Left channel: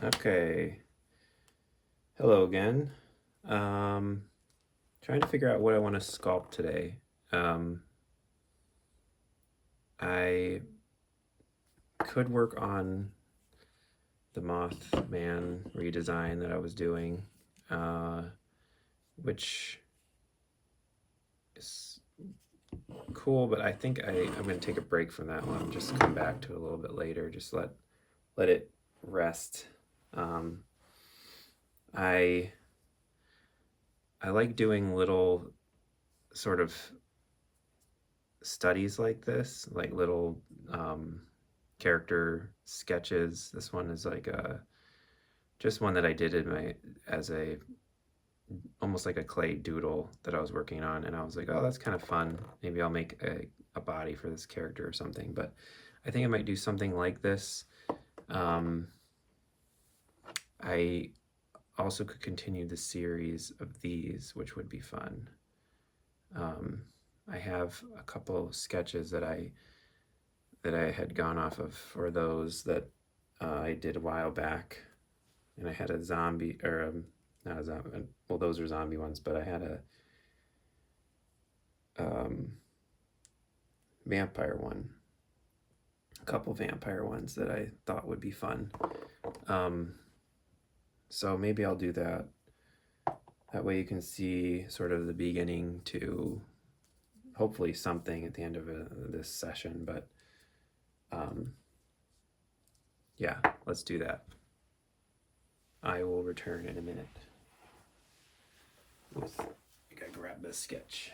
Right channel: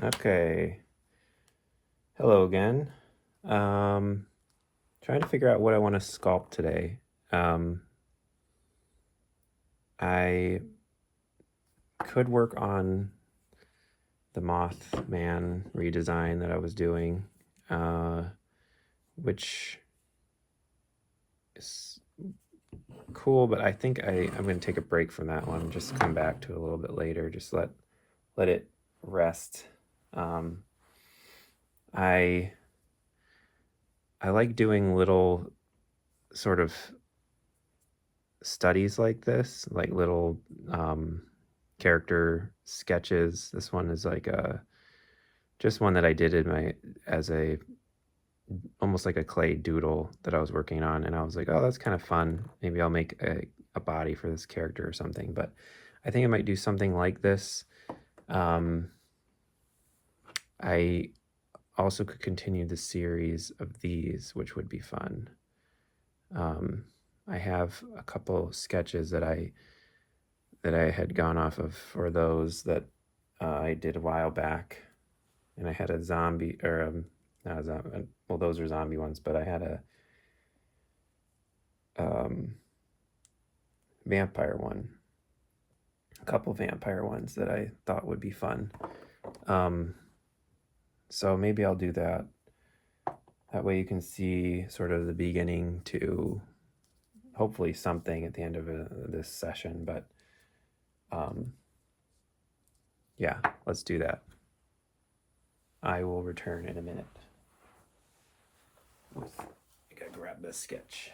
Okay. Hello again. Trying to figure out what I want to sculpt today. Um, I could work on the Mothman redesign that I was doing, uh, which is cool, but I think I'm going to take a break from that one. Just come back to it a little bit later. Just let it rest. Um, I I like doing little sort of studies like this, like little um, character sketches. This one is like a just one that I did in my as a almost like a clay doodle that I was working on, and I was like, oh, that's kind of fun. Maybe I'll make a body for this character or something. But I think I might do something like this. Um, I also could continue the series of these, which would be fun. Um, I have a couple sketches that I had gone off of for those that I did a while back, and I had a zombie or not a zombie. Well, those are zombie ones, but I had a um, vampire one, a couple vampire ones that I thought would be fun. Um, so maybe I'll do that. That way you can see sort of the beginning to hopefully something at the end of this session. But um, yeah, let's do that. I will return in a minute. I gotta grab this sketch.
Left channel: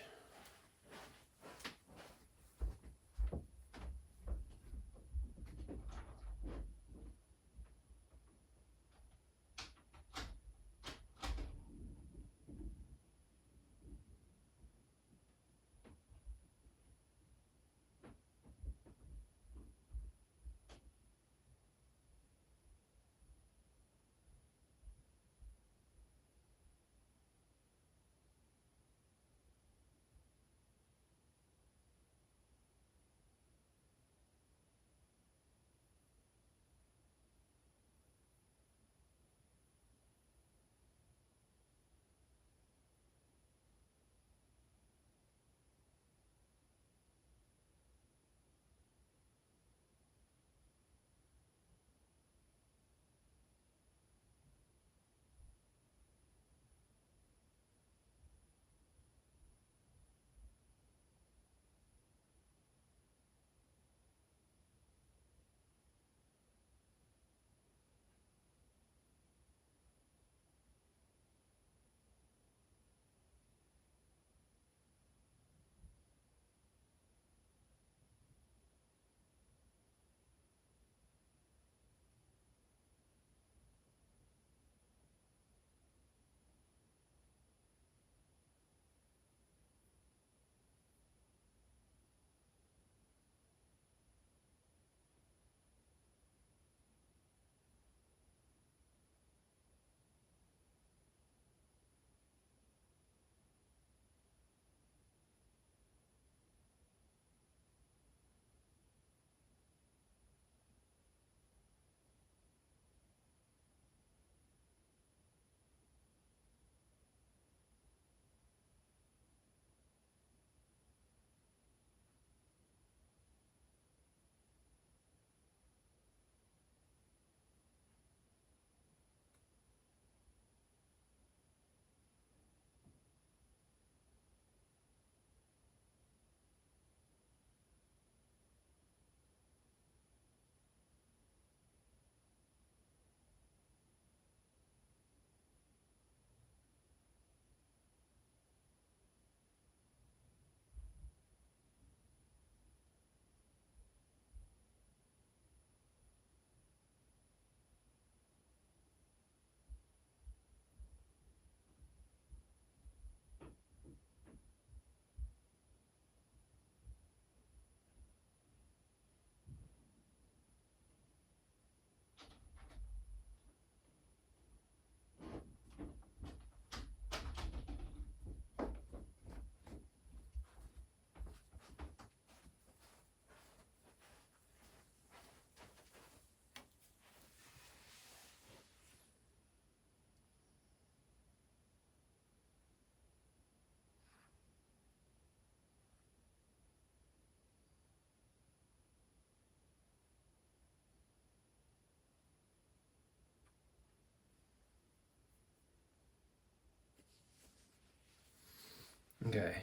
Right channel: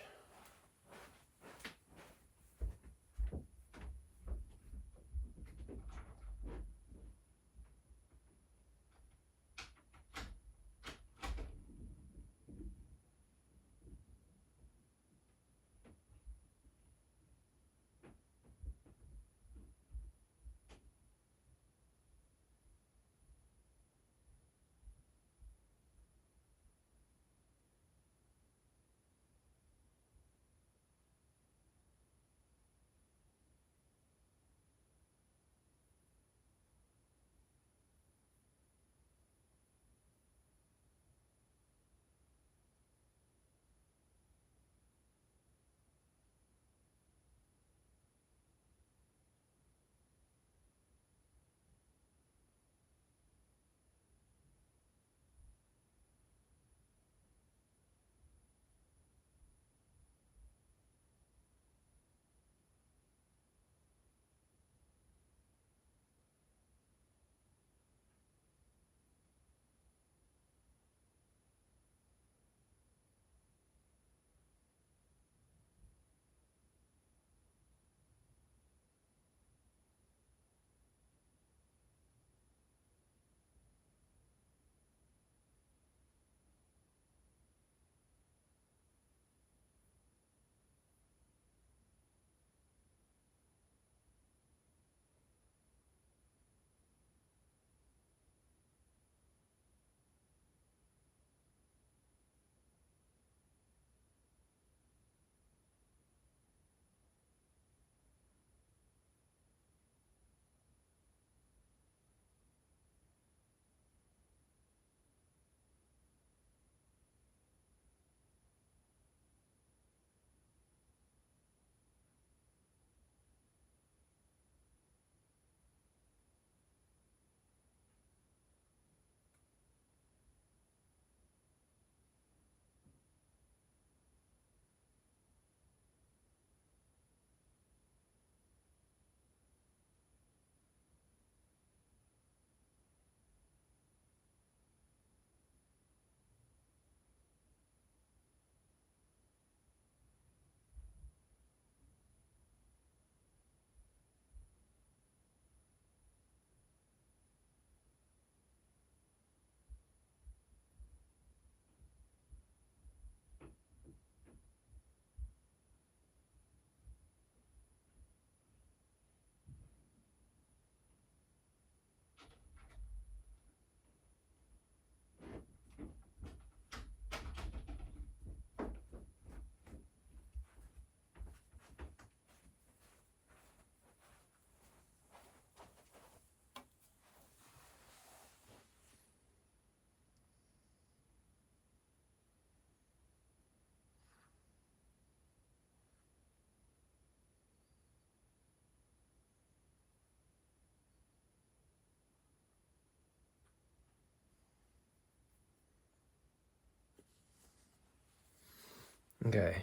Okay.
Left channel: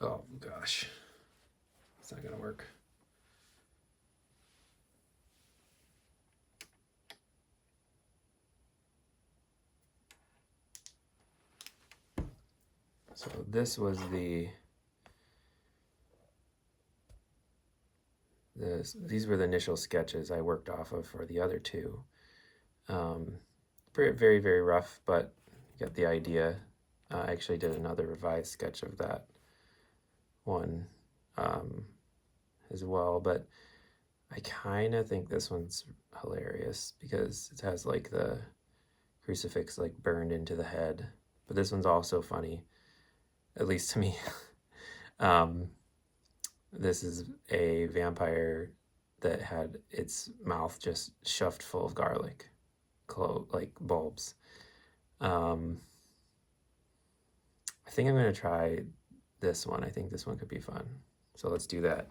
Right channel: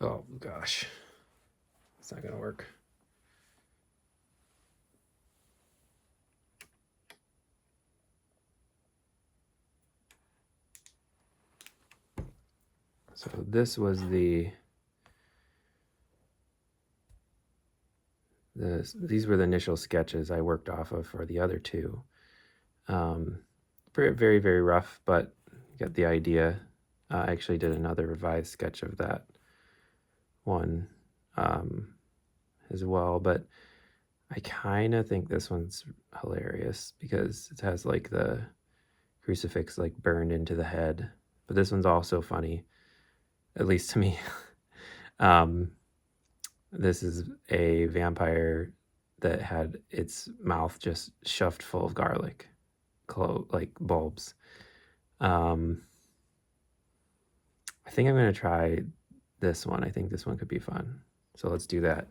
Oh gosh, it's not gonna work. So this was these were the initial sketches I worked off of for the other two. Very, very, very rough, but you got the idea. I actually did another revised sketch of that one as well, but I kind of think this one's hilarious because it has like the crucifix like burned into the head, but this one's also funny, at least to me. This is a vampire that had its mouth just shoved full of garlic, like bulbs. I think I'm gonna try this one. I think this one could be fun. So let's do that.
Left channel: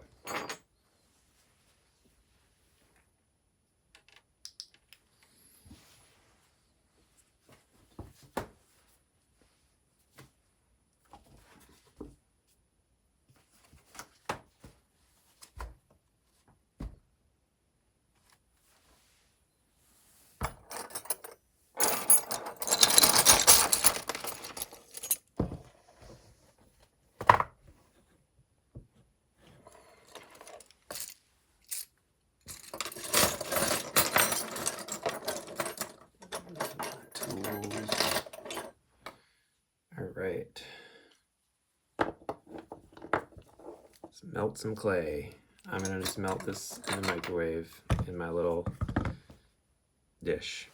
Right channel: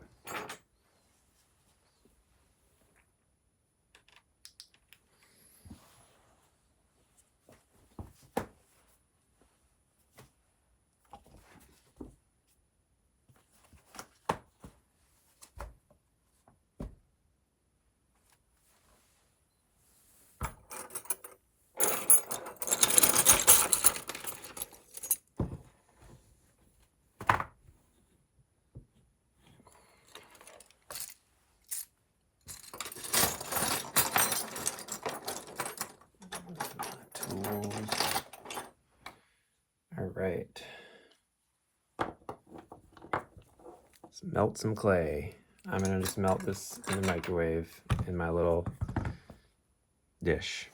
All right. Let's melt some clay. I'm gonna just melt this in the microwave in my little dish.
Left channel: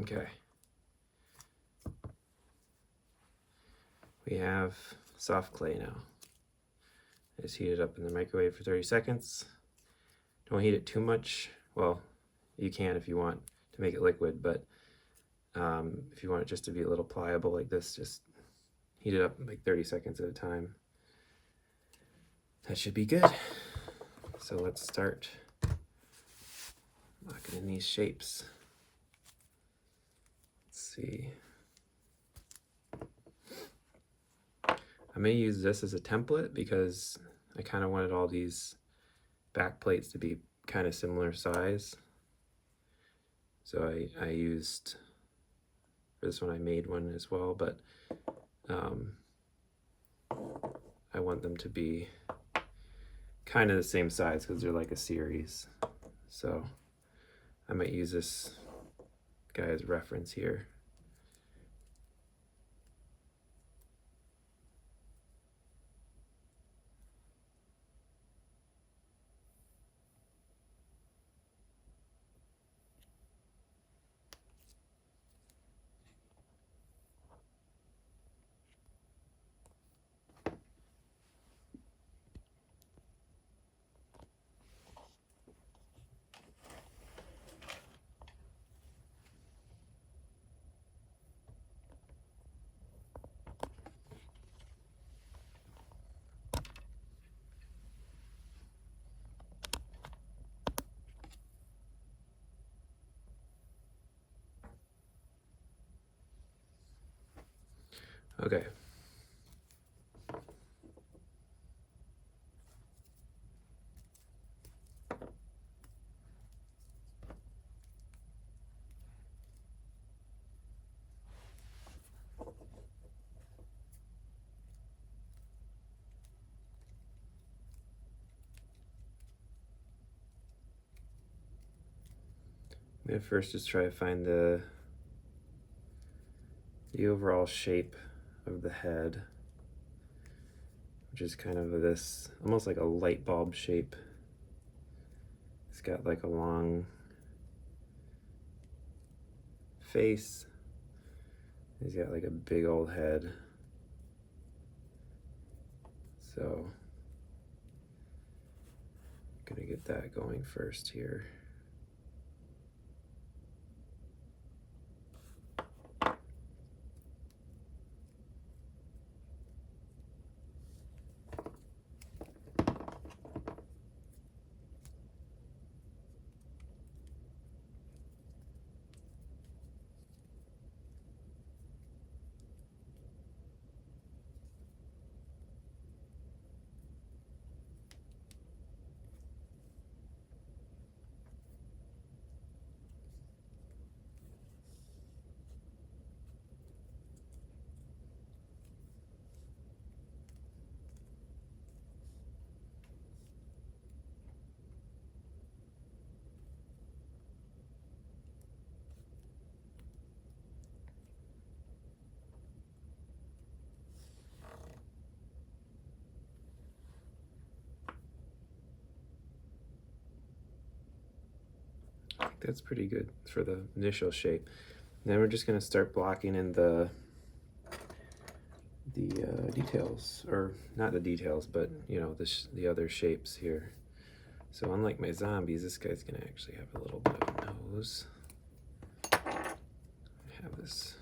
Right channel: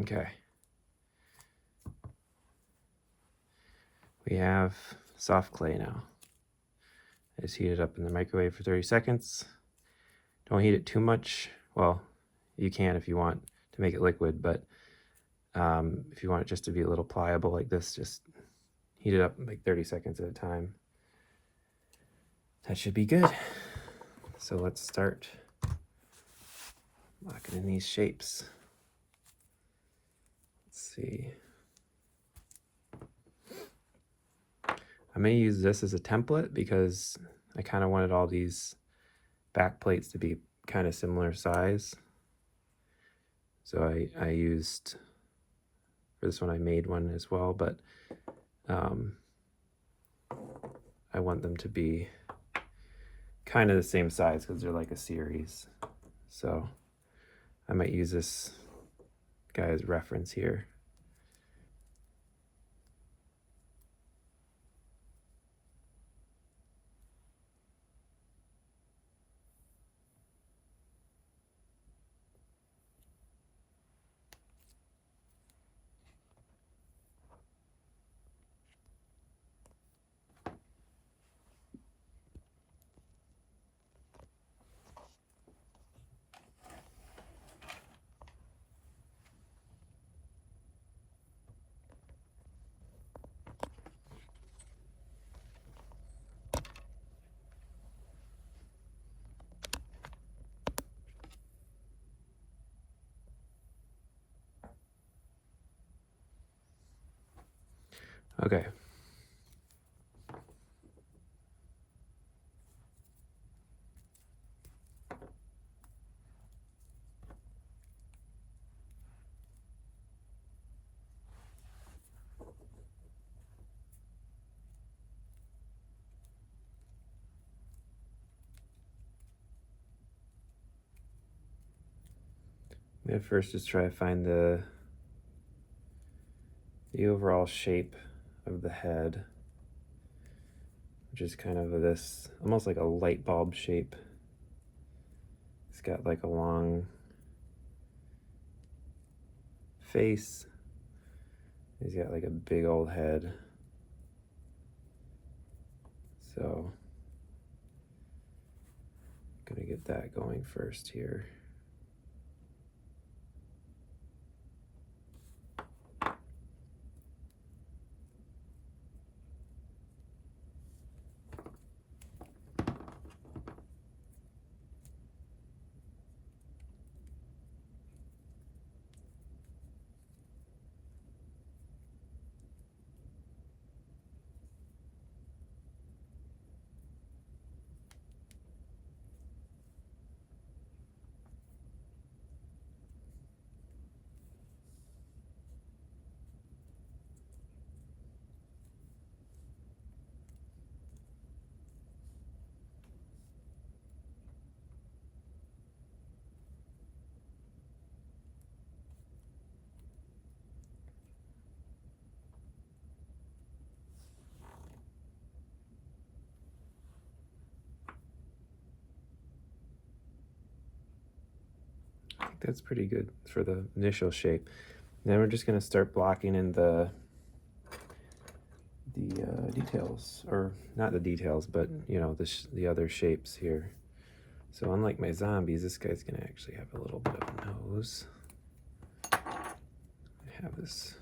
Okay. We have soft clay now. I just heat it up in the microwave for 30 seconds. Don't heat it too much. Well, you can if you want to make it liquid, but if you want it just to be a little pliable like this, just heat it up like 30 seconds at a time. That should be good. So let's start locking in these shapes. Let's see. I may use this as a template because I kind of wanted all these back plates to be kind of similar size. So I used, for this one I made one as well, but I want them to be kind of the same size because they're like a series. So I might use this guy as reference here. Okay. I'm gonna first just try to find the overall shape of the head, which is kind of this, almost like a light bulb shape. It's got like a long face. He's got like a big old head. So, gonna get that going first here. I think that's pretty good for the initial shape. Then we're just gonna start blocking in the details, or not the details, but you know, the other shapes here. So unlike my zombies, this guy's gonna actually have a little bit of a nose. I have this.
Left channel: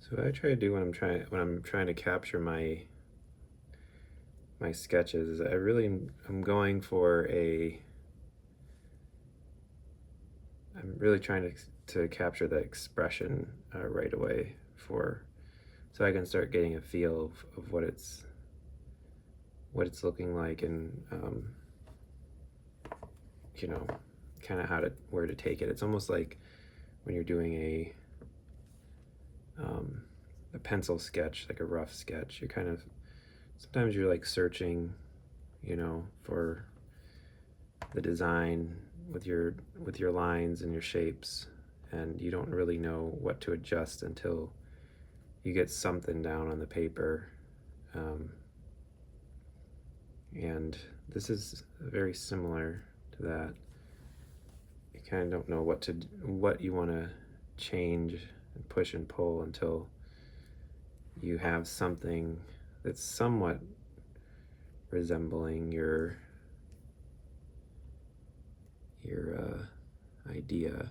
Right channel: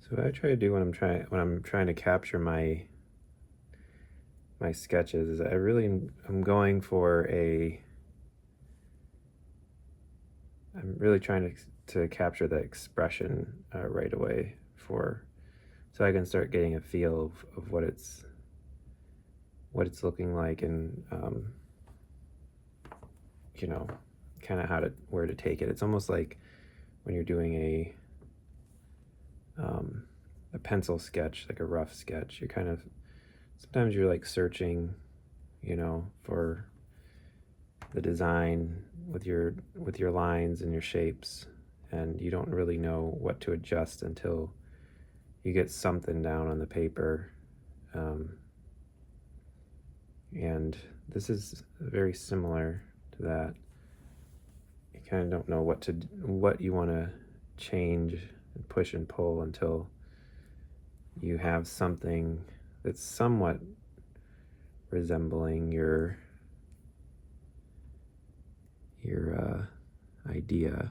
So what I try to do when I'm trying to capture my sketches is I'm going for I'm really trying to capture the expression right away, so I can start getting a feel of what it's looking like, and you know, kind of where to take it. It's almost like when you're doing a pencil sketch, like a rough sketch. You're kind of, sometimes you're like searching, you know, for the design with your lines and your shapes, and you don't really know what to adjust until you get something down on the paper. And this is very similar to that. You kind of don't know what you want to change and push and pull until you have something that's somewhat resembling your idea.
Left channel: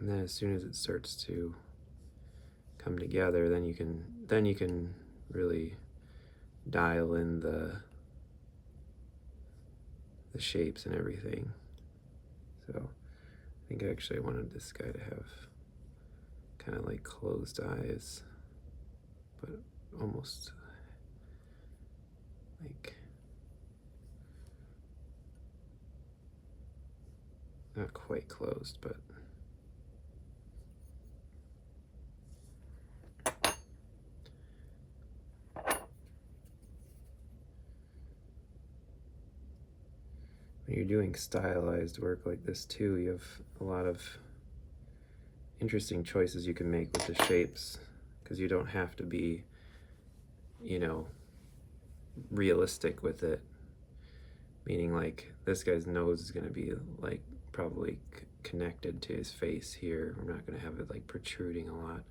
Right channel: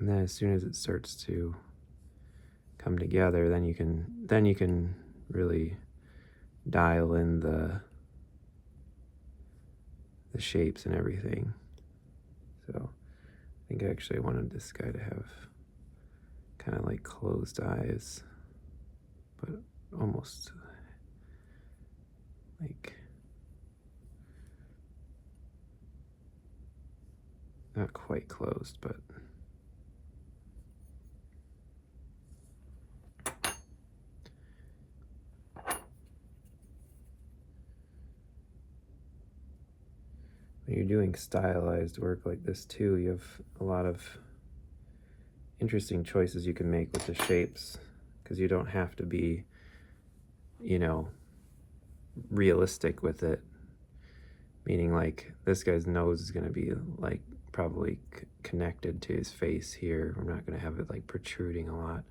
And then as soon as it starts to come together, then you can really dial in the shapes and everything. So I think I actually wanted this guy to have kind of like closed eyes, but almost like not quite closed, but when you're doing stylized work like this too, you have a lot of interesting choices you can make with the shapes, because you don't have to be, you know, realistic with it. Meaning, like, this guy's nose is going to be like probably connected to his face here. I'm not going to have it like protruding a lot.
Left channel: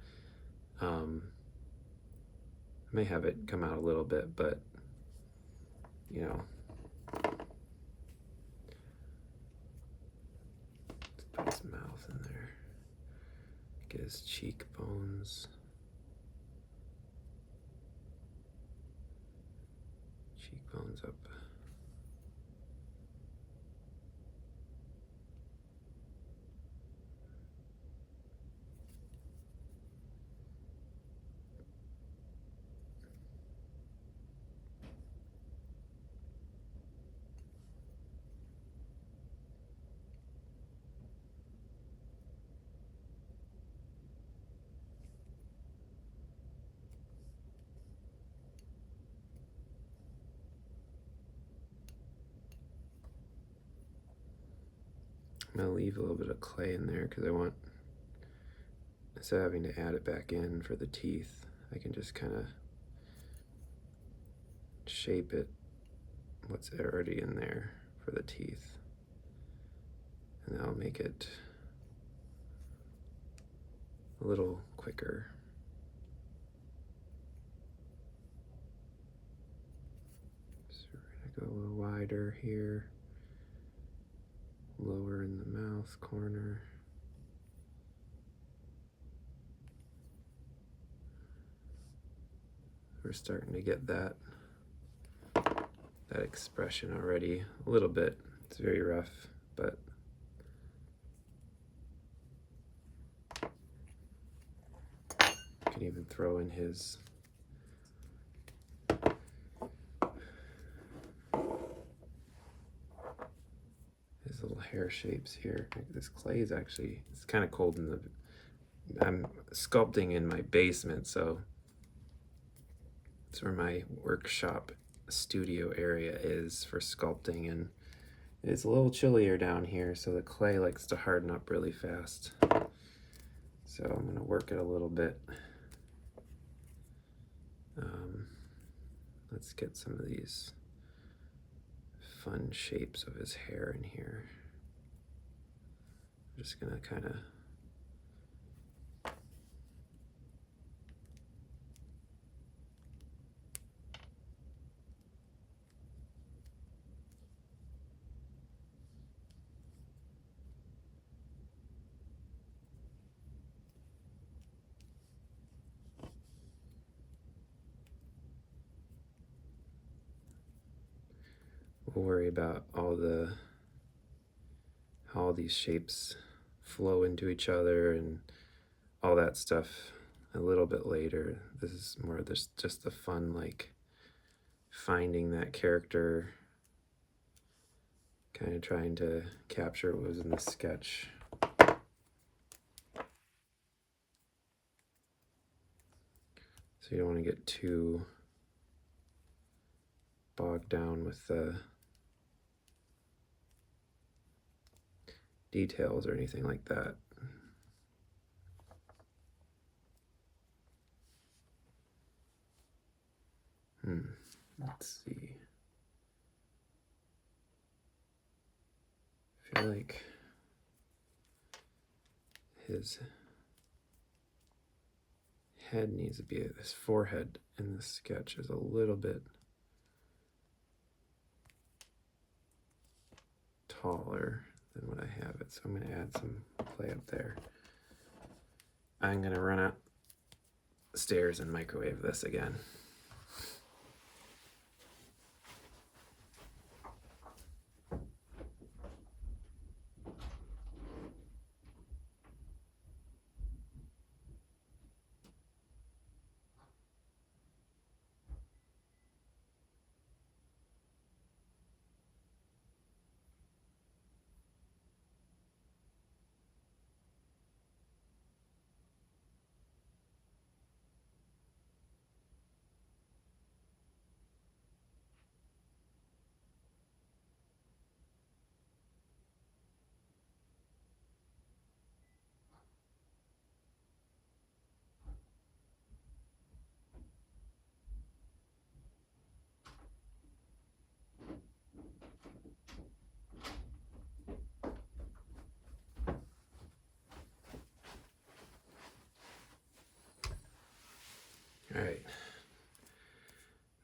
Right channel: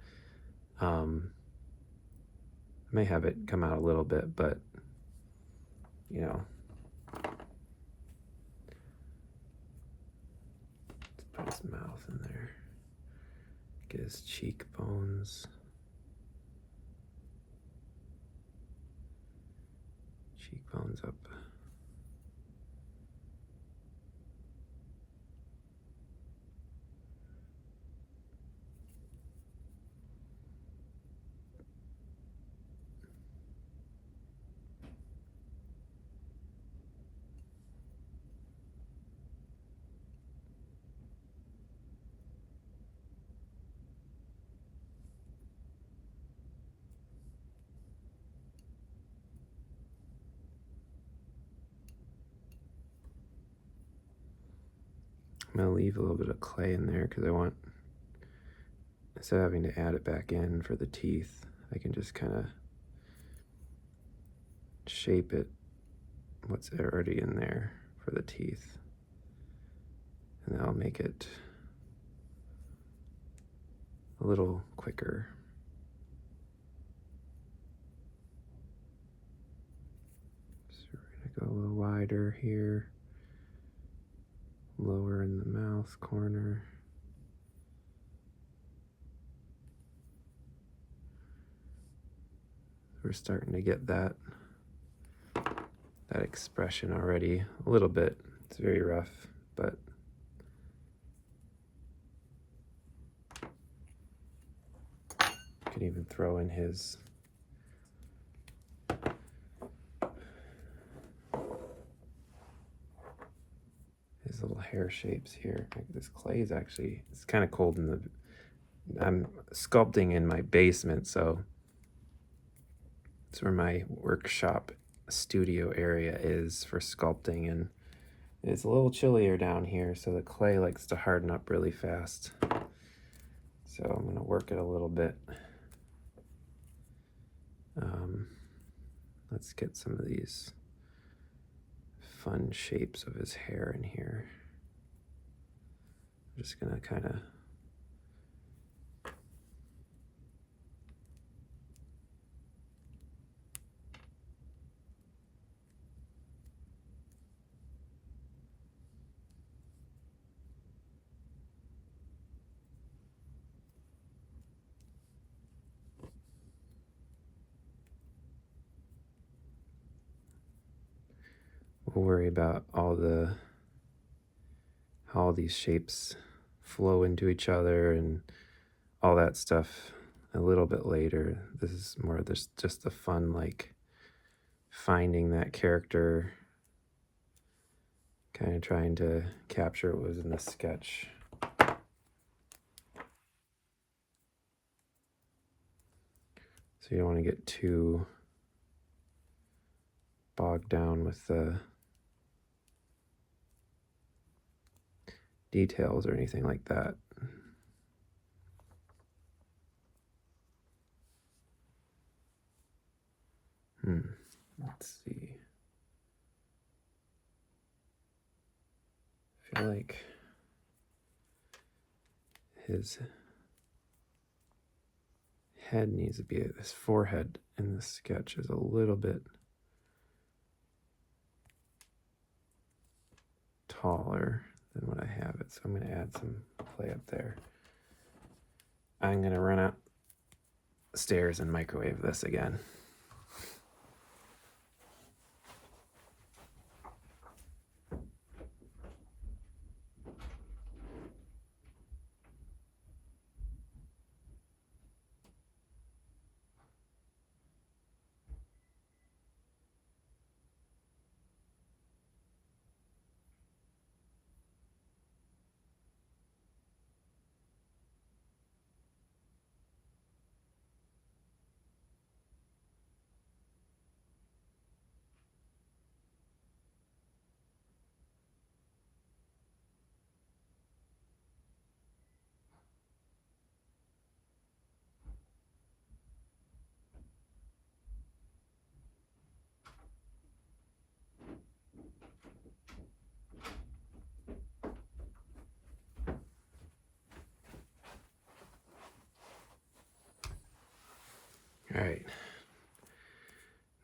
May have it come out a little bit, but you know, let's put his mouth in there. Get his cheekbones. Cheekbones up. I'm going to leave a little bit of clay in there because I want, instead of having to add it back in for the teeth, I can just kind of shape it, what's already in there for the teeth. And that'll make it a little quicker. So we're going to go a little wider here. Lower in the mouth corner. We're starting to get that expression already a little bit. It's very rough, but you can even throw in his little hair shapes here. This clay is actually, it's kind of cold in the, I'm sculpting in my basement, so it's where my workshop studio area is for sculpting, and it's a little chillier down here, so the clay likes to harden up really fast. So I'm going to work it a little bit. Let's get some of these fun shapes of his hair in here. I'm just going to kind of we'll worry about how all these shapes flow into each other and all that stuff a little bit later. This is more just the fun, like finding that character, kind of trying to capture what was in the sketch. So you don't want to get too bogged down with the details or anything like that. Let's see. I feel like his head needs to be, his forehead in the sketch is a little bit taller than what I have it, so I'm going to add some clay up there. I'm going to run upstairs and microwave this again.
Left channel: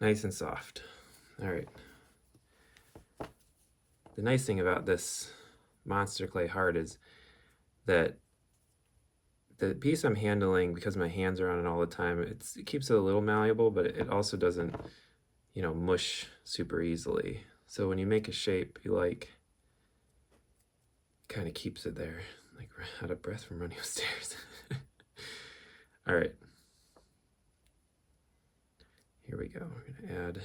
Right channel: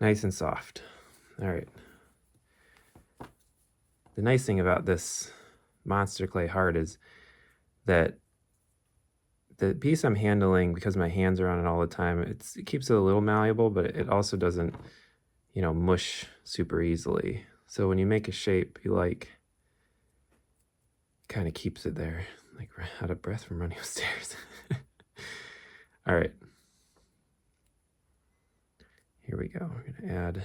Nice and soft. All right. The nice thing about this Monster Clay heart is that the piece I'm handling, because my hands are on it all the time, it keeps it a little malleable, but it also doesn't, you know, mush super easily. So when you make a shape you like, kind of keeps it there. Like, out of breath from running upstairs. All right. Here we go. We're gonna add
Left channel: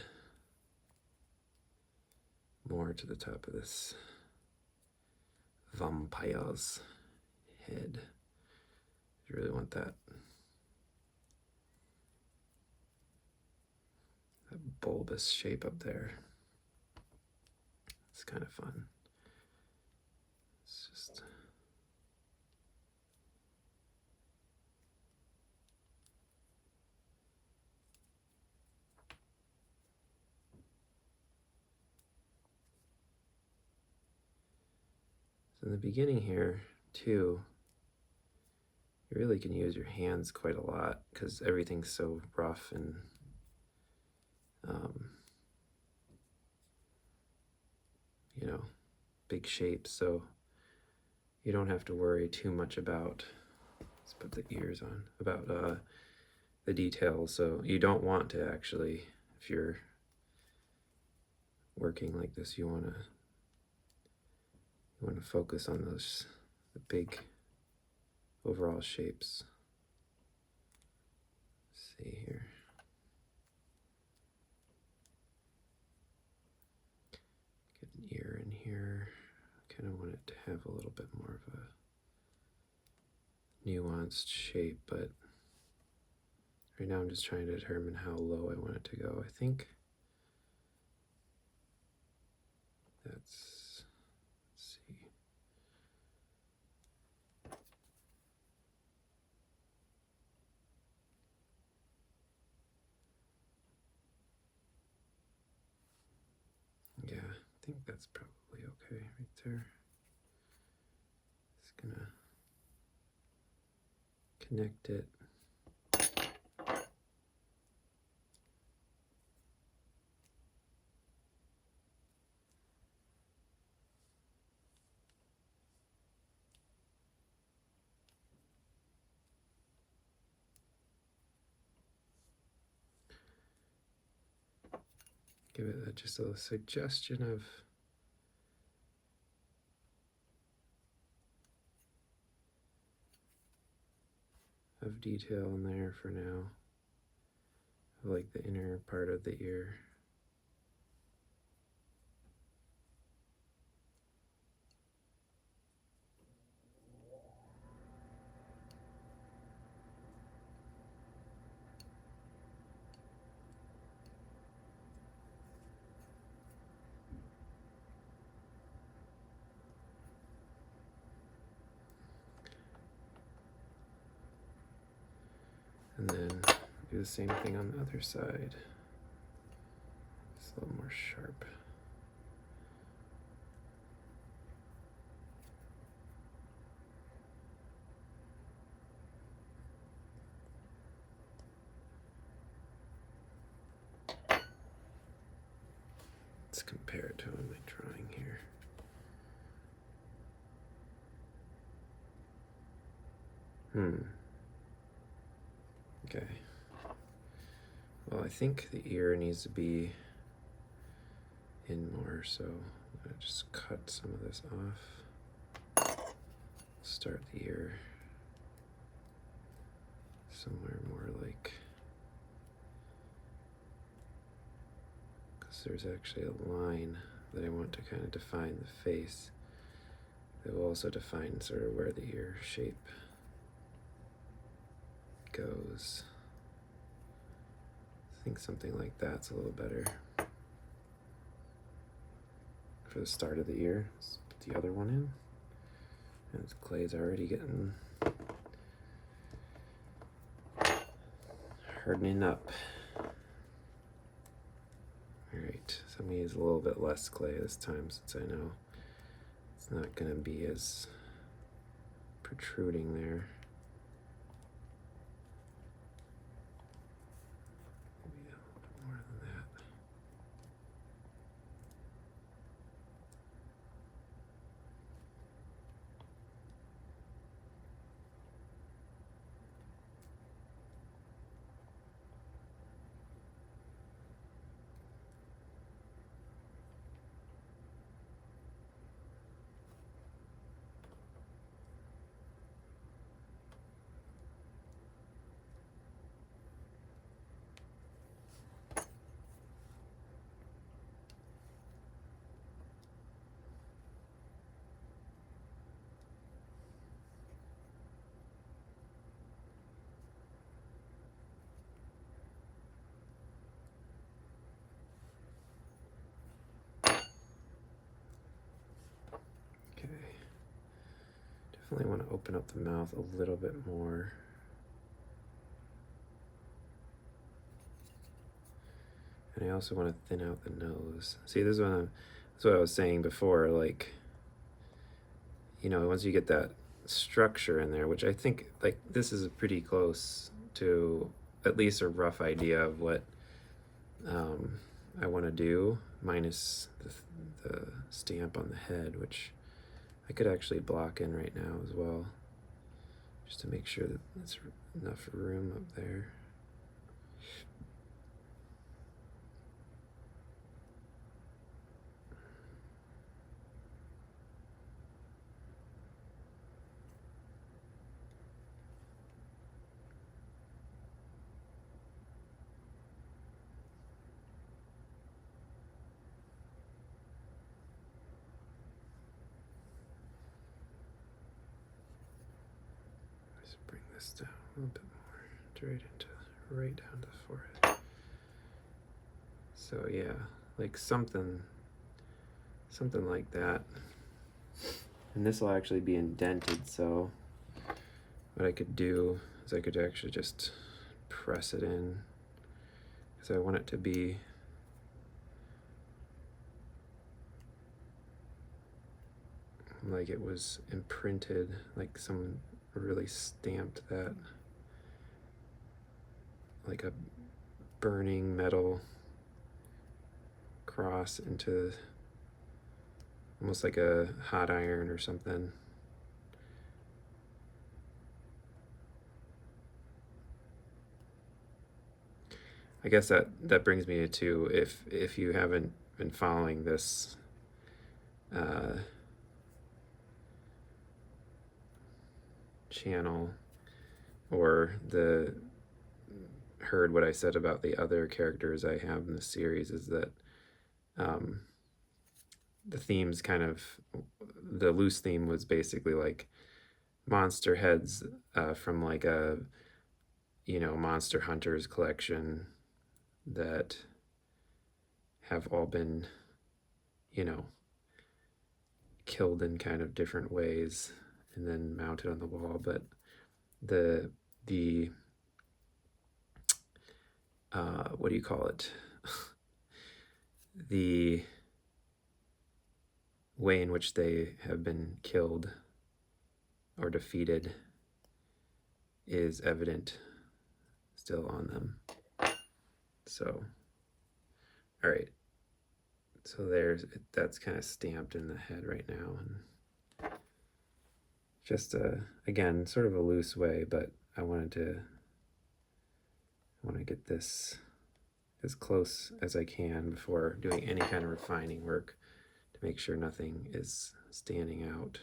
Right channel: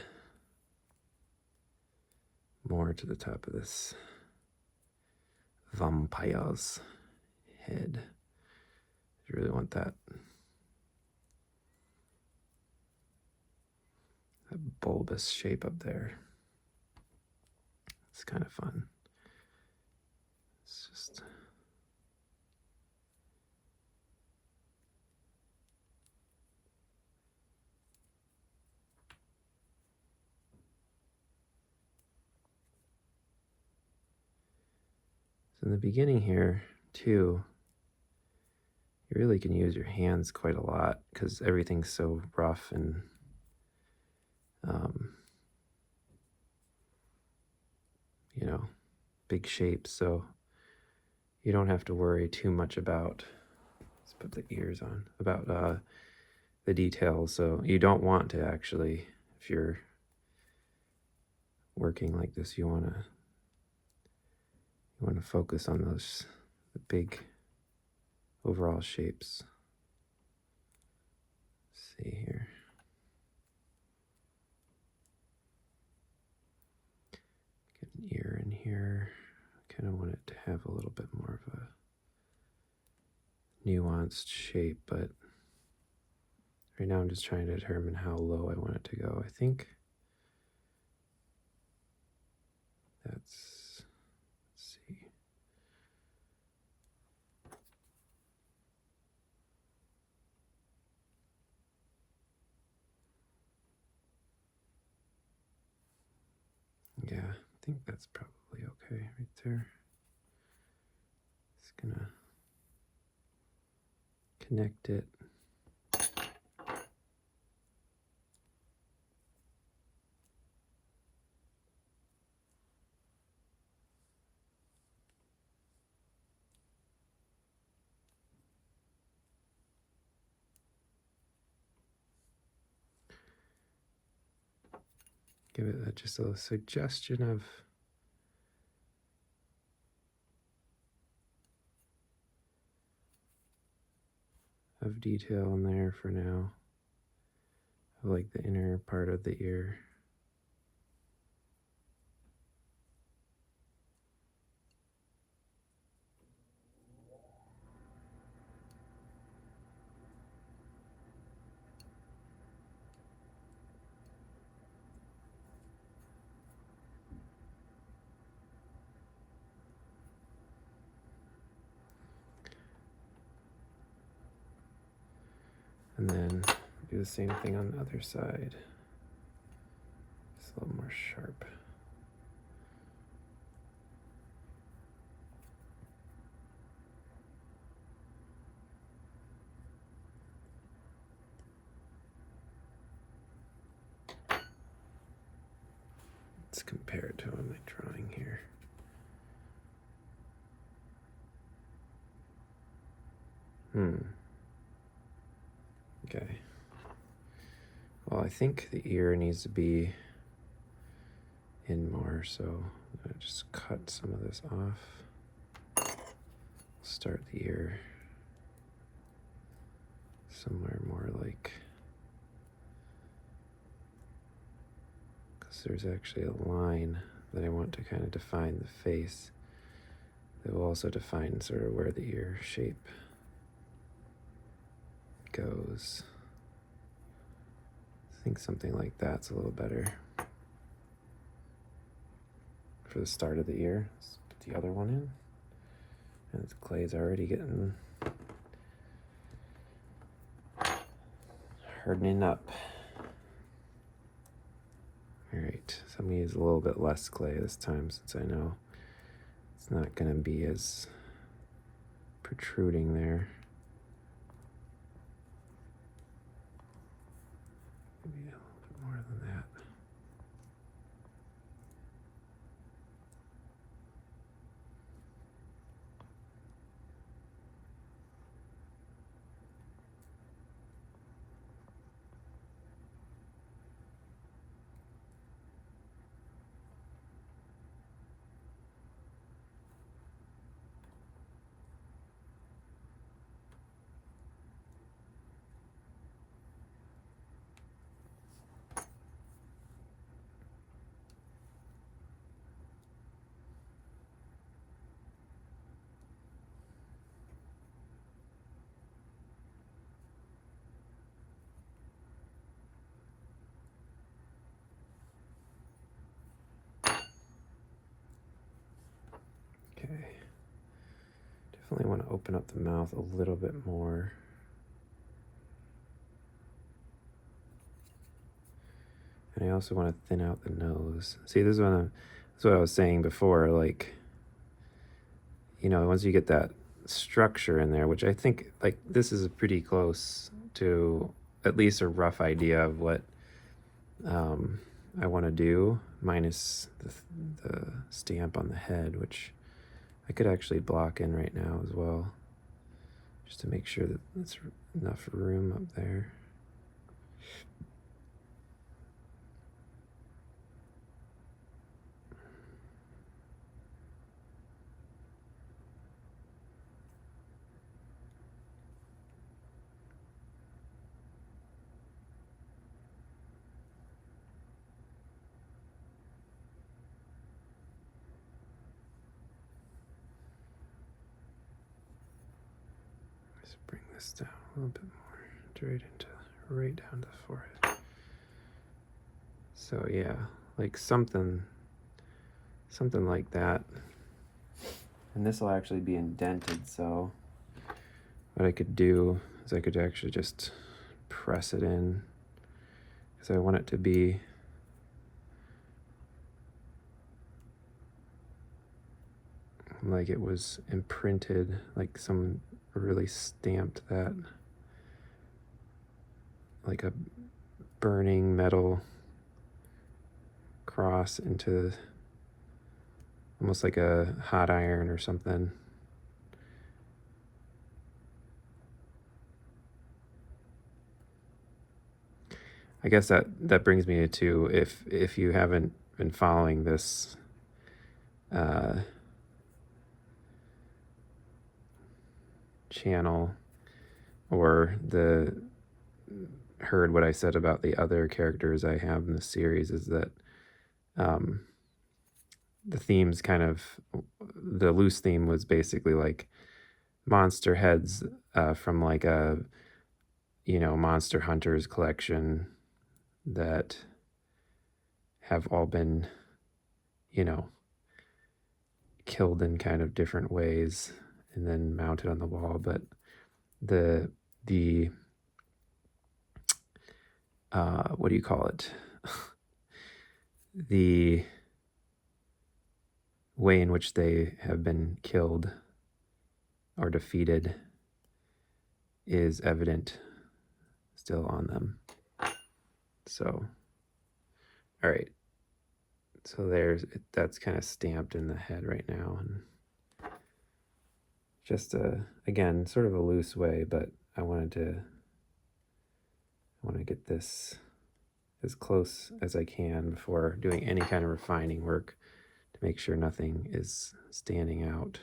more to the top of this vampire's head. You really want that bulbous shape up there. It's kind of fun. It's just in the beginning here too, you really can use your hands quite a lot because everything's so rough and you know, big shapes, so you don't have to worry too much about, let's put the ears on, about the details. So you don't want to actually, if you're working like this, you want to focus on those big overall shapes. Let's see here. Get an ear in here. Kind of want it to have a little bit more of a nuanced shape, but right now I'm just trying to determine how low I want it to go. I think that's, let's see. Yeah, I think that's probably okay right there. Just gonna connect it. Give it just a suggestion of detail in there for now. I like the inner part of the ear. And then do the same thing on the other side. It's a little more sharp. Let's compare it to my drawing here. Okay. Well, I think the ear needs to be in more, so I just cut some of this off. Start the ear somewhere more like, because there's actually a line that I want to kind of define the face. It will also define sort of where the ear shape goes. I think something like that's a little better for the start of the ear. Let's put the other one in. And the clay's already getting hardening up. Alright, so I'm going to use a little bit less clay this time since I know it's not going to be as protruding there. Maybe a little bit more than that. Definitely want to open up the mouth a little bit more. And I also want to thin out the nose. See, this is what I was saying before, like, you know, once you get that structure in there, which I think, like, this is pretty close to at least a rough idea of what I want to do, minus the stamp on the head, which I could actually block in right now as well, just to make sure that there's enough room up there. Just bring this down a little bit more, right down to the forehead. So yeah, like something like that. And this will actually be indented, so what I could do is I could actually just press it in, because I want it to be like it was imprinted, like someone really stamped that, like a burning metal cross into almost like a hot iron or something. I guess that brings me to, if you haven't been following this channel, or heard what I said about the other characters I have in the series, is that the themes kind of, the loose theme was basically like monster heads from like a, you know, Monster Hunters collection that have all been, you know, killed in kind of different ways and then mounted on the wall. But the what do you call it? The way in which they have been killed or defeated is evident still on them. So, all right. So that's kind of stamped in the head right now. And just again, sort of a loose way, but I want to get this as close as I can before doing any kind of refining work, to make sure nothing is standing out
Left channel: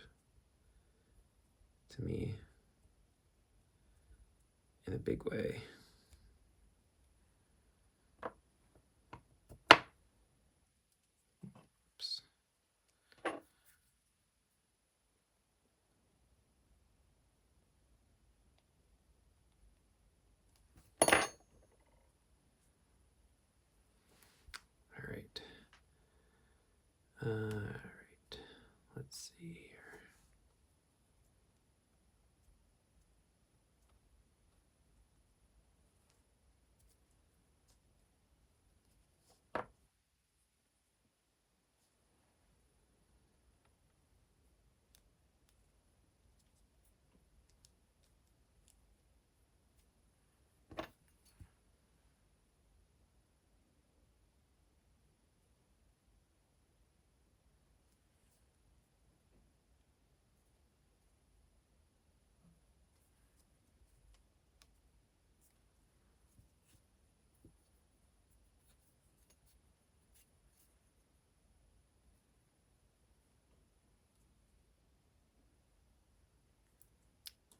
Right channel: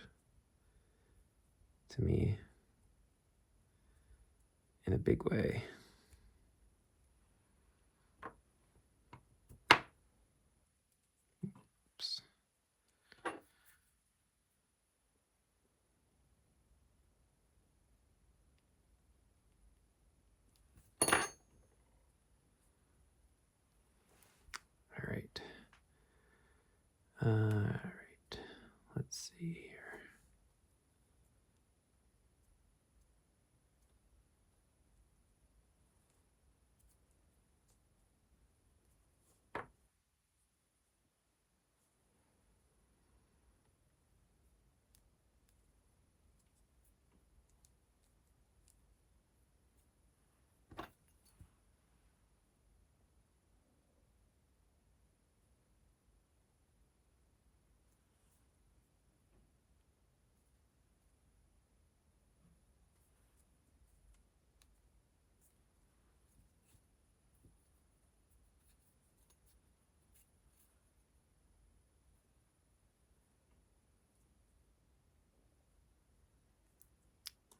to me in a big way. Oops. All right. Let's see here.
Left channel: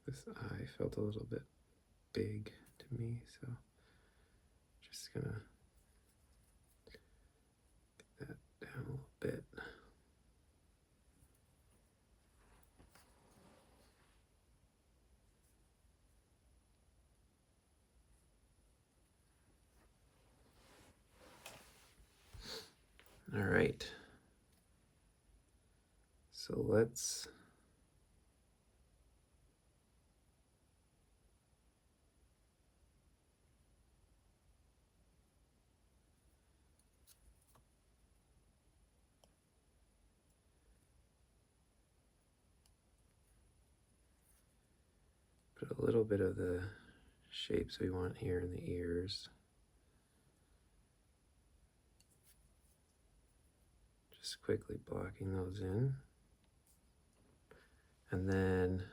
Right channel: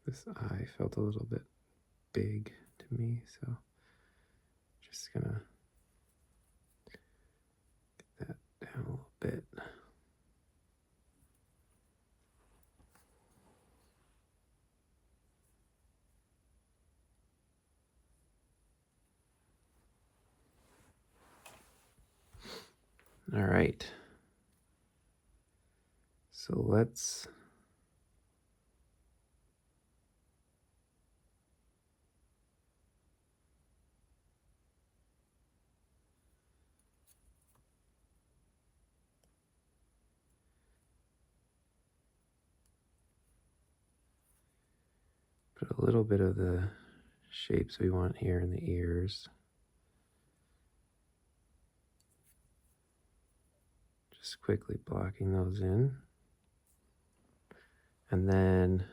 This eye felt a little bit big to me, so just gonna get that down a little bit. All right. So let's Put a little bit of the shapes we want here in the ears. Just quickly blocking those in. And then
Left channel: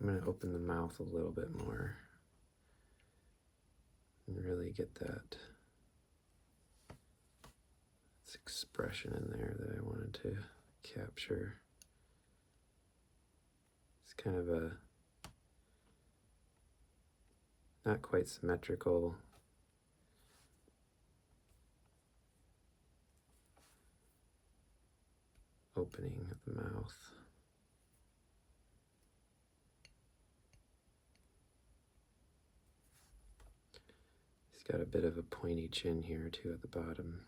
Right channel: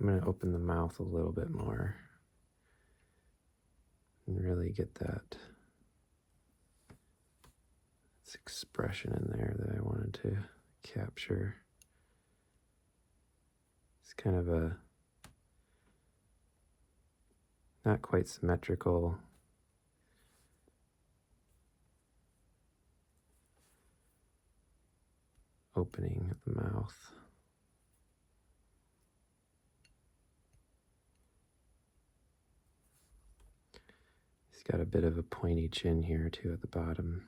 I'm going to open the mouth a little bit more and really get that expression in there that I wanted to capture. It's kind of a not quite symmetrical opening of the mouth. He's got a bit of a pointy chin here too at the bottom.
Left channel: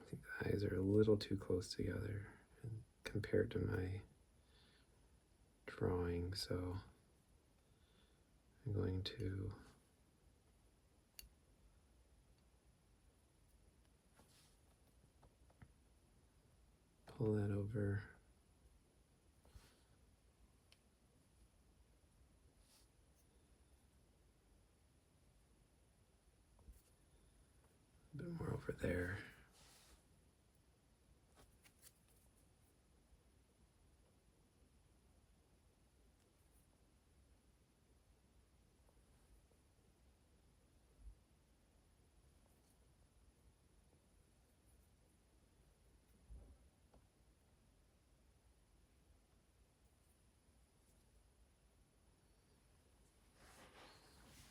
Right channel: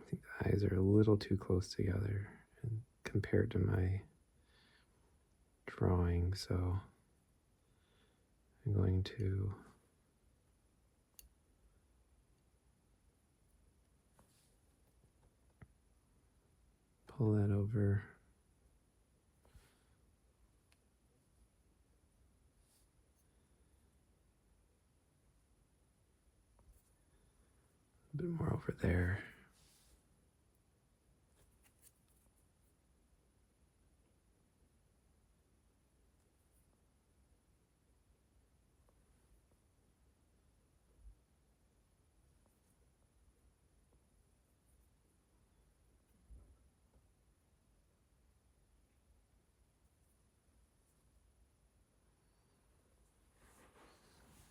I think the eyes are a little too close together compared to my drawing, so I'm going to pull that over. A bit more over there.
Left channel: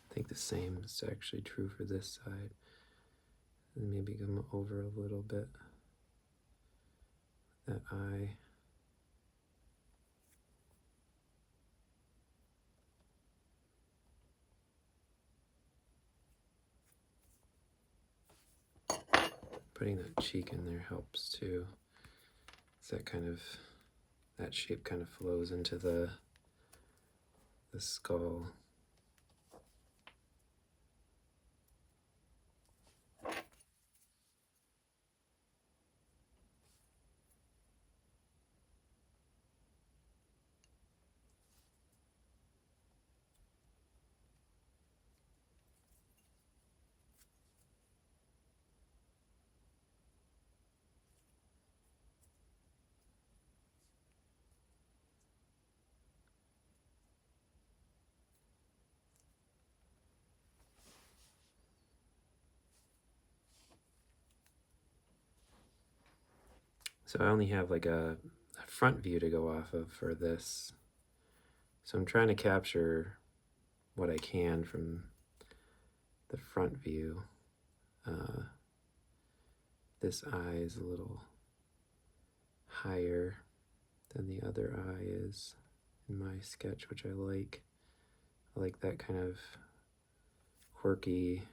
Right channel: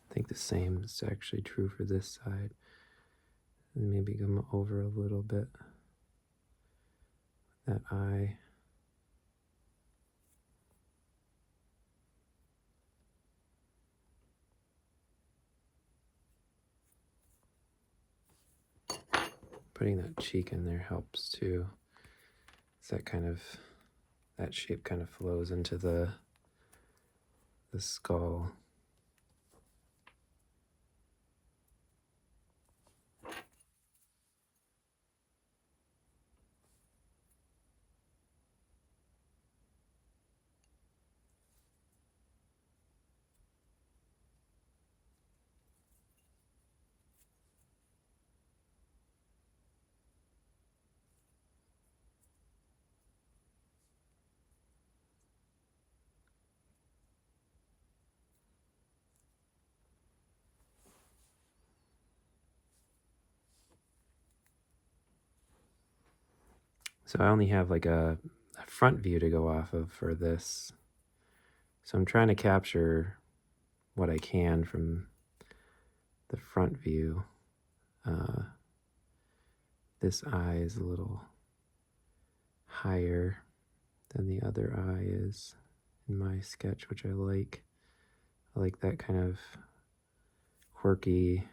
I think the same is actually true for this side. And maybe come over a little bit. That eye. Putting that cheek in there helps too. It's that shape kind of flows into the skull. So I only have like a front view to go off of for this. So I'm trying to capture what I can from the front view. This eye is a little higher than the other eye is in my sketch, which I like. I like that kind of quirky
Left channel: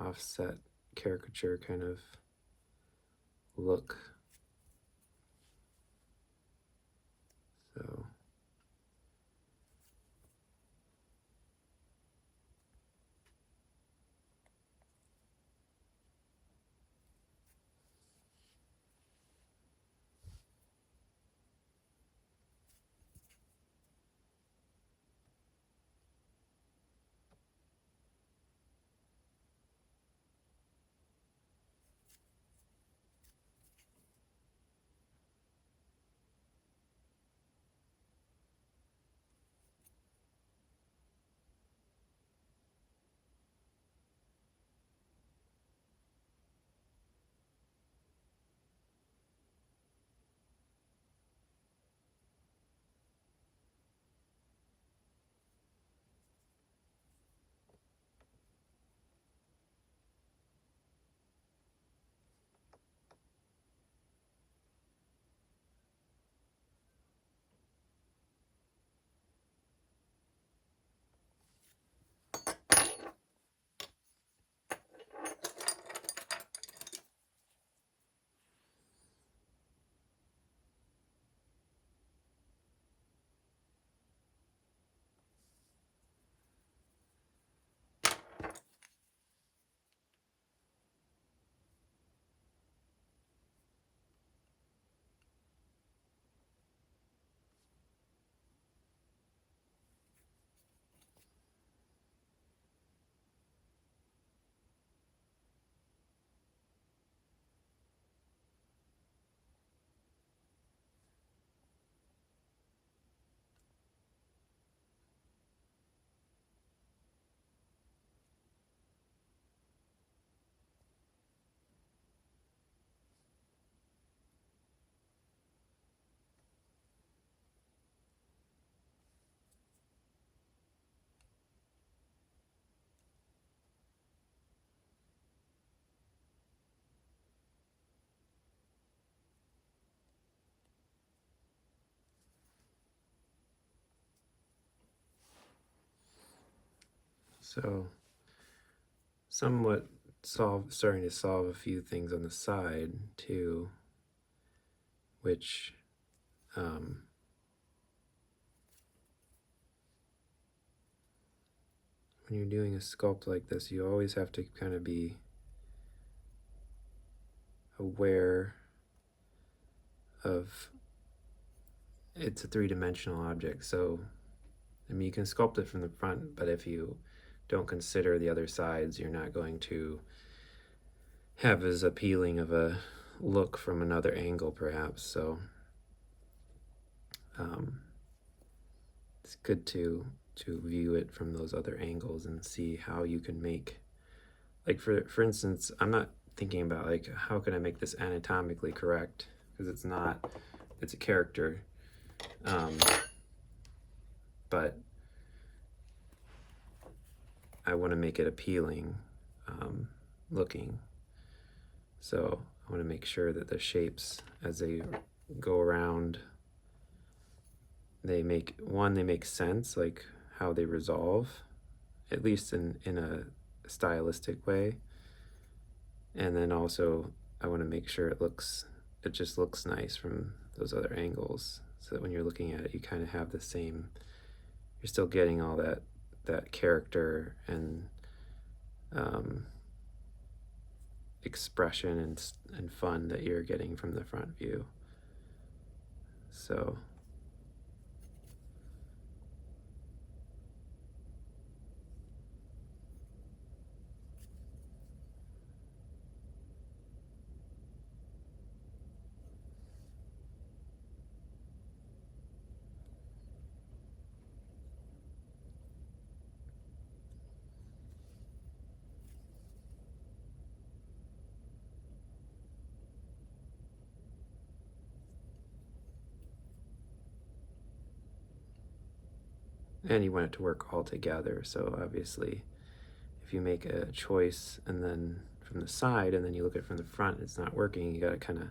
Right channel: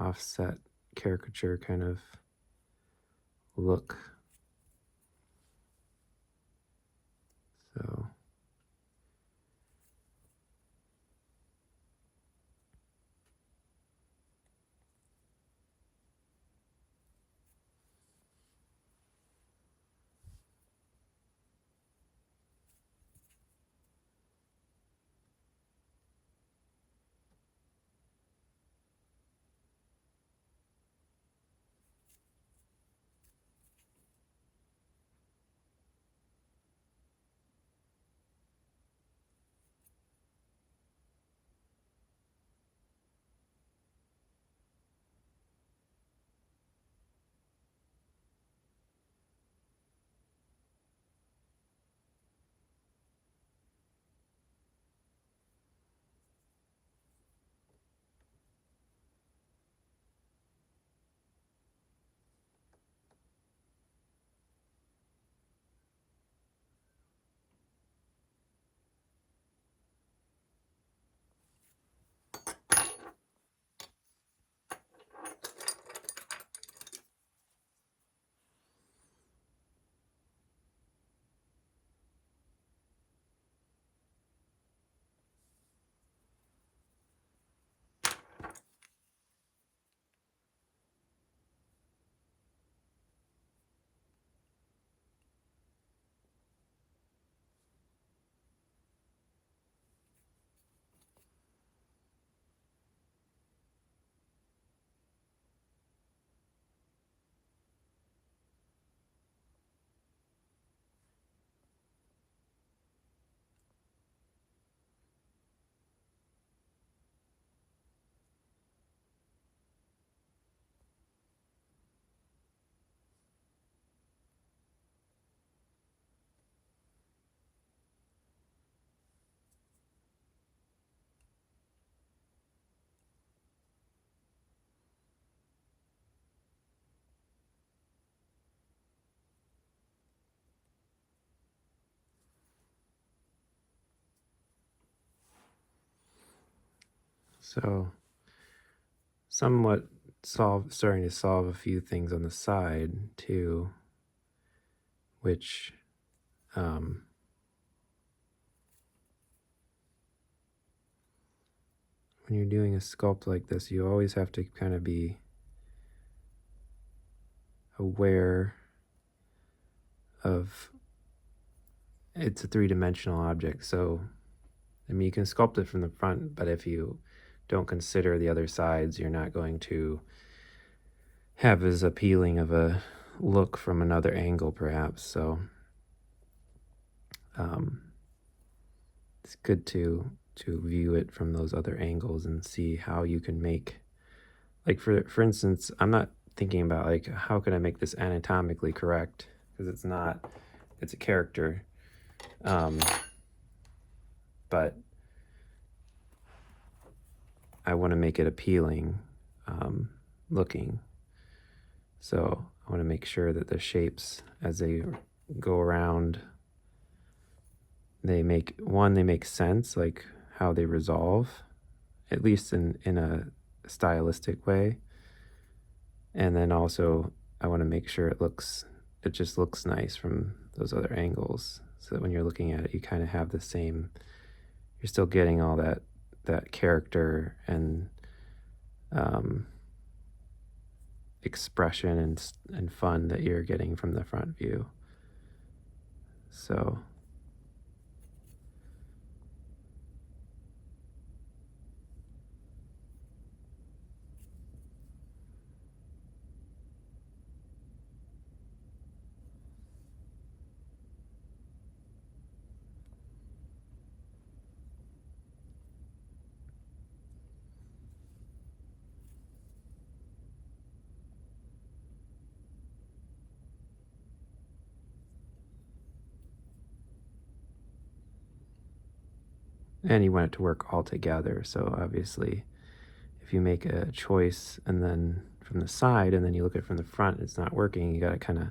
offset caricature kind of look. So So somewhat starting to solve a few things on the side too, which when you're doing a sculpt like this, you always have to kind of be aware of it's a three-dimensional object. So I mean, you can sculpt it from the front, but if you don't consider the other sides, you're not going to have as appealing of a look from another angle, perhaps. So it's good to view it from those other angles and see how you can make, like for instance, I'm not thinking about like how can I make this anatomically correct, because it's not, it's a character, but I want to make it appealing looking. So I want to make sure that the shapes as they go around, they make sense, like how they resolve, at least in a stylistic way. And then also I want to make sure it just looks nice from those other angles, so that when you're looking at it, you kind of have the same, you're still getting all that character and expression and fun that you're getting from the front view. So and you want it to work all together. So obviously, if you make a choice and then from the side and then you look at it from the front, it's not working, you got to kind of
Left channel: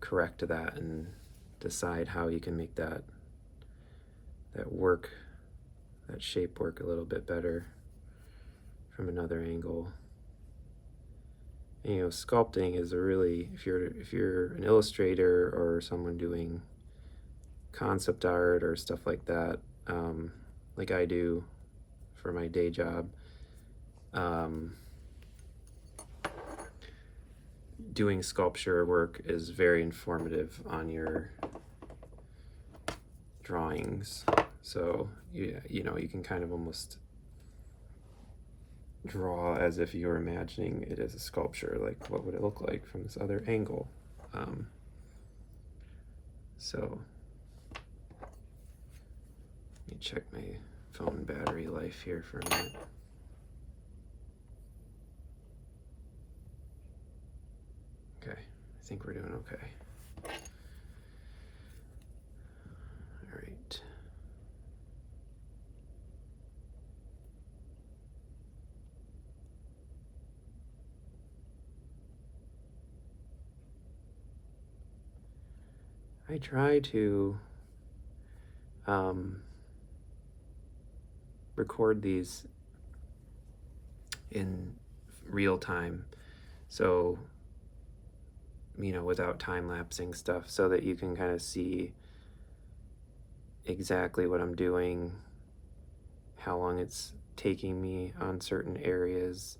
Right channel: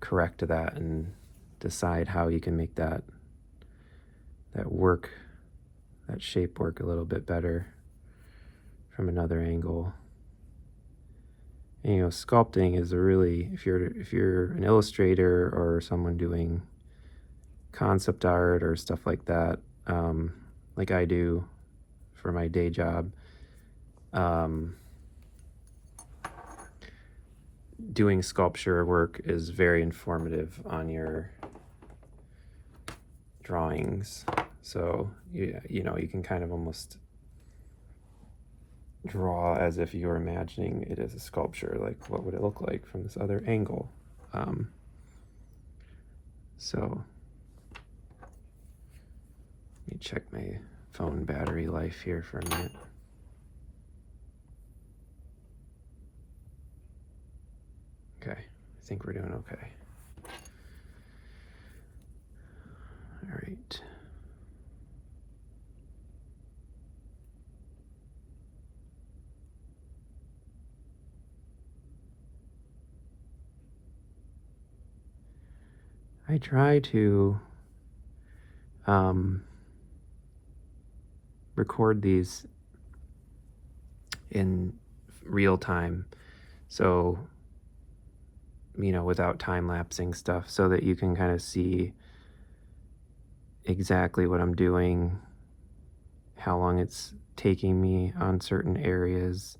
correct that and decide how you can make that shape work a little bit better from another angle. And, sculpting is a really, if you're an illustrator or someone doing concept art or stuff like that, like I do for my day job, doing sculpture work is very informative on your drawings. So you can kind of almost draw as if you were imagining it as a sculpture, like what would it look like from this other angle. So let me check my phone battery life here for a minute. Okay, I think we're doing okay. All right. I try to record these in real time, so without time-lapsing stuff, so that you can kind of see exactly what I'm doing, how long it's taking me on certain areas.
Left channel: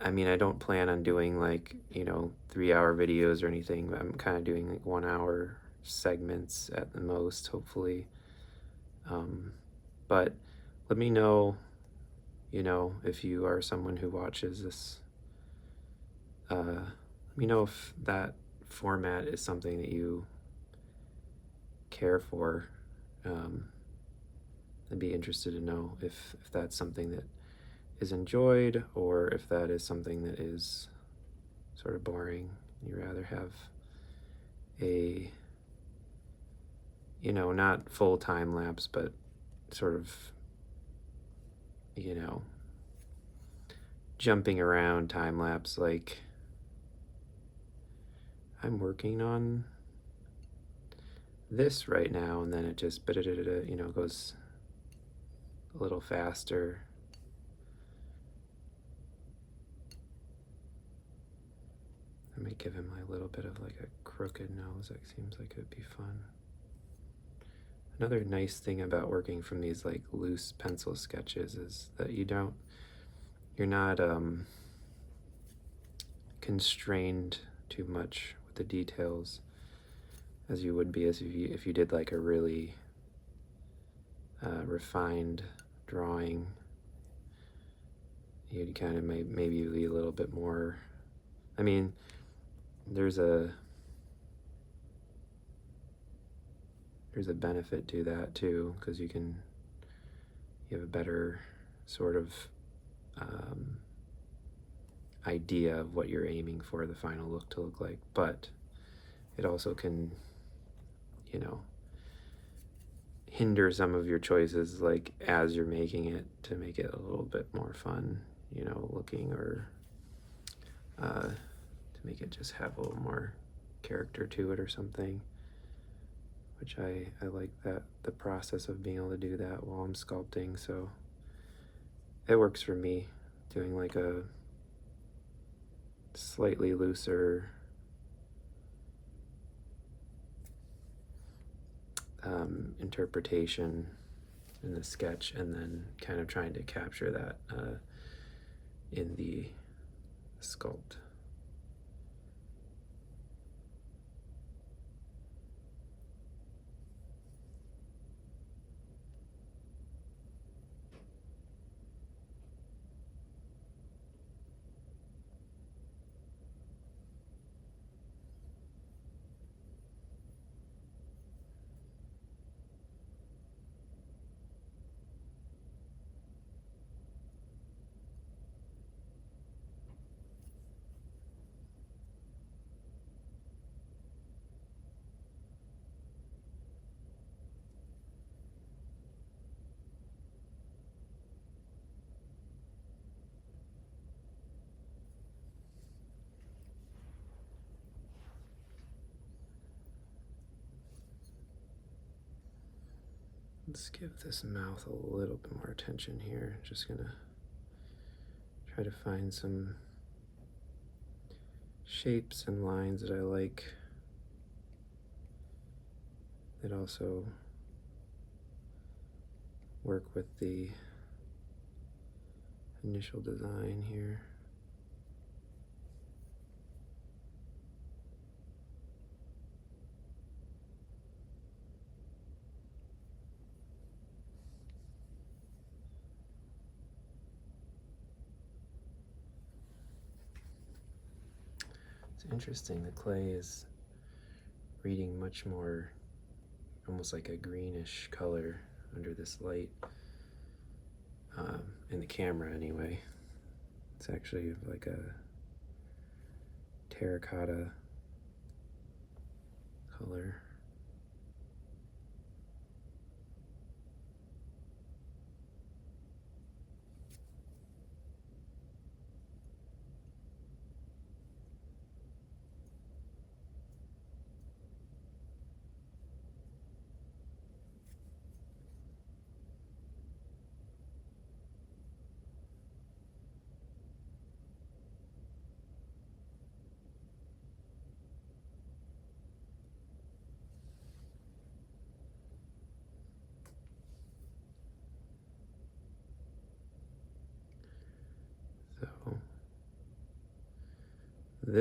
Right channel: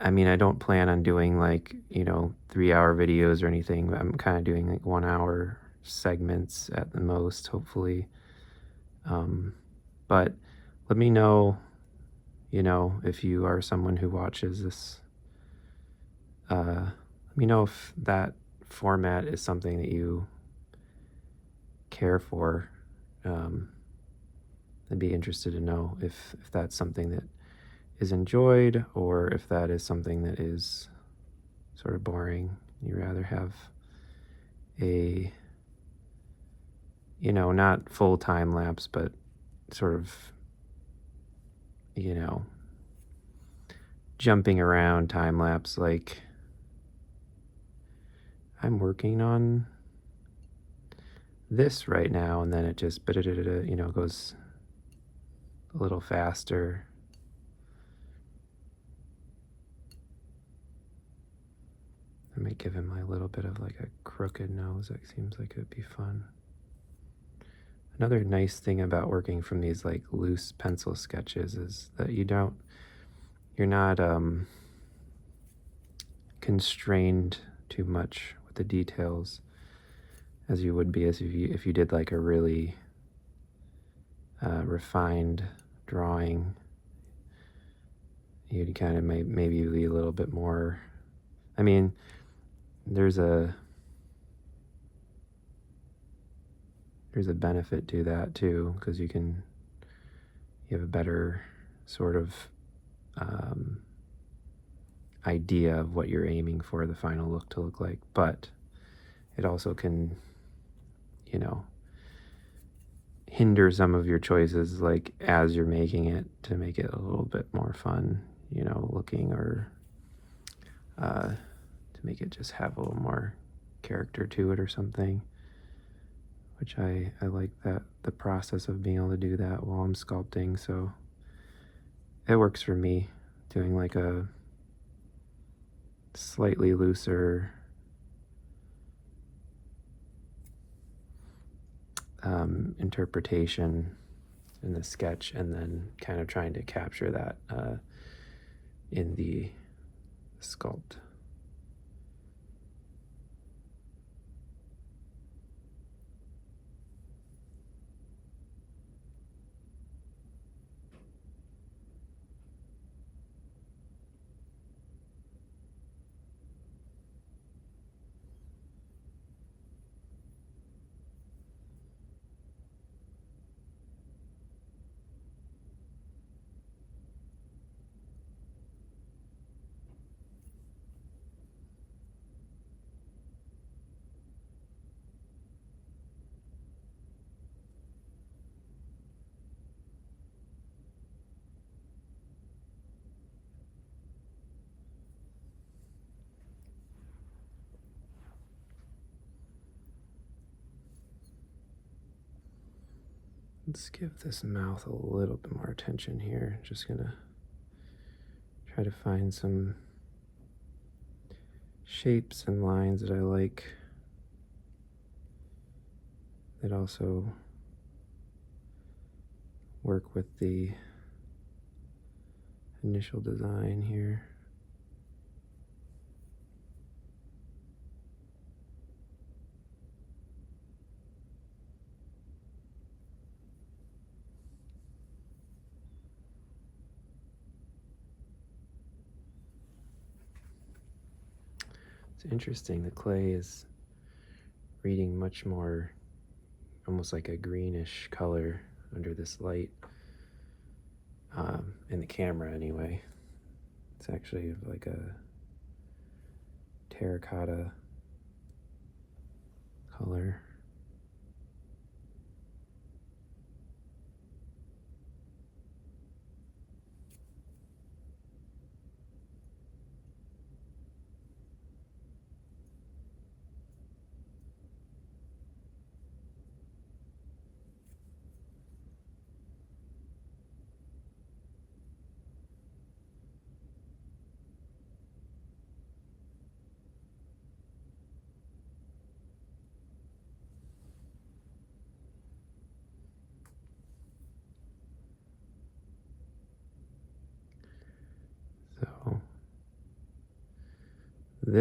I don't plan on doing 3-hour videos or anything. I'm kind of doing like 1-hour segments at the most, hopefully. But let me know, if you are someone who watches this. Let me know if that format is something that you care for. I'd be interested to know if that's something that is enjoyed, or if that is something that is sort of boring. You'd rather have a, not full time lapse, but sort of, jumping around time lapse. Like, I'm working on this right now, and then it just, goes a little faster. I might give him a little bit of like a crooked nose. It seems like it'd be fun. Another nice thing about working from these like loose pencil sketches is that you're not constrained too much with the details as you would be if you did like a really refined drawing. You'd kind of maybe be a little bit more. There's a benefit to that too, because you have a better sort of idea of what you're aiming for the final look to look like. But it also can, hinder some of your choices, like as you're making it, to make it a little bit more fun, looking, or to make it just have a little more character to it or something, which I like that, the process of being able to do that while I'm sculpting. So it works for me, doing like a slightly looser interpretation in the sketch, and then kind of trying to capture that in the sculpt. Let's give this mouth a little bit more attention here. Just gonna Try to find some shapes and lines that I like that also work with the initial design here. It's interesting, the clay is reading much more, almost like a greenish color under this light, in the camera anyway. It's actually like a terracotta color.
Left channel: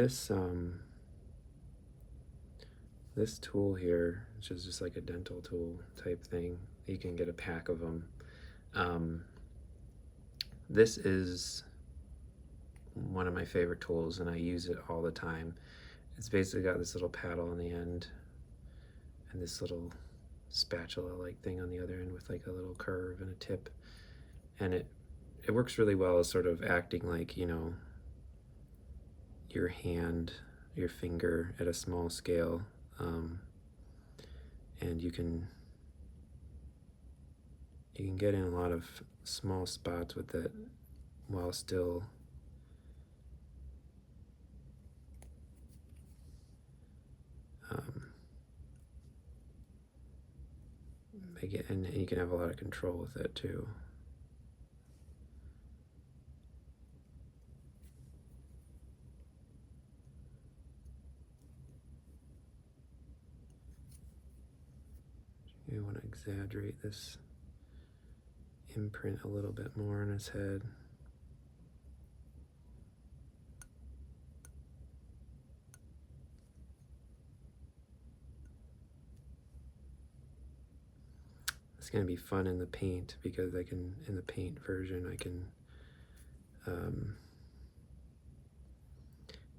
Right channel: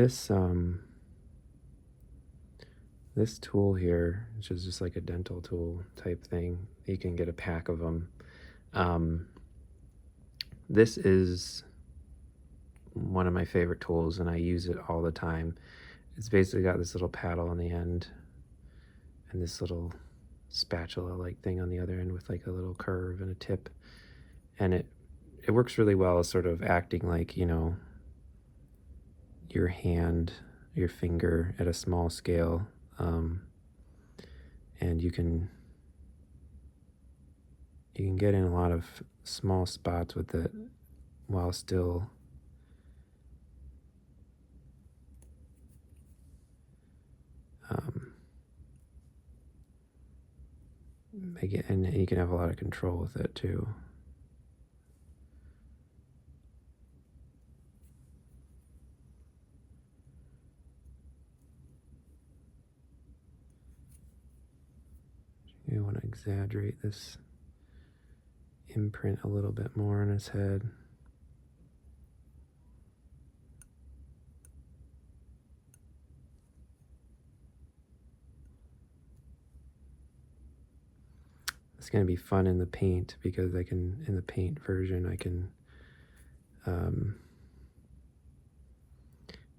So this tool here, which is just like a dental tool type thing, you can get a pack of them. This is one of my favorite tools and I use it all the time. It's basically got this little paddle on the end and this little spatula like thing on the other end with like a little curve and a tip, and it works really well as sort of acting like, you know, your hand, your finger at a small scale, and you can get in a lot of small spots with it while still make it, and you can have a lot of control with it too. You want to exaggerate this imprint a little bit more on his head. It's going to be fun in the paint because I can, in the paint version, I can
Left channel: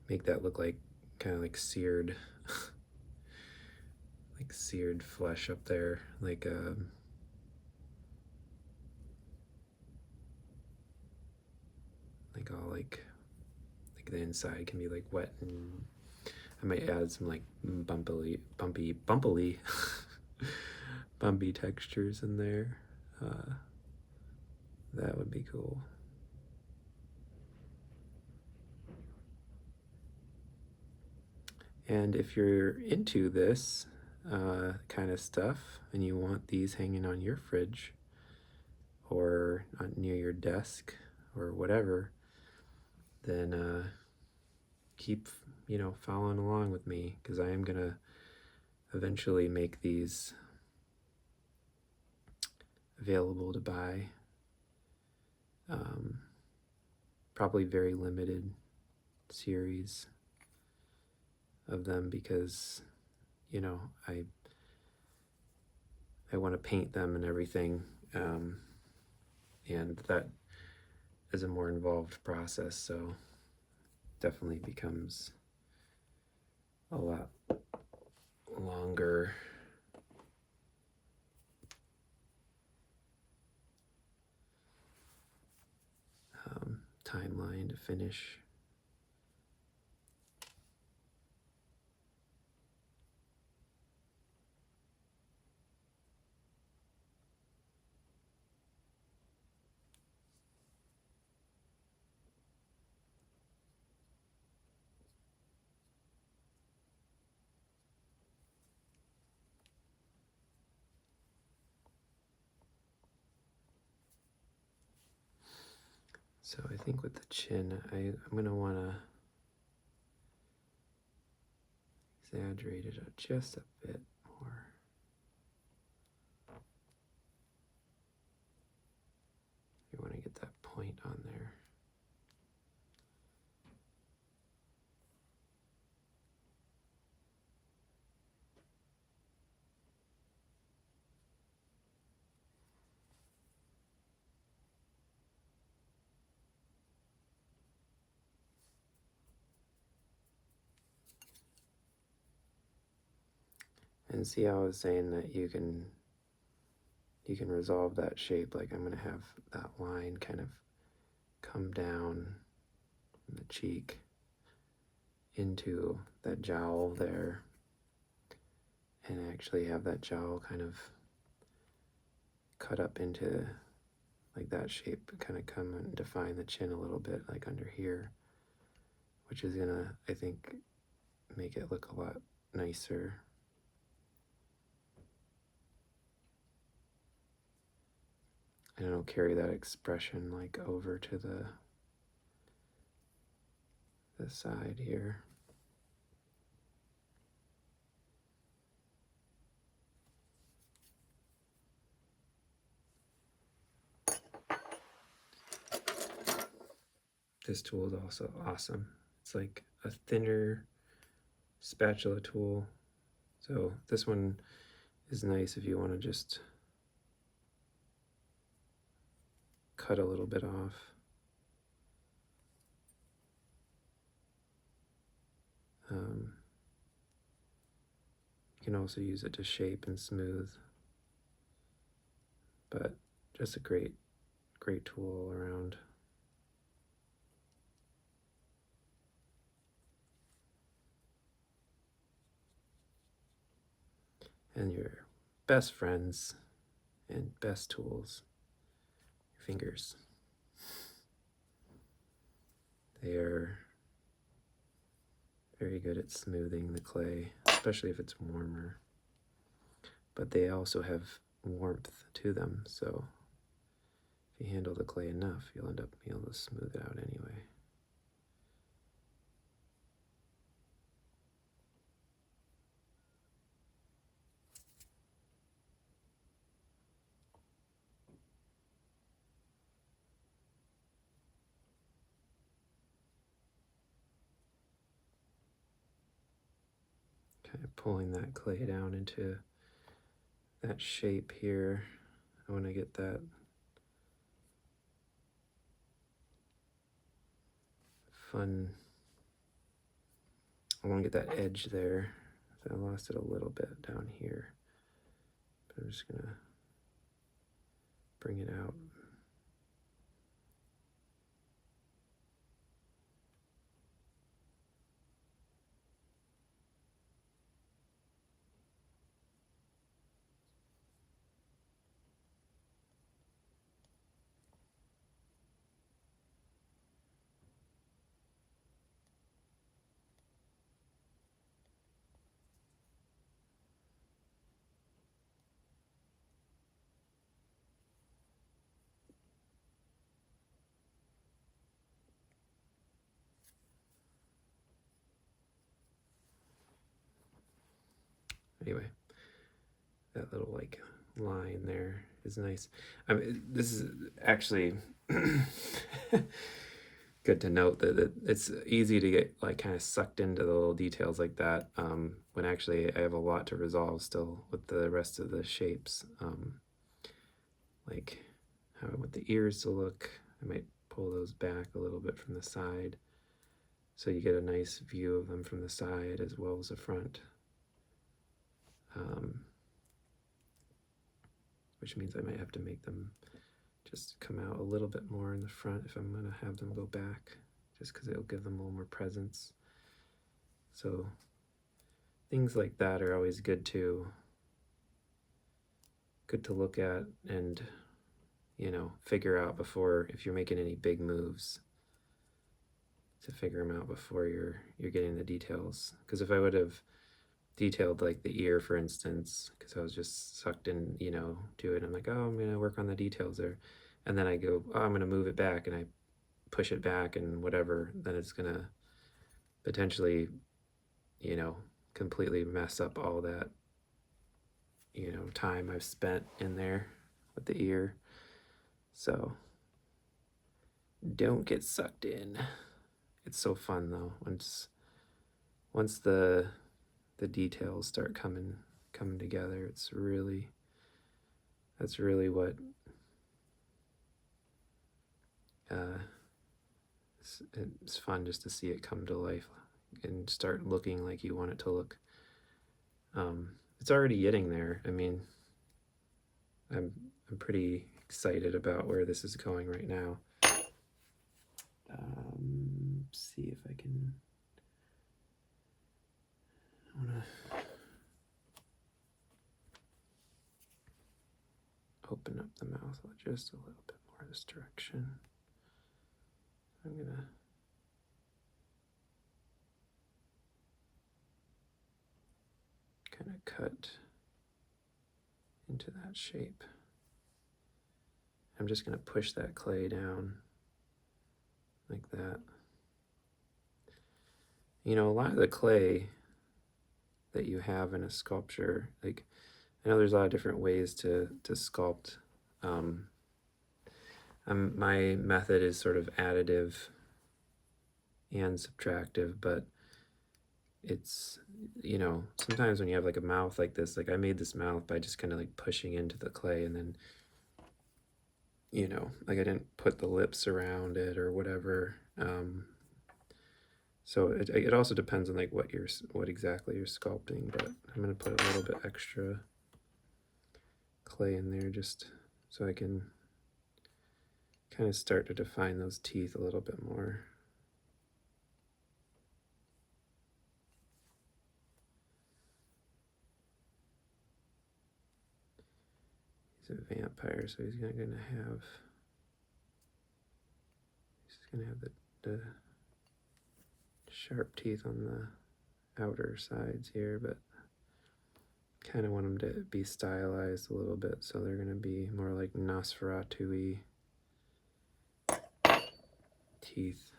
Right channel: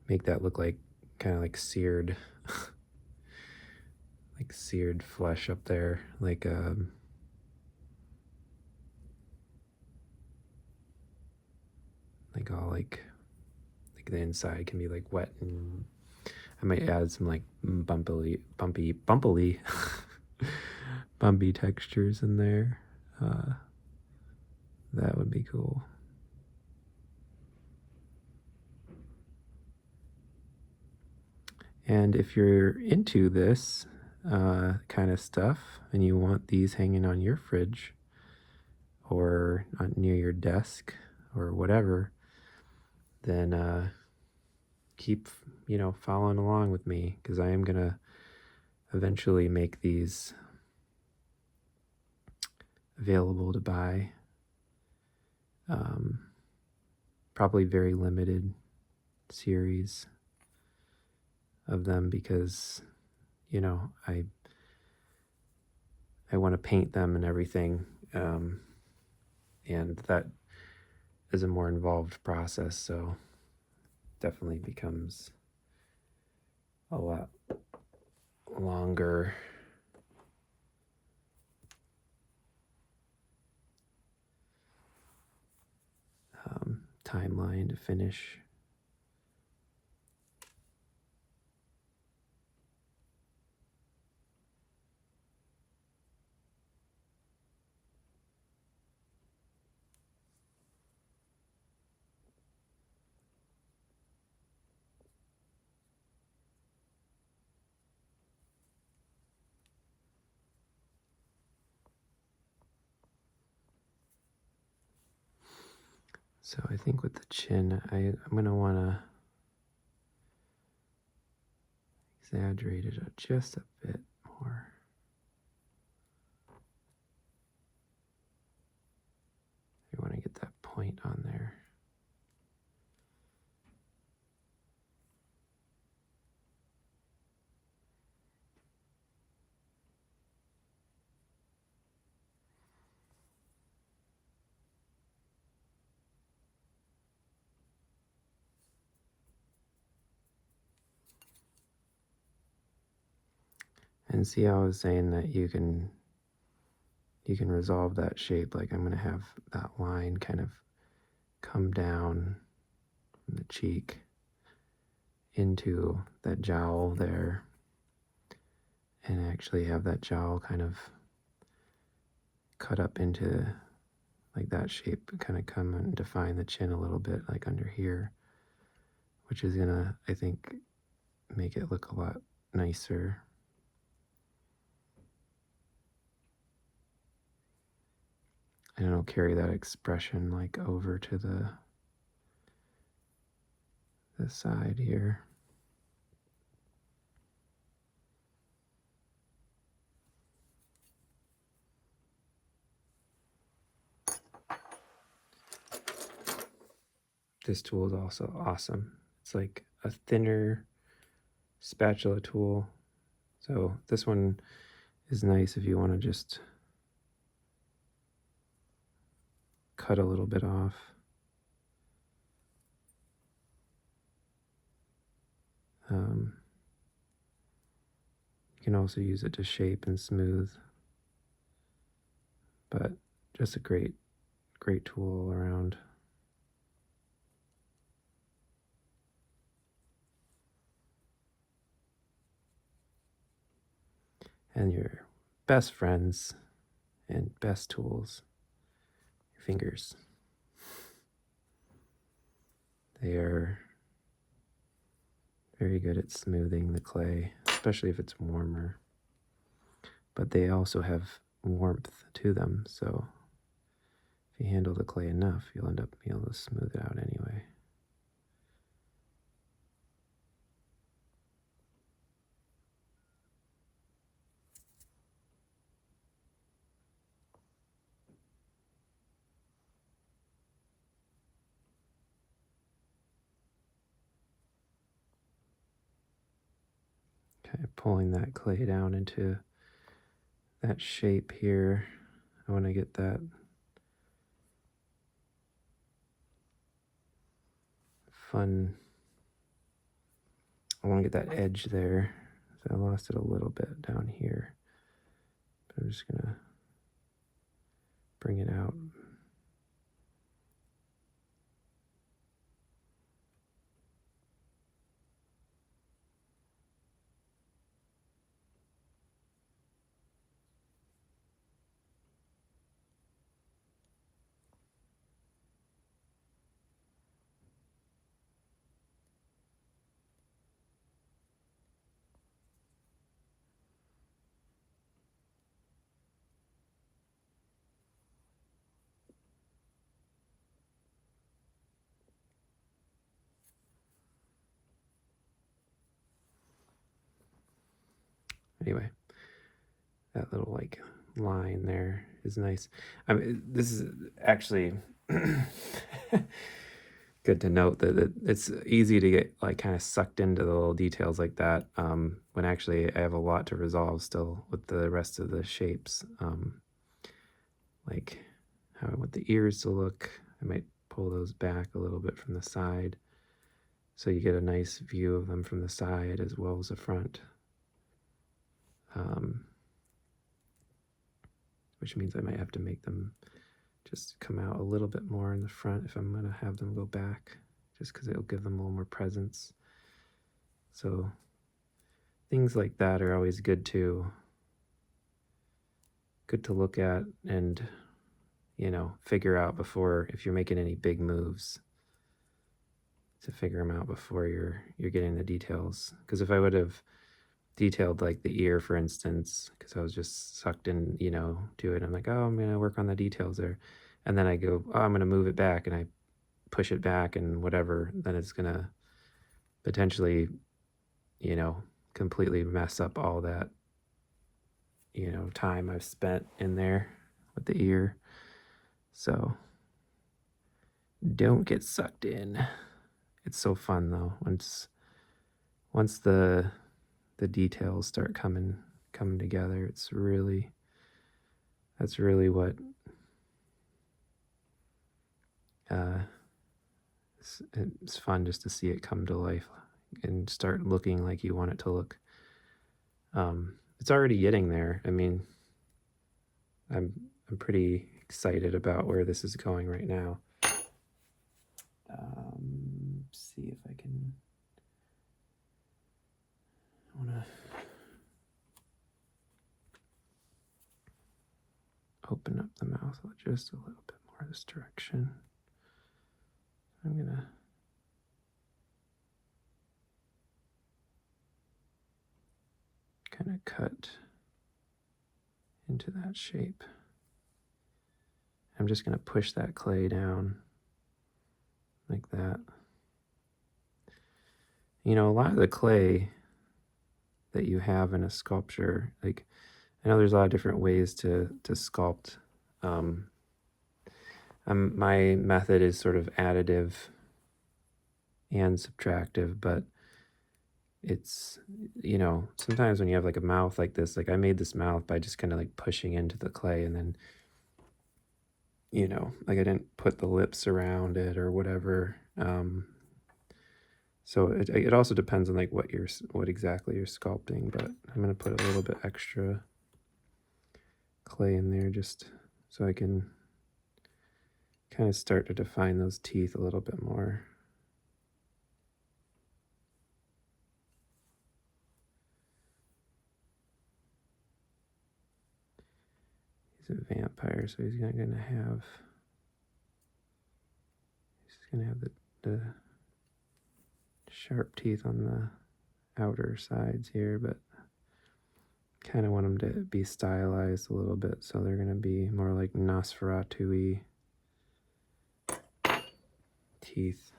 make that look like kind of like seared, like seared flesh up there, like all like the inside can be like wet, and I might add some like bumpy bumpy textures in there. That would be cool. And if you're into this kind of stuff and you want these hanging on your fridge or near your desk or whatever, then keep, you know, following along with me, because I am gonna eventually make these available to buy. Probably very limited series of them because, you know, I want to paint them and everything, and that is a more involved process, so definitely becomes a lot longer timeline to finish. So I think with the chin, I'm going to want to exaggerate it just a bit more. I want to get that point on there. And see how I was saying that you can resolve that shape. Like I'm going to have that line kind of come down from the cheek into that jowl there, and actually have that jowl kind of cut up into like that shape, kind of come and define the chin a little bit, like under here, which is gonna, I think, make it look a lot nicer. And it'll carry that expression like over to the side here. This tool is also awesome. It's like a thinner spatula tool. So this one is nice if you want to just cut a little bit off. You can also use it to shape and smooth, but just a great tool all around. And your best friends and best tools, your fingers. They are very good at smoothing the clay, especially if it's warmer. But they also have warmth to them, so if you handle the clay enough, you'll end up being able to smooth it out anyway. Okay, pulling that clay down into that shape here. I want to get that fun, I want to get that edge there. So I lost it a little bit down here. But I'm just going to bring it out. Anyway, that little like line there is nice. I mean, this is actually good to note that it's easy to get like kind of sucked into the little details like that, when actually I have a lot to resolve still with the rest of the shapes. Like how I want the ears to look. I might pull those back a little bit from the side so you get a nice view of them from the side as well as the front. Which means I might have to make them just come out a little bit more in the front if I'm going to have them go back, just because it'll give them a little more presence. So things like that are always good to look at and, you know, figure out before, if you're making any big moves, to figure them out before you're getting the details. Because if I would have detailed like the ear, for instance, because I was just sucked in, you know, to it, I'm like, oh, I'm gonna work on the details there, and then I go, oh, I'm gonna move it back, and I push it back and whatever, then it's gonna potentially, you know, completely mess up all that, you know, time I've spent in there with the ear. So don't get sucked in. It's so fun though. Once the details start coming together, that's really what it's fun just to see it come to life and start looking like you want it to look. It's already getting there. I mean, I'm pretty excited about where this is going right now. See if I can. I want to open up the mouth just a little bit more this direction. I'm gonna kind of cut into that shape. I'm just going to push that clay down like that. You know, a lot of the clay that you have in a sculpture, like, I know there's a lot of different ways to sculpt. My method is sort of additive and subtractive, but it's, you know, sometimes when you have like a mouth like this, like I made this mouth by just kind of like pushing into the clay, and then, you know, like I didn't put the lips around it or whatever. So it also depends on like what exactly you're sculpting, but I'm going to put a little bit extra clay in there just so I can kind of start to define those teeth a little bit more. He's a vampire, so he's not going to have. He's going to have the sharp teeth on the outer sides here, but kind of want them to be stylized a little bit, so they're going to be more like Nosferatu-y teeth.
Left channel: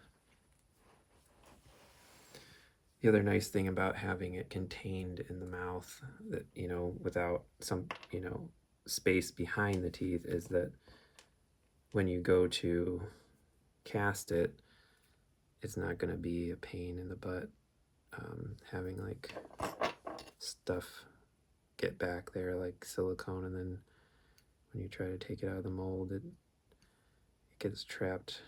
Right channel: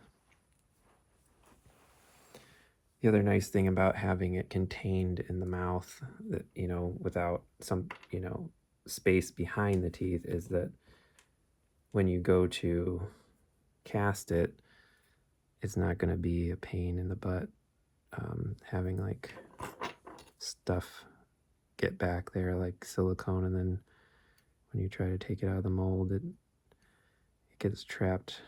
The other nice thing about having it contained in the mouth, that, you know, without some, you know, space behind the teeth, is that when you go to cast it, it's not going to be a pain in the butt having like stuff get back there like silicone, and then when you try to take it out of the mold, it gets trapped.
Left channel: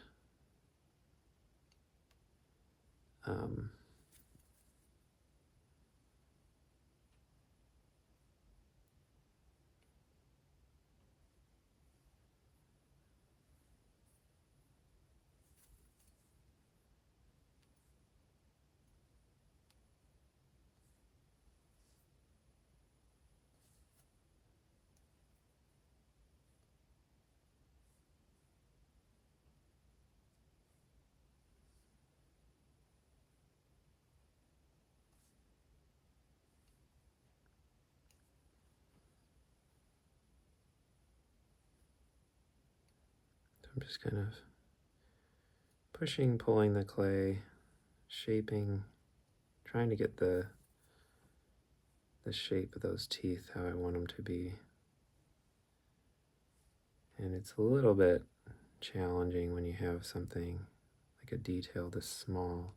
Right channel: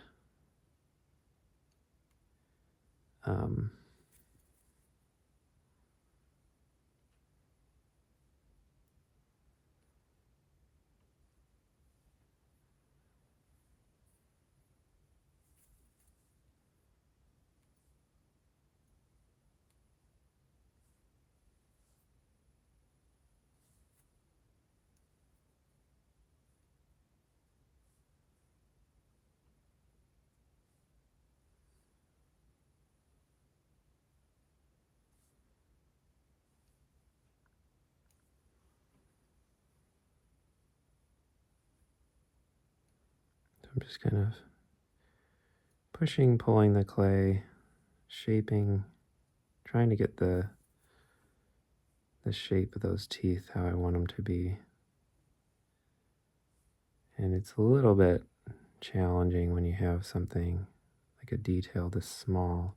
I'm just kind of pushing, pulling the clay, shaping, trying to get the shape of those teeth how I want them to be. And it's a little bit challenging when you have something like a detail this small.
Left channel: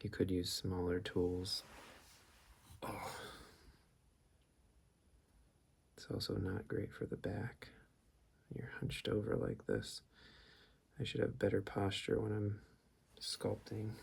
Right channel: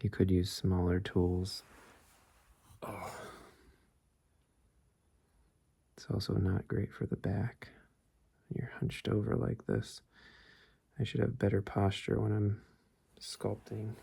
You could use smaller tools. Oh. It's also not great for the back. You're hunched over like this. I should have better posture when I'm sculpting.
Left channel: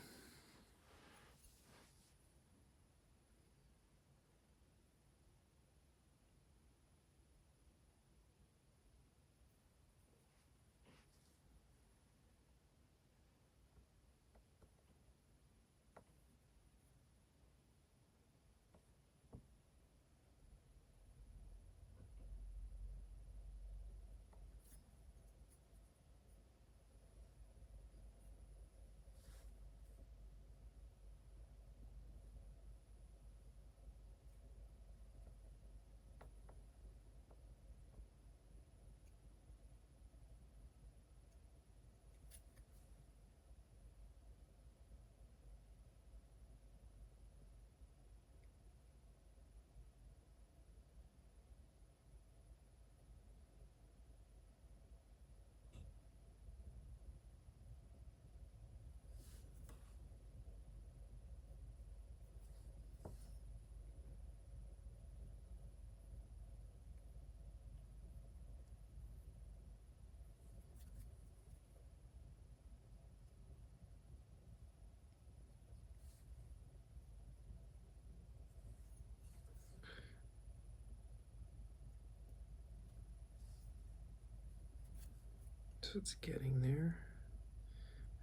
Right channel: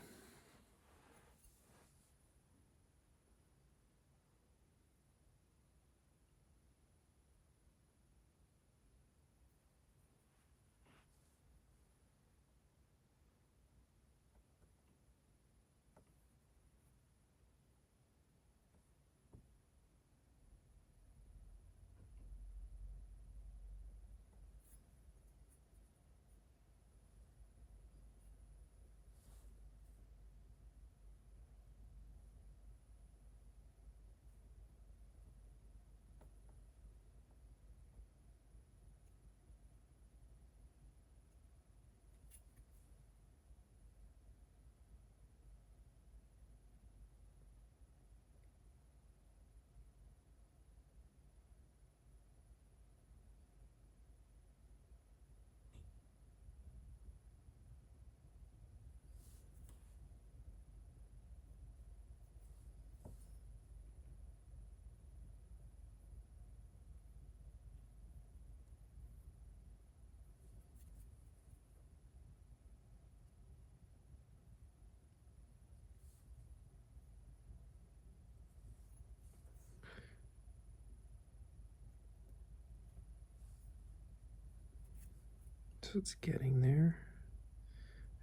it's getting there.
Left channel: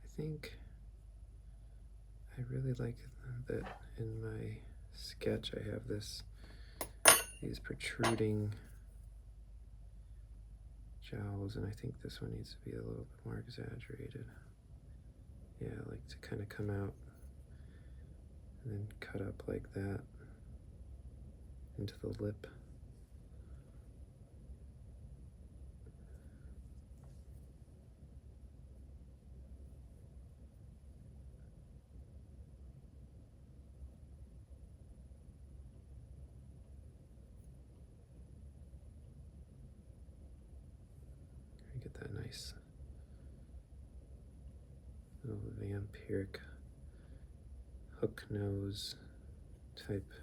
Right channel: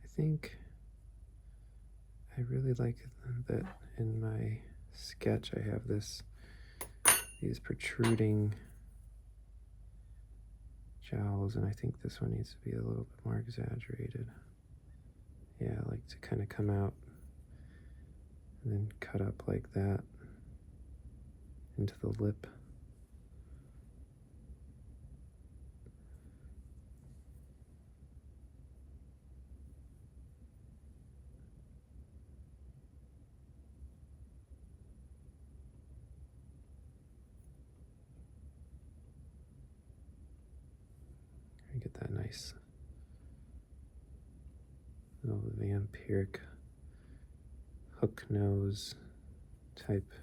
I think I really like that in my sketch I have these protruding jowls, and I think this one needs to be a little bit more exaggerated. Yeah, I like to kind of come out and then cut up like that into the lip. Get that nice little vampiric hook nose type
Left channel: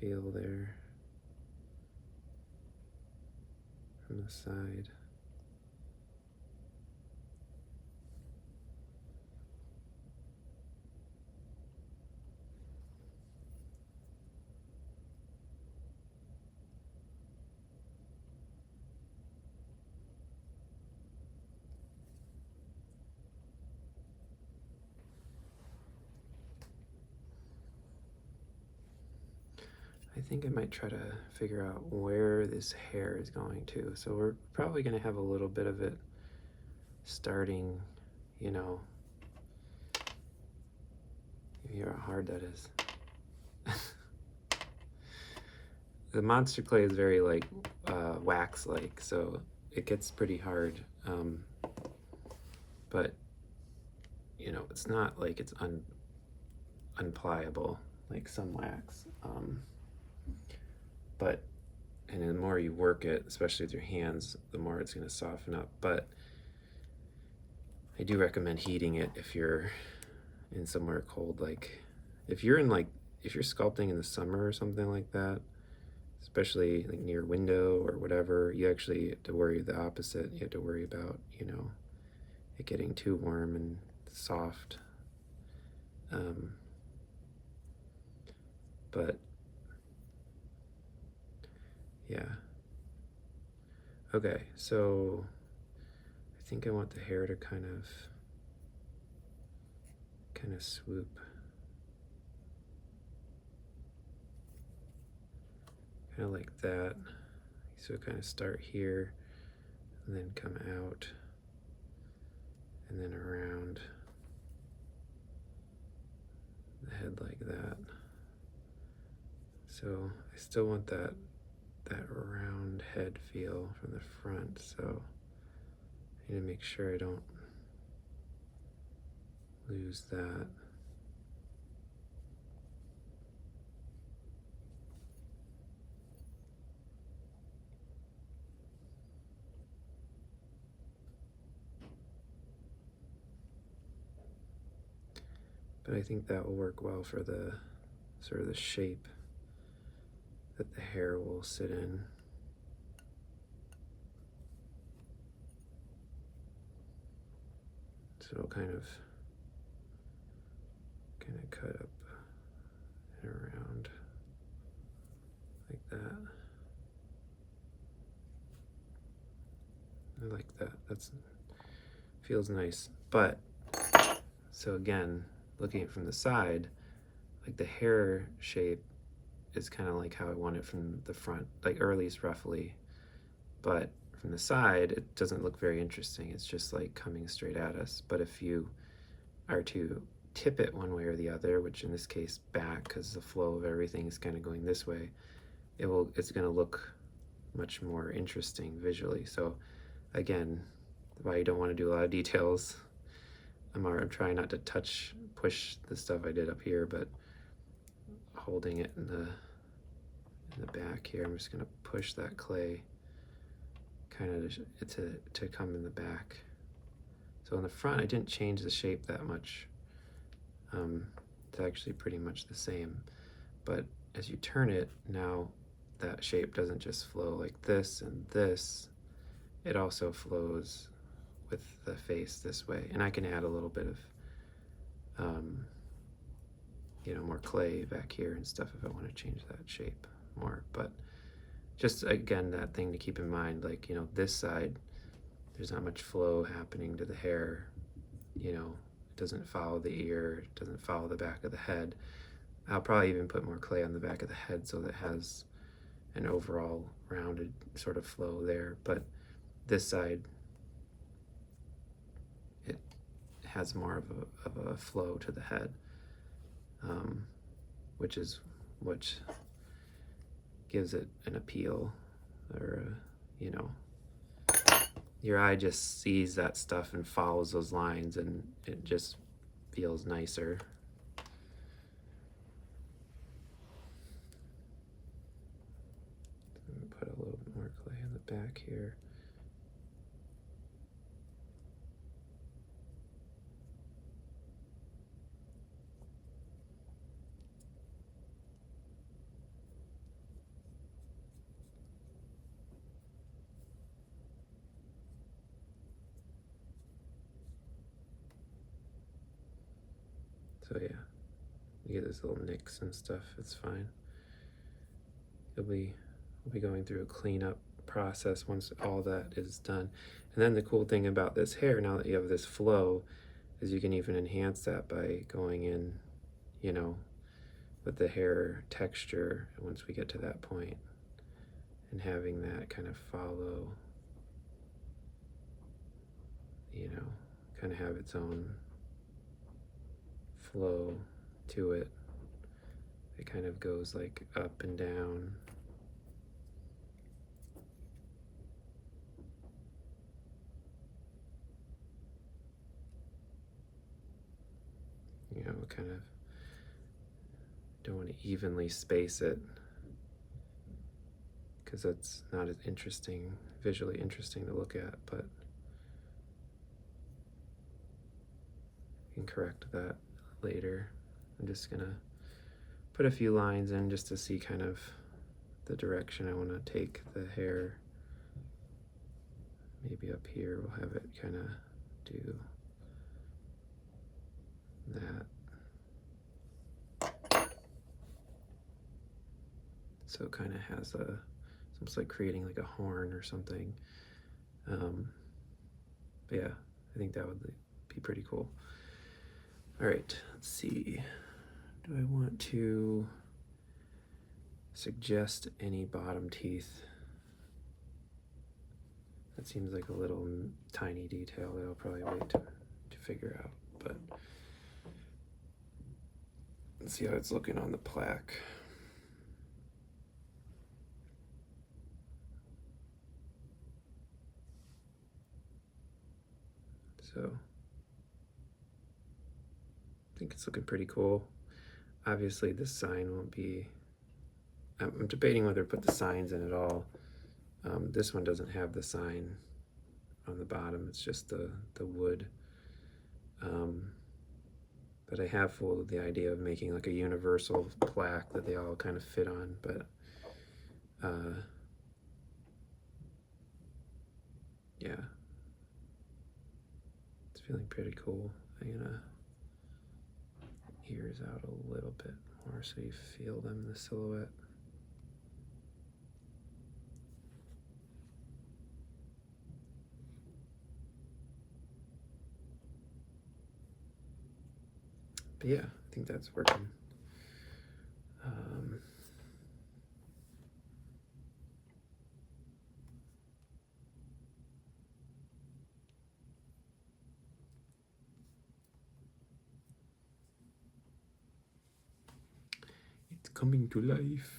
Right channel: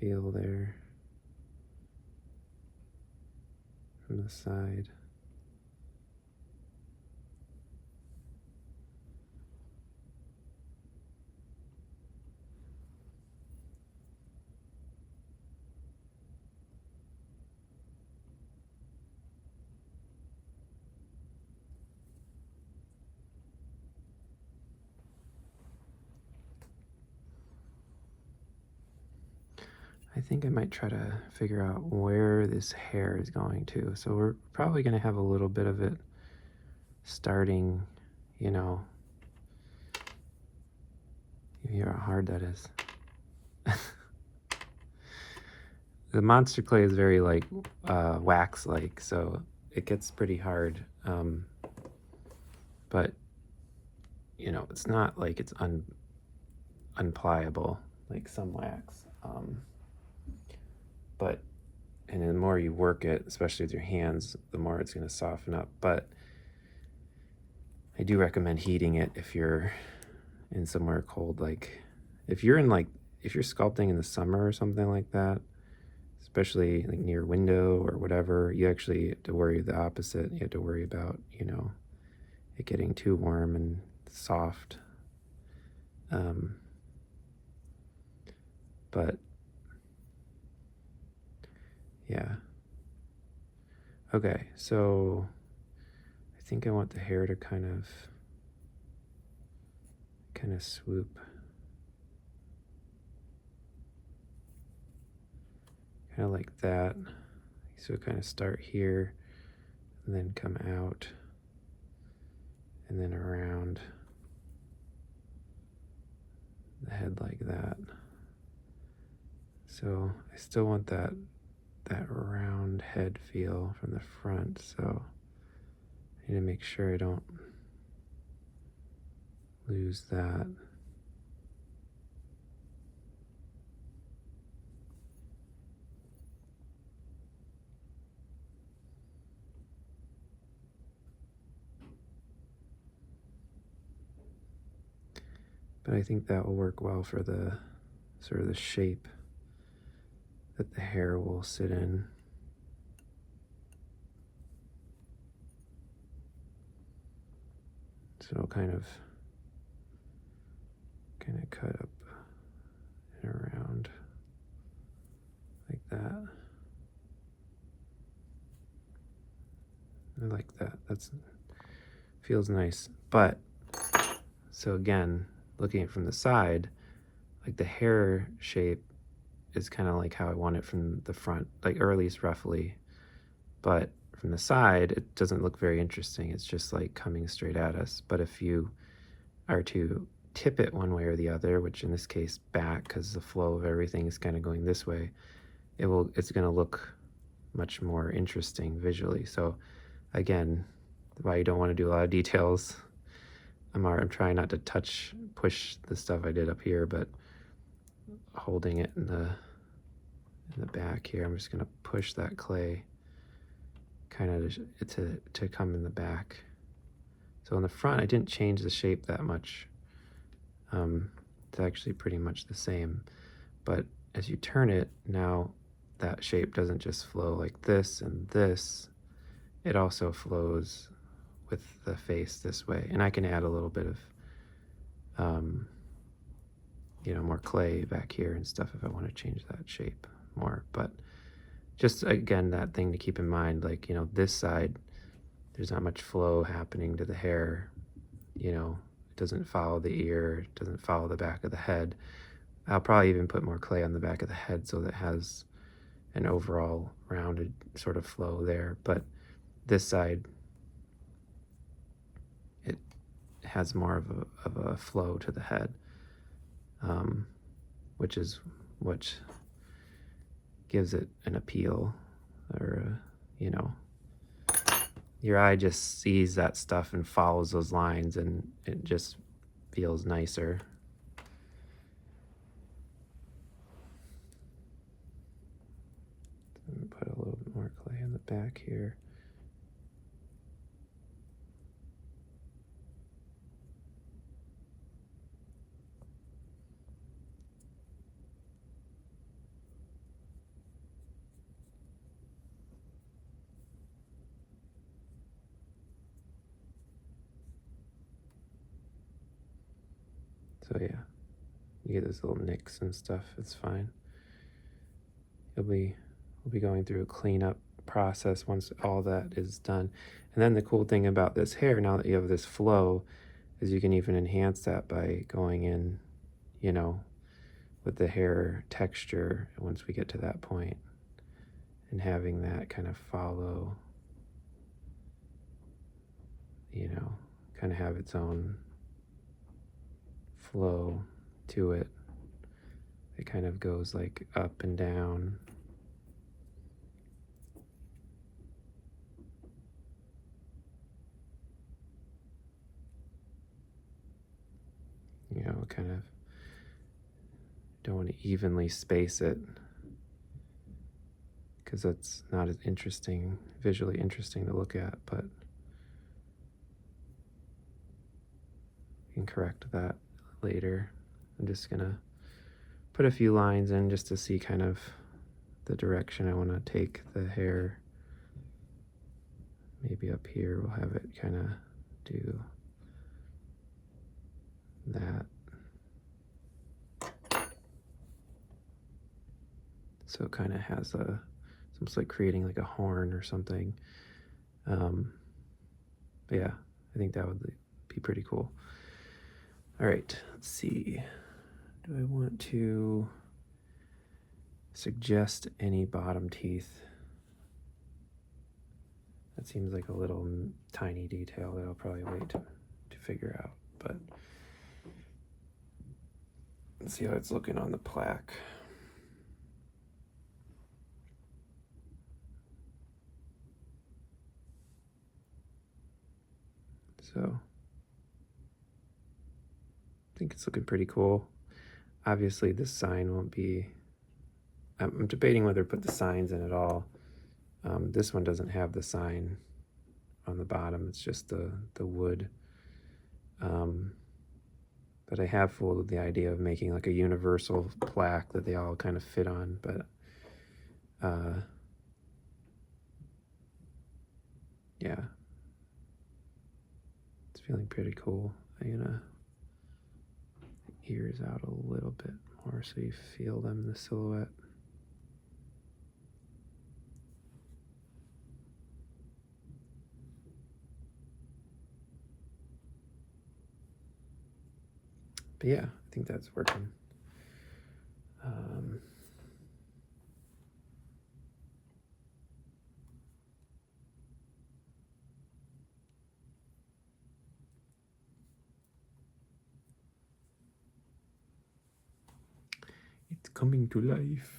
feel there from the side. I think I might try to figure out where this hair is going to. So we're probably going to have a little bit of it starting, you know, you hear how hard that is. The monster clay is very like wax-like, so it gets pretty hard. But you know, it's not like it's unpliable like some wax. And the more you work it, especially with your hands, the more it's going to soften up. But I do recommend heating it if you're in somewhere cold. Like if you're sculpting in the summer or something like that, especially like near a window or whatever, you actually have to worry the opposite. You have to worry about, you know, it getting too warm and soft. But yeah. Okay, so I think I want the hair to kind of swoop. Kind of like that. So kind of start here and then come out and then around the head like that. So I still want that round head feel from the front, so I need to make sure I don't lose that. But I think that will work well for the sort of the shape that the hair will sit in. So kind of cut up and around like that. I like that. That's feels nice. But so again, looking at it from the side, like the hair shape is kind of like how I want it from the front, like, or at least roughly. But from the side, it doesn't look very interesting. It's just like coming straight at us. But if you are to tip it one way or the other, which in this case back, because the flow of everything is kind of going this way, it's going to look much more interesting visually. So again, why you don't want to do a lot of details. I'm trying not to push the stuff I did up here, but holding it in the back here, I'm just going to push that clay kind of to come in the back. So in the front, I didn't change the shape that much. It's actually pretty much the same. But as you turn it, now that shape doesn't just flow like this and this. It also flows with the face this way. And I can add a little bit of, you know, more clay back here and stuff if I want to change that shape more. But just, again, that thing to keep in mind, like, you know, this side there's not much flow happening to the hair. You know, it doesn't follow the ear, it doesn't follow the back of the head. I'll probably even put more clay on the back of the head so that it has an overall rounded sort of flow there. But this side, it has more of a flow to the head, which is what gives it an appeal, or you know, your eye just sees that stuff and follows those lines, and it just feels nicer. Put a little bit more clay in the back here. So yeah, you get those little nicks and stuff, it's fine. We'll be going through a cleanup process once all that is done. And then the cool thing about this hair, now that you have this flow, is you can even enhance that by going in, you know, with the hair texture once we get to that point, and having that kind of follow, you know, kind of have its own flow to it. It kind of goes like up and down. You know, kind of don't want to evenly space it, because that's not as interesting, visually interesting to look at, but we can correct that later. I'm just gonna put a few lines in just to see kind of the direction I want to take the hair. Maybe up here we'll have it kind of do that. So it kind of has a, it's almost like creating like a horn or something. But yeah, I think that would be pretty cool. All right, let's see. Do I want to suggest any bottom teeth? That seems like a little tiny detail that I'll probably wait to figure out, but let's see how it's looking on the plaque. So I think it's looking pretty cool. Obviously this sign won't be, I'm debating whether to put the signs in at all. This one doesn't have the sign on the bottom, it's just the wood. But I have fooled with the idea of making like a universal plaque that they all kind of fit on, but yeah, it's feeling pretty cool. I'm gonna ears out a little bit more so you feel them in the silhouette. But yeah, I think that's working. It's coming to life.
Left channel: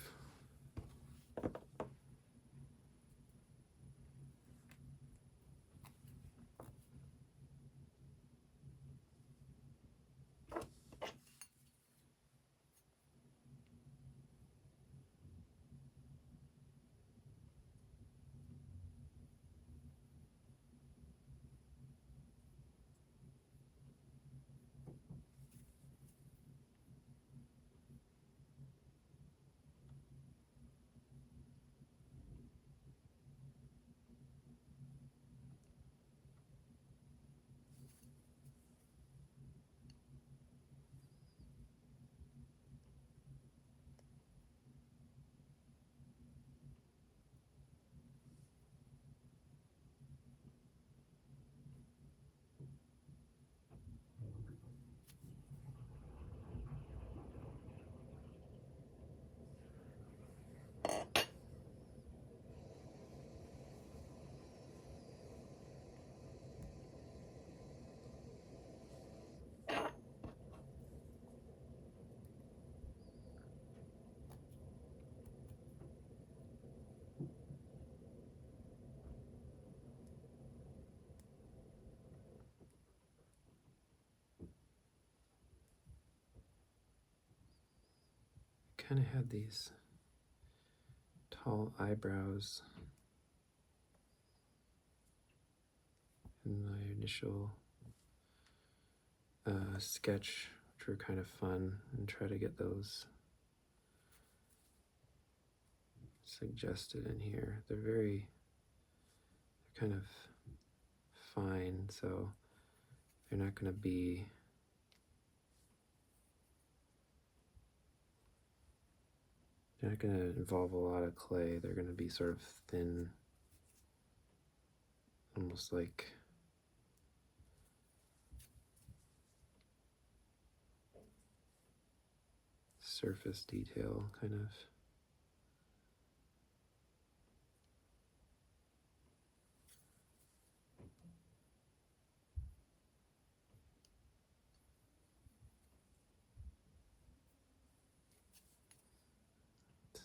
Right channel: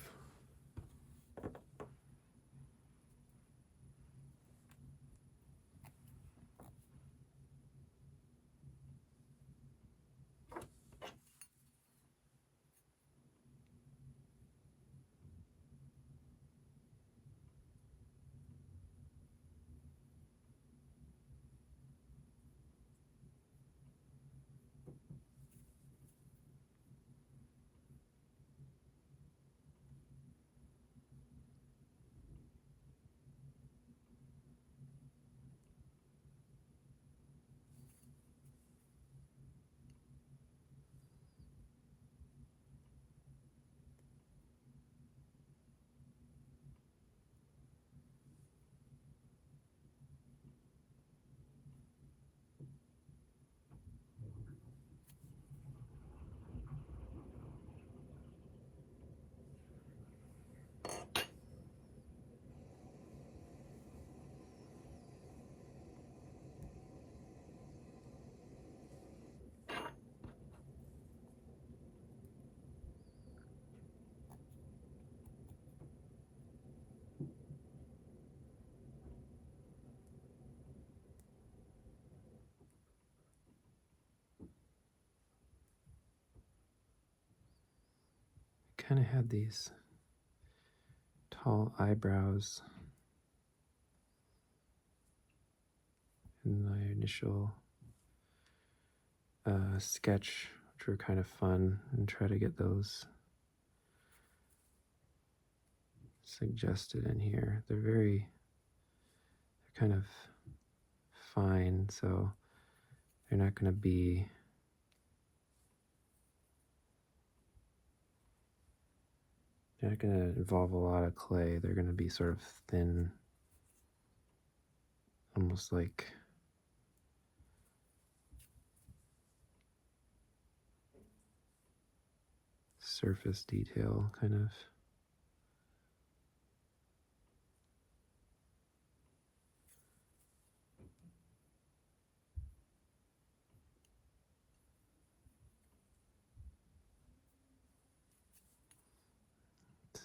kind of had these tall eyebrows in my initial sketch, which were kind of fun, and try to get those suggested in here. They're kind of fine, so they're not going to be involve a lot of clay. They're going to be sort of thin, almost like surface detail, kind of.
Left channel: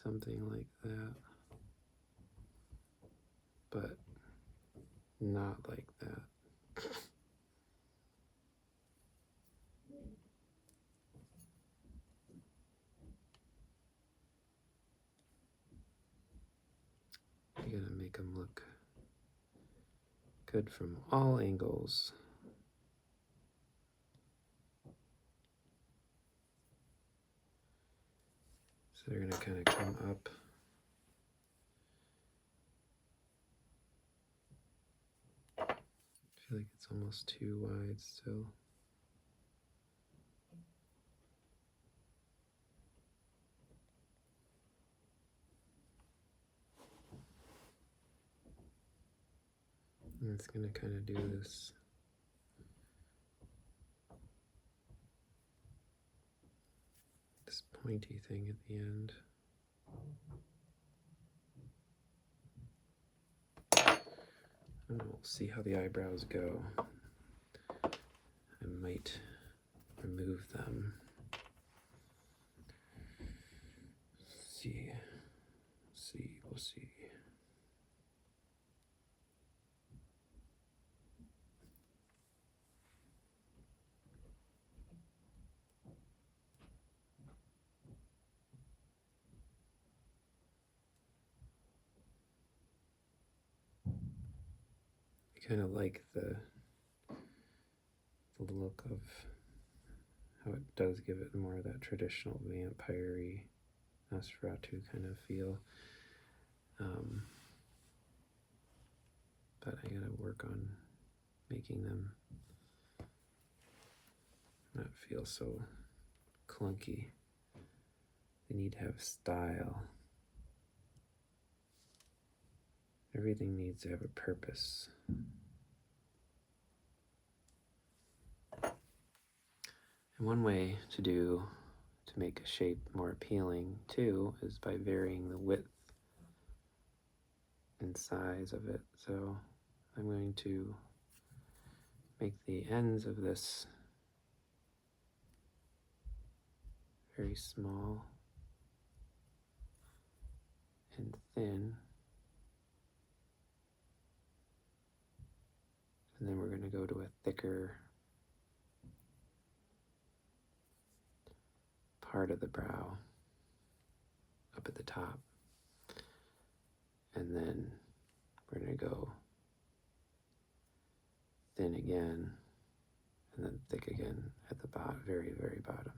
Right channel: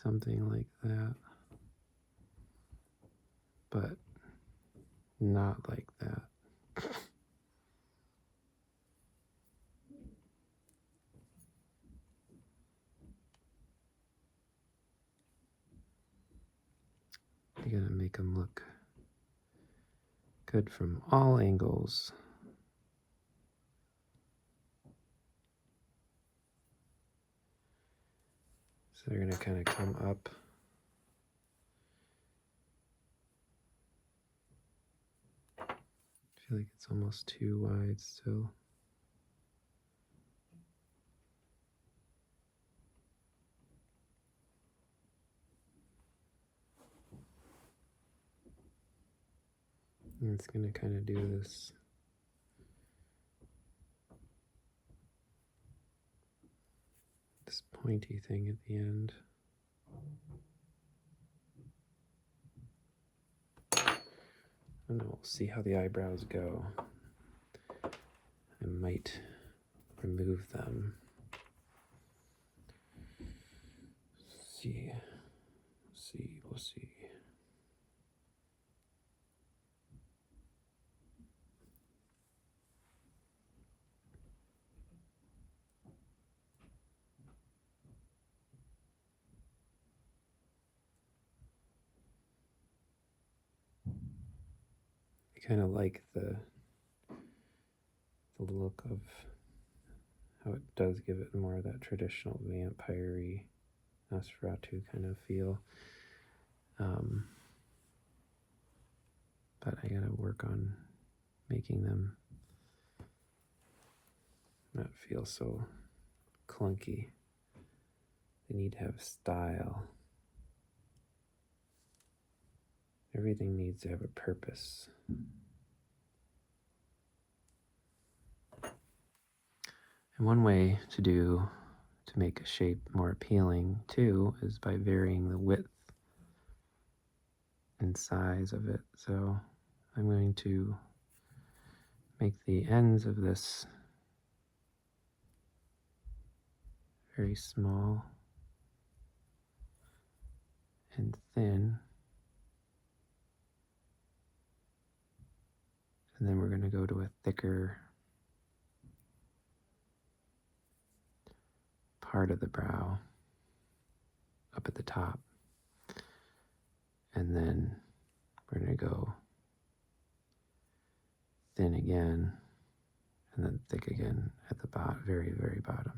Something like that, but not like that. You gotta make them look good from all angles. So they're gonna kind of come up. I feel like it's almost too wide still. And it's gonna kind of do this pointy thing at the end. And we'll see how the eyebrows go. I might remove them. We'll see. I kind of like the look of how it does give it more of that traditional vampire-y Nosferatu kind of feel. But I gotta work on making them not feel so clunky. They need to have style. Everything needs to have a purpose. And one way to make a shape more appealing too is by varying the width and size of it. So I'm going to make the ends of this very small and thin. And then we're going to go to a thicker part of the brow up at the top. And then we're going to go thin again, and then thick again at the bottom, very, very bottom.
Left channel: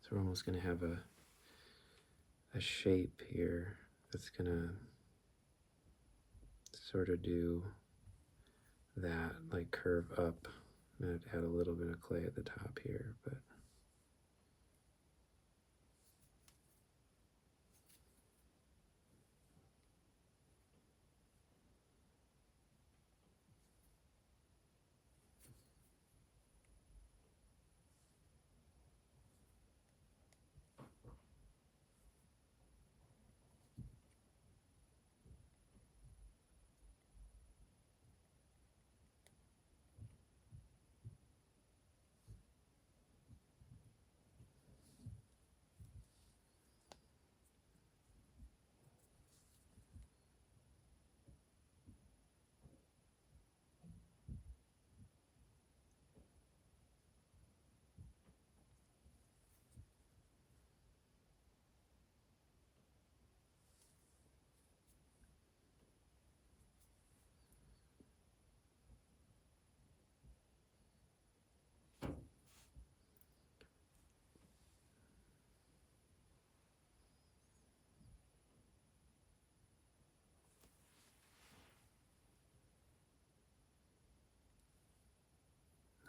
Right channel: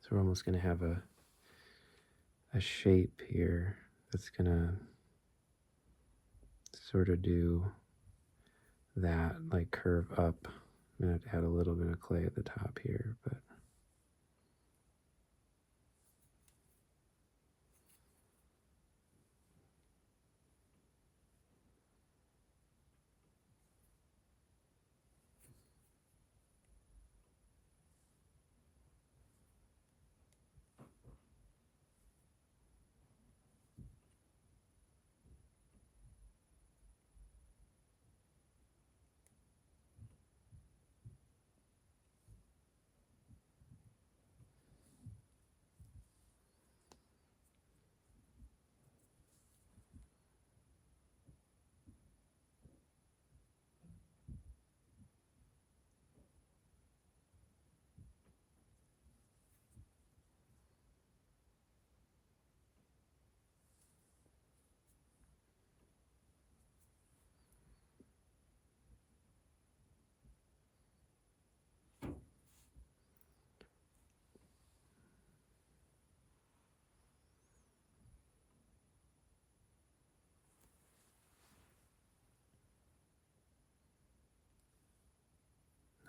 So we're almost going to have a shape here that's going to sort of do that, like curve up. I'm going to have to add a little bit of clay at the top here, but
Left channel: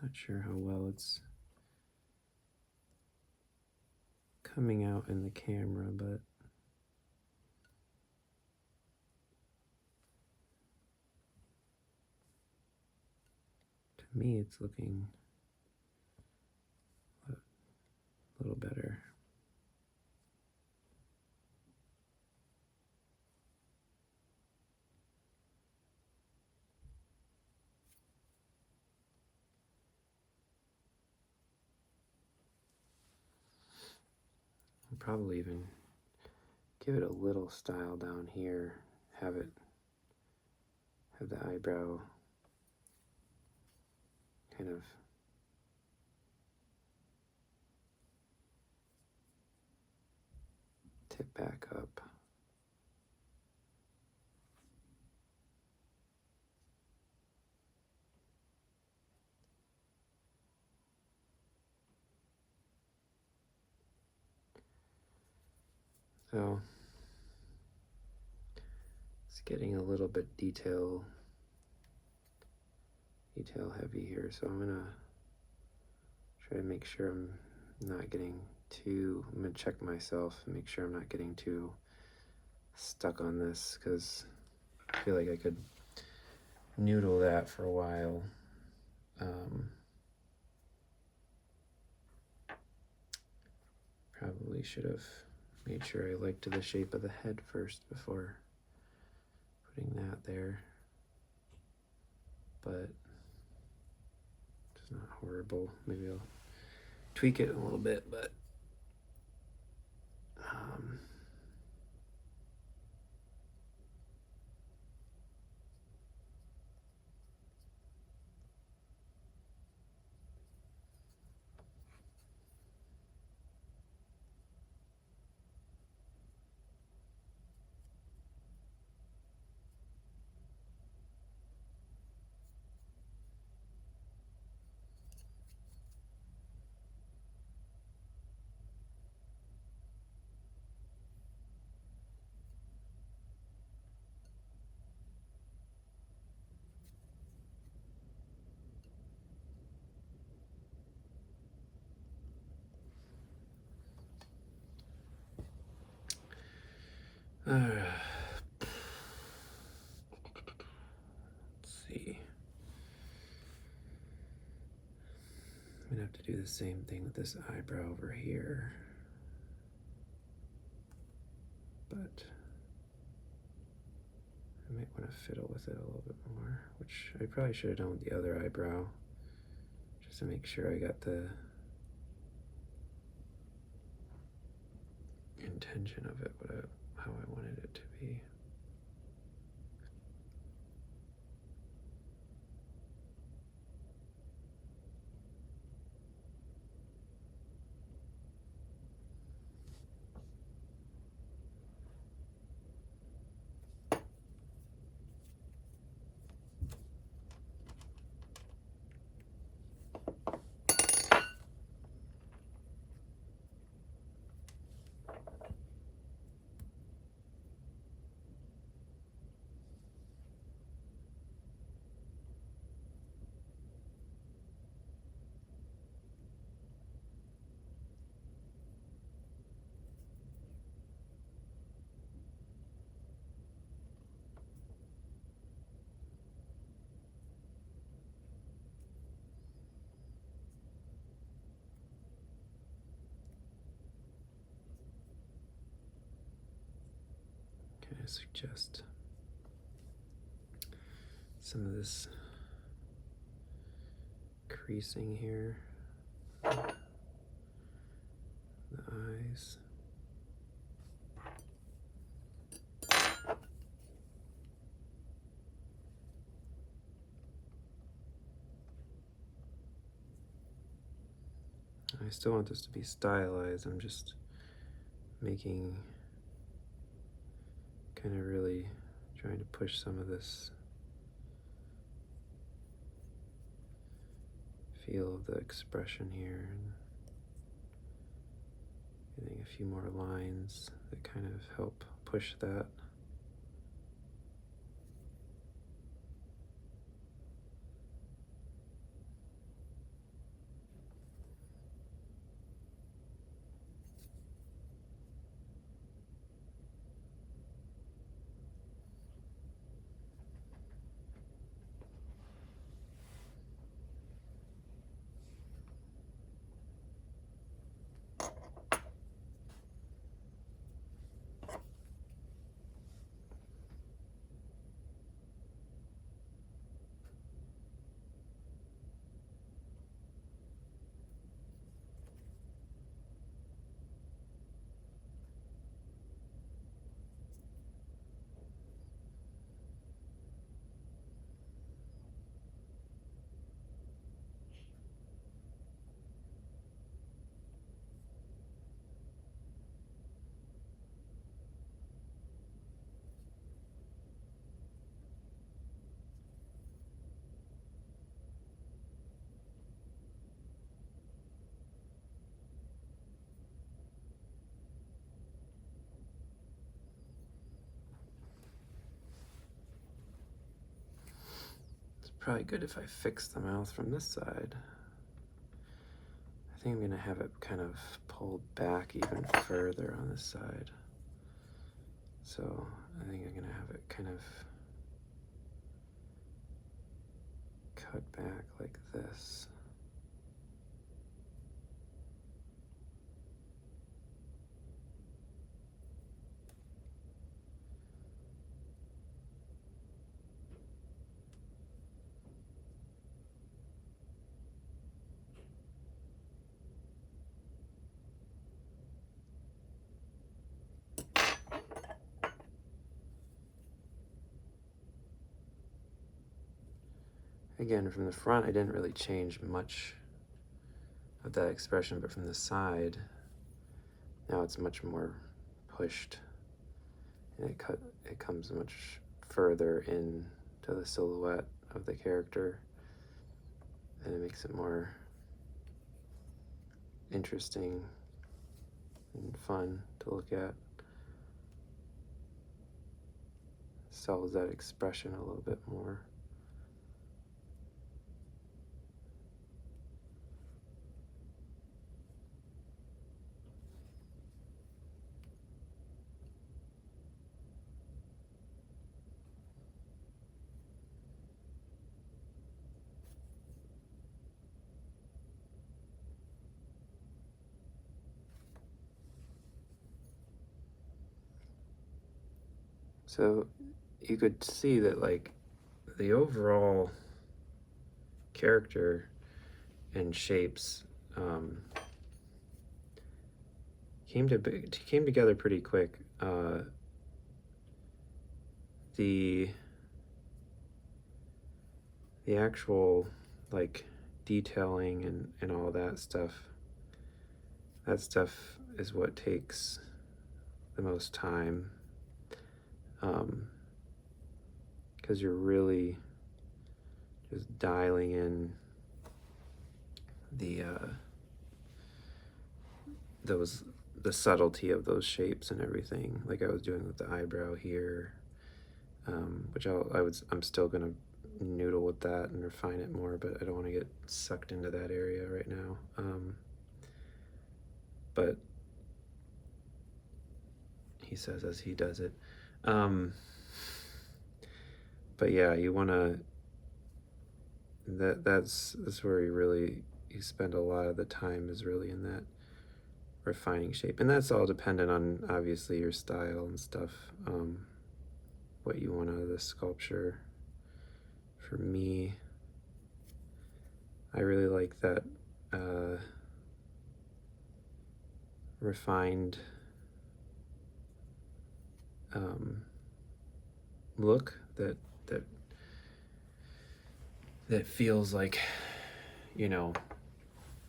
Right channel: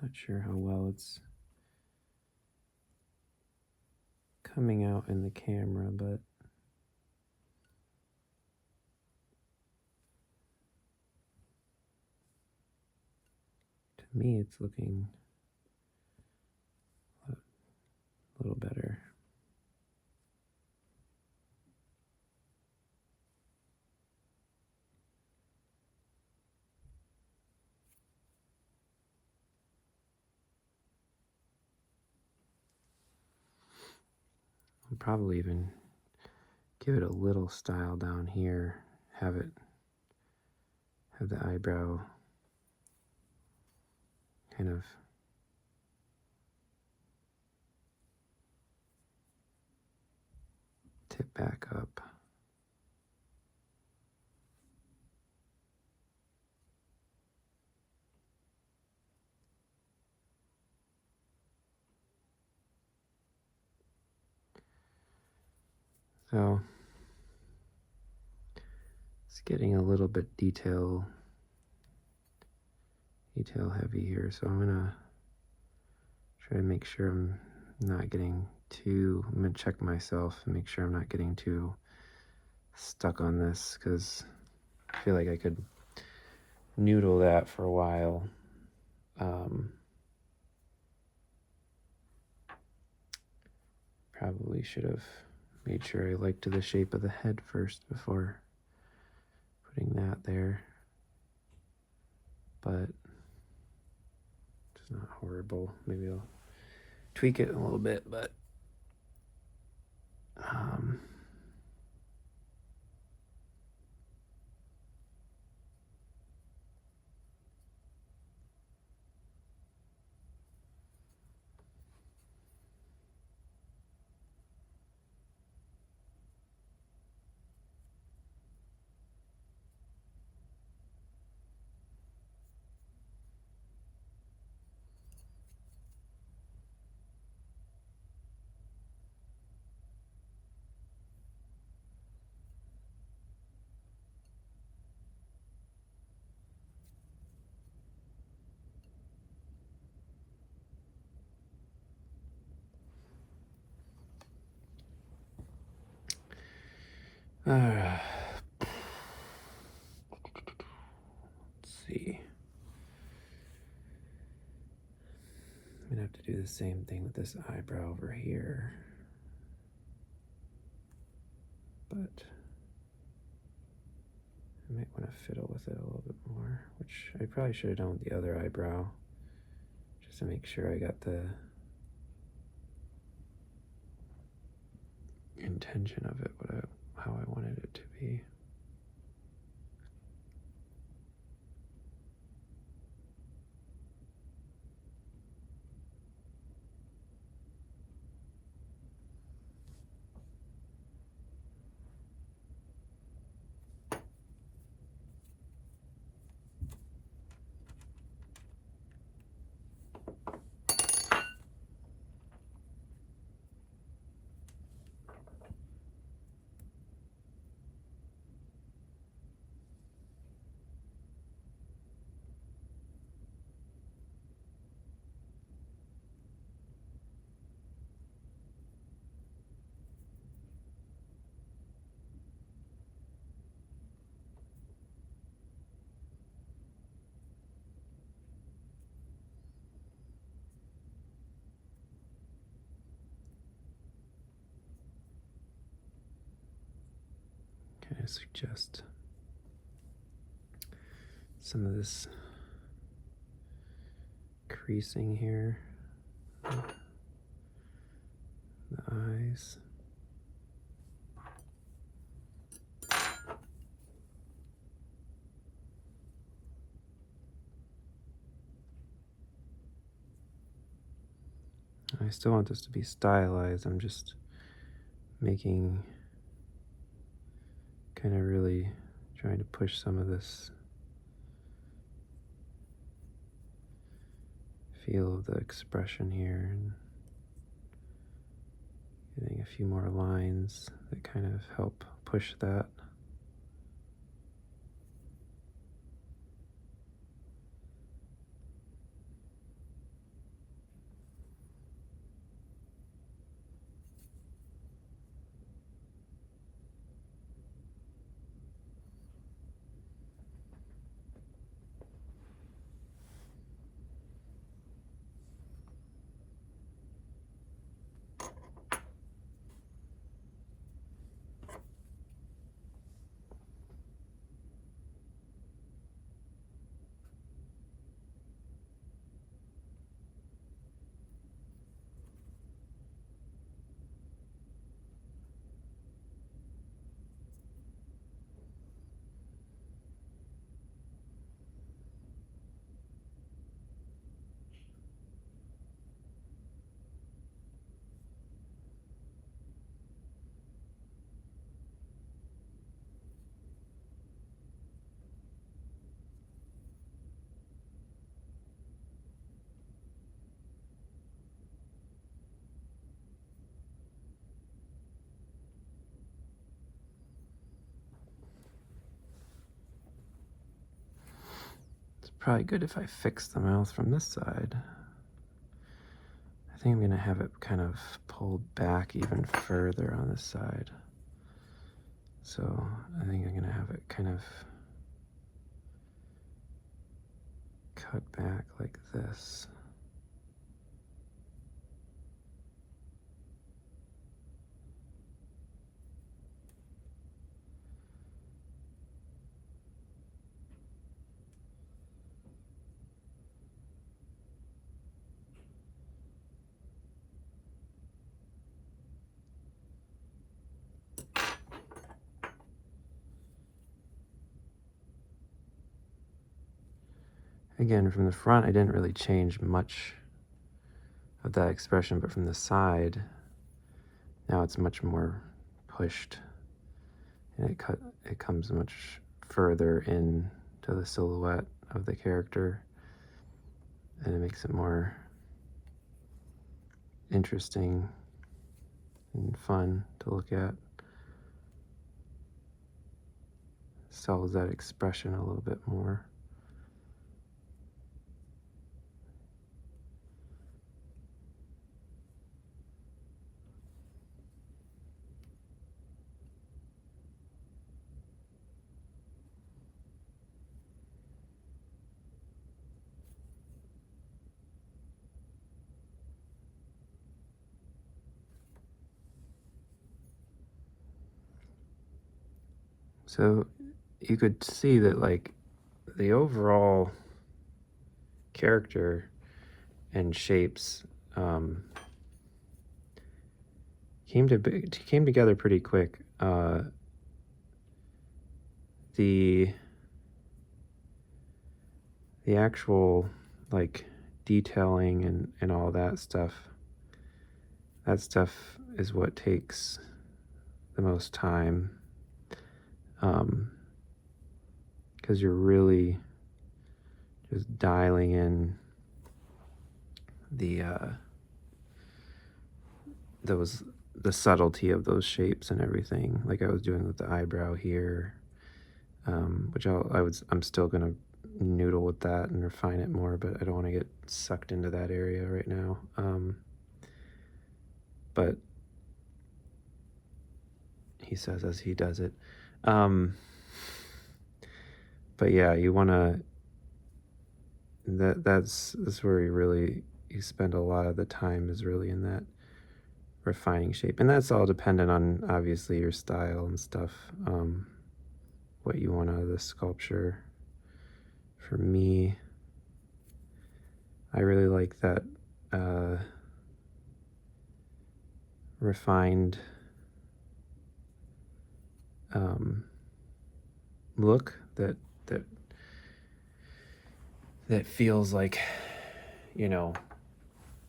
Not sure how well it's coming out in the camera, but to me it's looking a little better. I'll probably even give it a little style down here, have the eyebrow kind of tip back up. So it's getting a little bit detail heavy here, so I'm gonna try to make sure I'm not getting too, I'm gonna check myself and make sure I'm not getting too stuck on this, because I feel like I could noodle that for a while. Probably should have made sure I liked the shape of the head first before putting that there, but it's not horrible. Maybe I'll tweak it a little bit, but let's see. I'm gonna have to do the same thing with this eyebrow over here, but I might want to fiddle with it a little bit more, which I probably should have done with the other eyebrow, just to make sure I got the intention of it, how I wanted it to be. Kind of suggest some of this creasing here, the eyes. I still want this to be stylized. I'm just making, kind of really trying to push some of this feel of the expression here, and getting a few more lines that kind of help push that. probably good if I fix the mouth from this side. I think I'm gonna have it kind of pulled back even further on this side. So I think I'm gonna have it kind of cut back like this. Again, from the front, I didn't really change much of that expression, but from the side, now it's much more pushed, and it comes much further in to the silhouette of the character, and it makes it more interesting and fun to look at. Sells that expression a little bit more. So you could see that, like, the overall character and shapes came together pretty quick. The actual, like, detailing and all that stuff is what takes the most time, because you're really just dialing in the subtlety of those shapes and everything, like I was doing with the eyebrow here, which I'm still gonna noodle with that and refine it more, but I don't want to get sucked into that area right now. But he says as he does it. But yeah, you want to, that's where you spend a lot of the time, is really in that refining shape, and that's all dependent on obviously your style and stuff, what you want out of the sculpture. For me, I really like that refined look that feels like,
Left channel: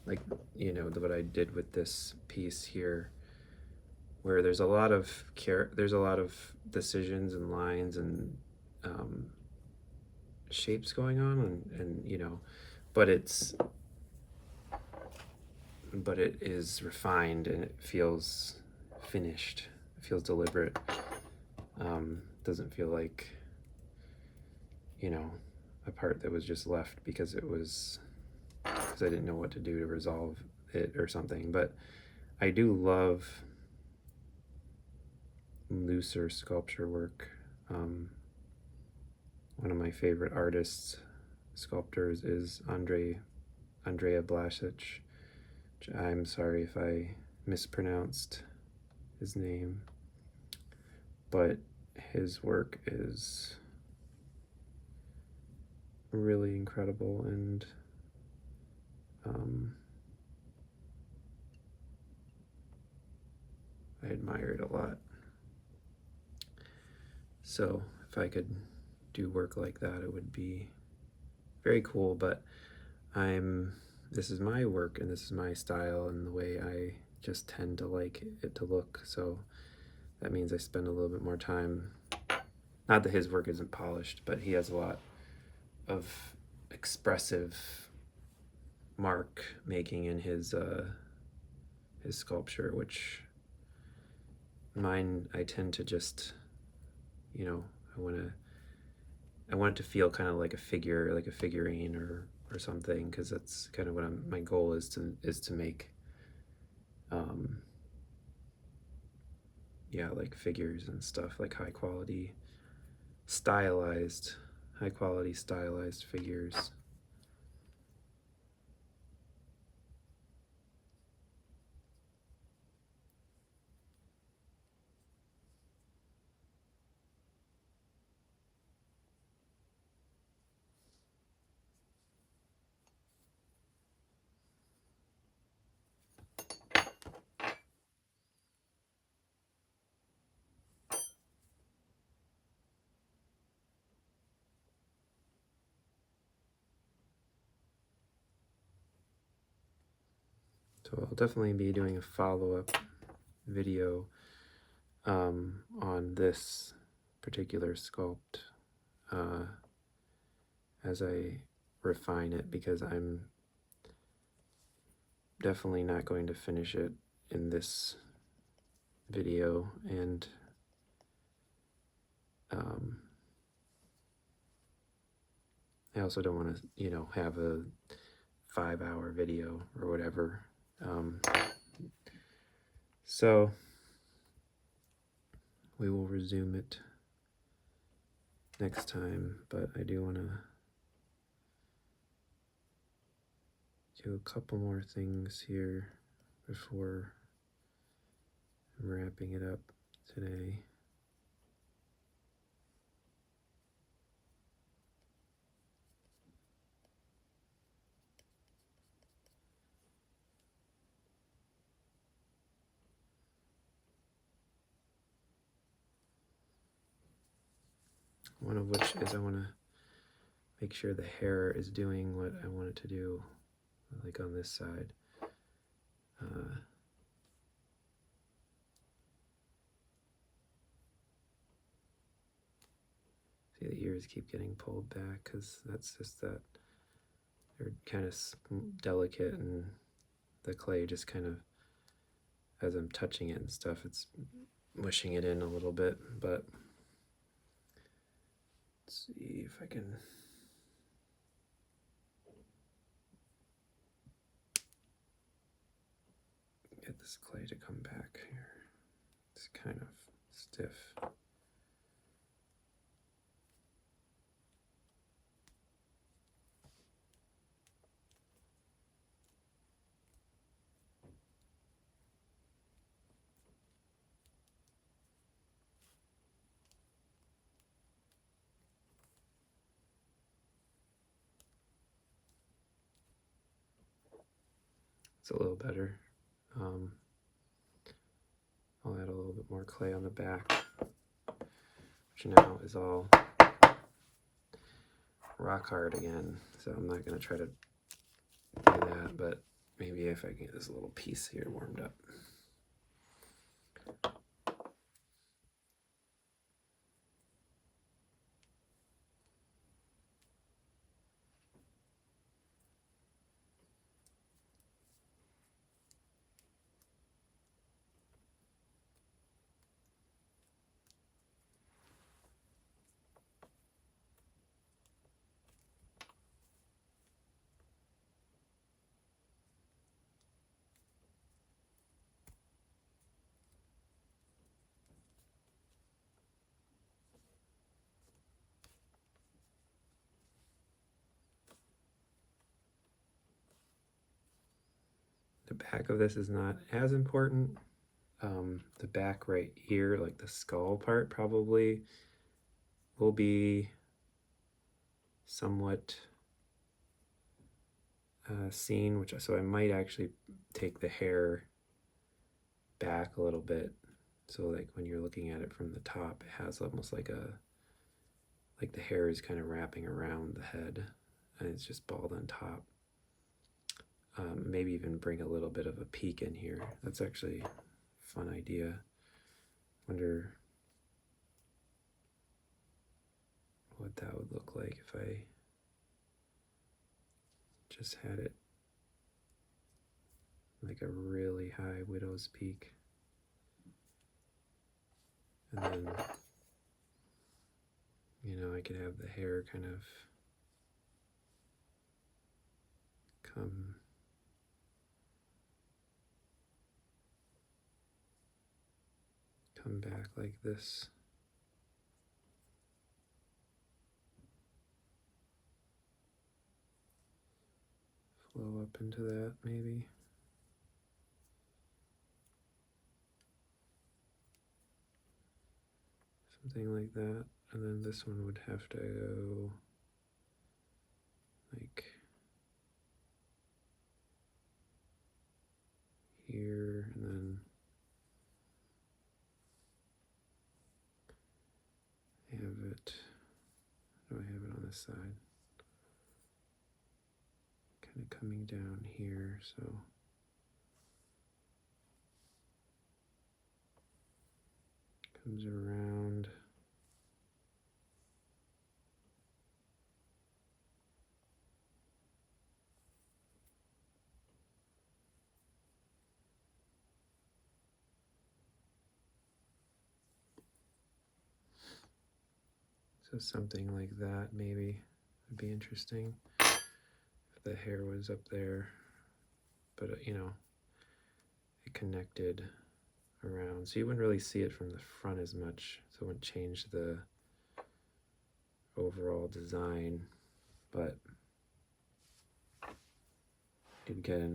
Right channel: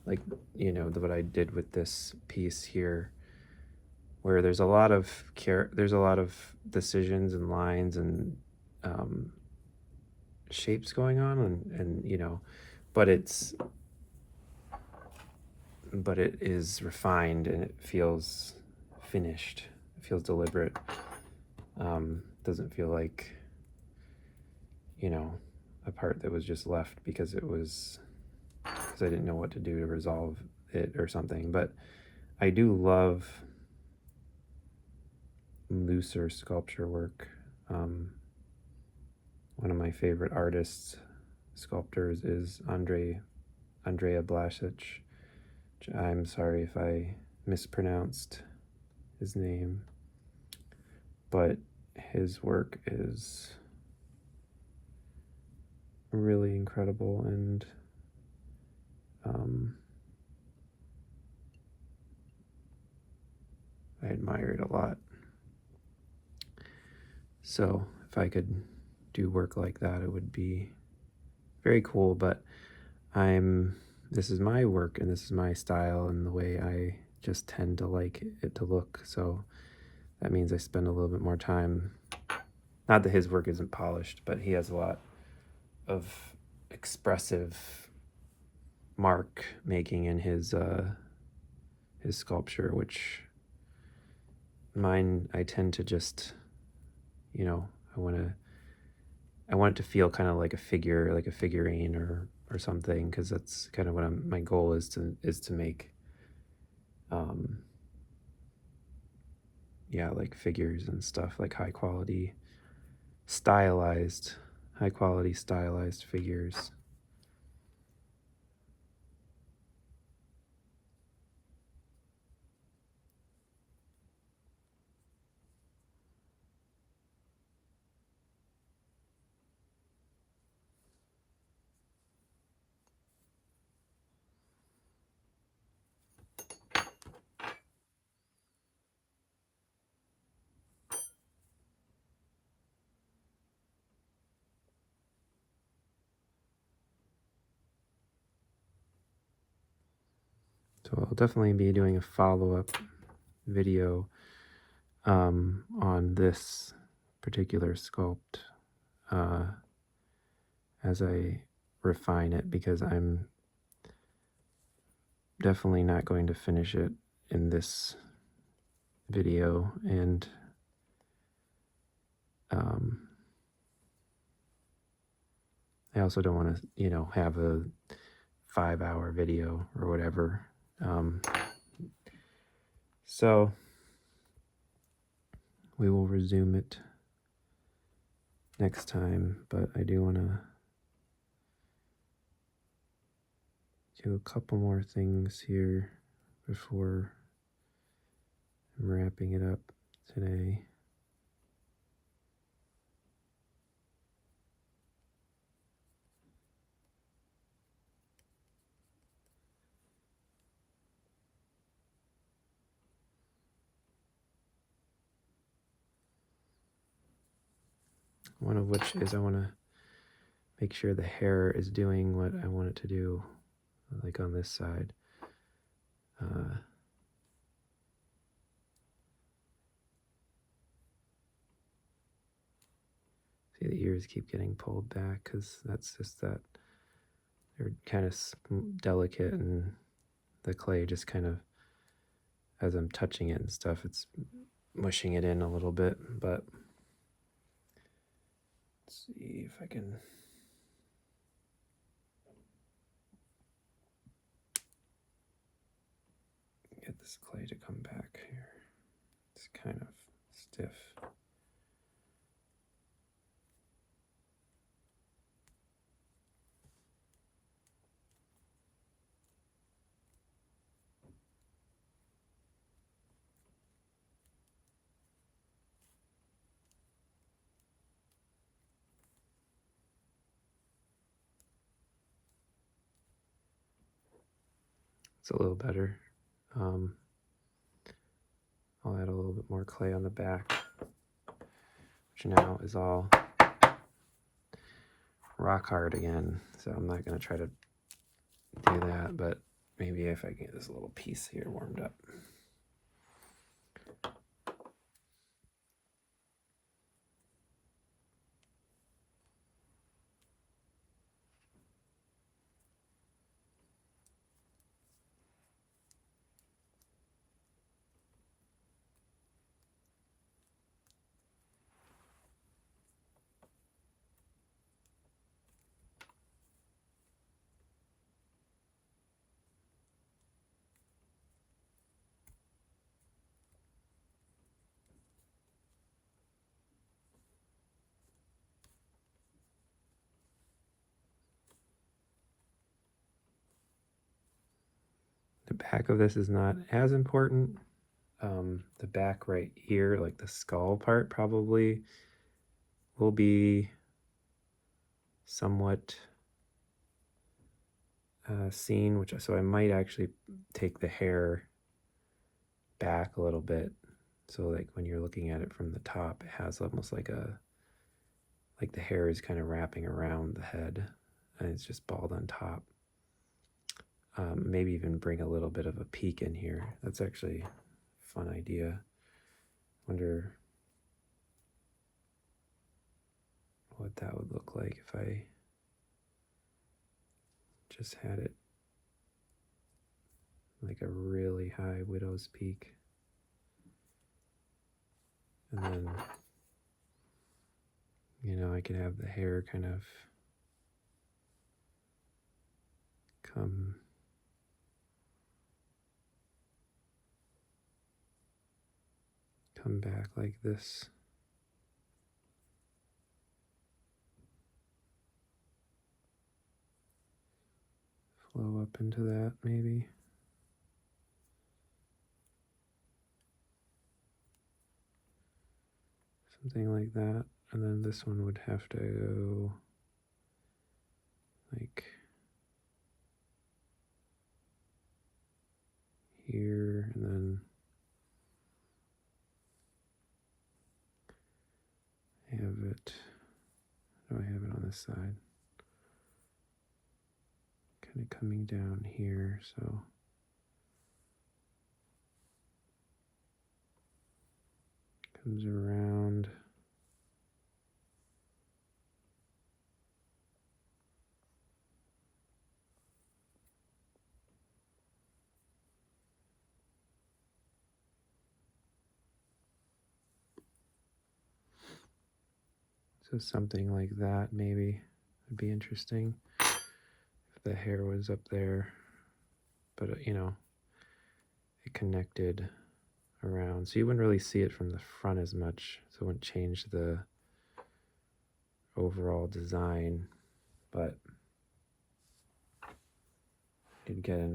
what I did with this piece here, where there's a lot of decisions and lines and shapes going on, and but it is refined, and it feels finished. It feels deliberate. Doesn't feel like a part that was just left because I didn't know what to do to resolve it or something. But I do love looser sculpture work. One of my favorite sculptors is Andrea Blasich. I'm sorry if I mispronounced his name, but his work is really incredible, and I admire it a lot. So if I could do work like that, it would be very cool. But this is my work, and this is my style, and the way I just tend to like it to look. So that means I spend a little bit more time. Not that his work isn't polished, but he has a lot of expressive mark making in his sculpture, which mine, I tend to just, I want to I want it to feel kind of like a figure, like a figurine or something, because that's kind of what my goal is to make, yeah, like figures and stuff, like high quality stylized figures. So I'll definitely be doing a follow-up video on this particular sculpt as I refine it, because I'm definitely not going to finish it in this video, and I also don't want to, you know, have a 5-hour video or whatever. So we will resume it next time, but I do want to do a couple more things here before I'm wrapping it up today. One of which is I want to make sure the hair is doing what I want it to do, like on this side. See, the ears keep getting pulled back because that's just that they're kind of delicate, and the clay just kind of, as I'm touching it and stuff, it's mushing it in a little bit. But let's see if I can get this clay to come back here. It's kind of stiff. It's a little better. I'll add a little bit more clay on the back, which now is all rock hard again. So I'm not going to try to do that, but maybe if I can get this little piece here warmed up. The back of this is not as important. The back right here, like the skull part, probably will be somewhat seen, so I might actually take the hair back a little bit, so like when you're looking at it from the top, it has almost like the hair is kind of wrapping around the head, and it's just bald on top. Maybe even bring a little bit of a peak in here. That's actually a fun idea. Wonder what that would look like if I just had it like a really high widow's peak. And then, you know, I could have the hair kind of come back like this. Flow up into that maybe. Something like that. And then this one would have to go like here, and then have it, oh, I have it on this side, kind of coming down here, so comes around. So something like that maybe would be interesting if the hair was up there, but you know, it connected around. So you wouldn't really see it from the front as much, so it wouldn't change the overall design, but you'd get a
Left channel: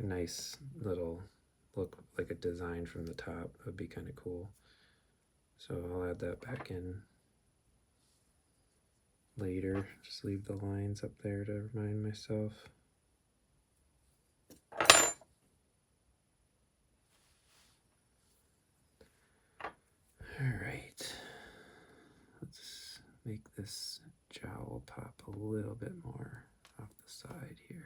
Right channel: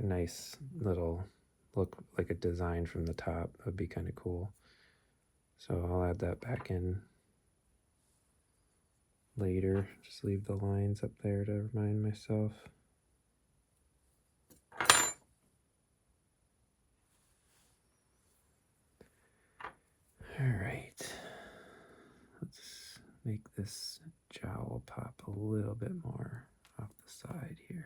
nice little look like a design from the top. That'd be kind of cool. So I'll add that back in later. Just leave the lines up there to remind myself. All right, let's make this jowl pop a little bit more off the side here.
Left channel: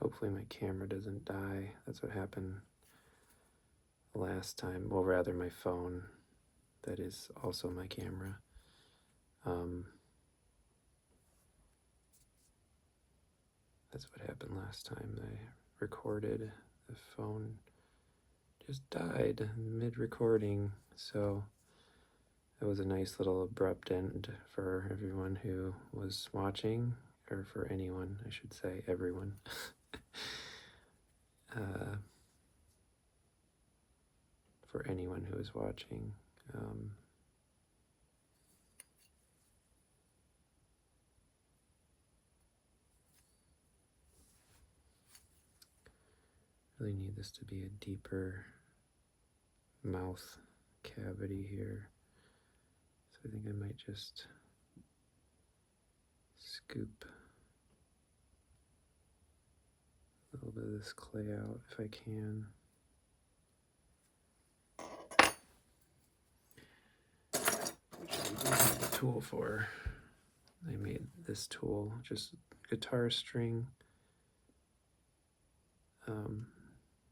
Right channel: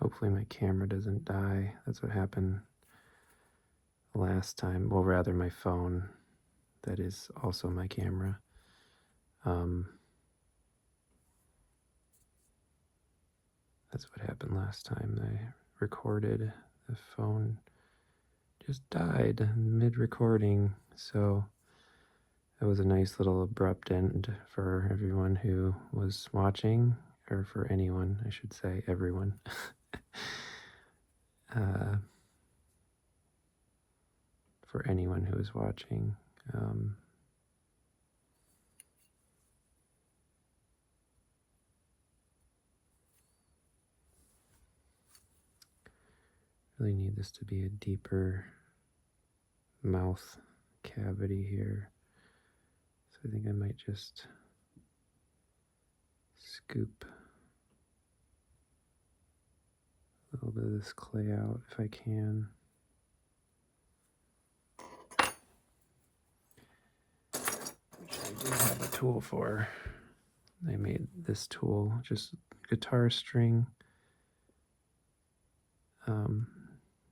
Hopefully my camera doesn't die. That's what happened last time. Well, rather my phone. That is also my camera. That's what happened last time I recorded. The phone just died mid-recording, so that was a nice little abrupt end for everyone who was watching, or for anyone, I should say, everyone. For anyone who was watching. Really need this to be a deeper mouth cavity here. So I think I might just scoop a little bit of this clay out if I can. Which I do have a tool for. I made this tool, just guitar string.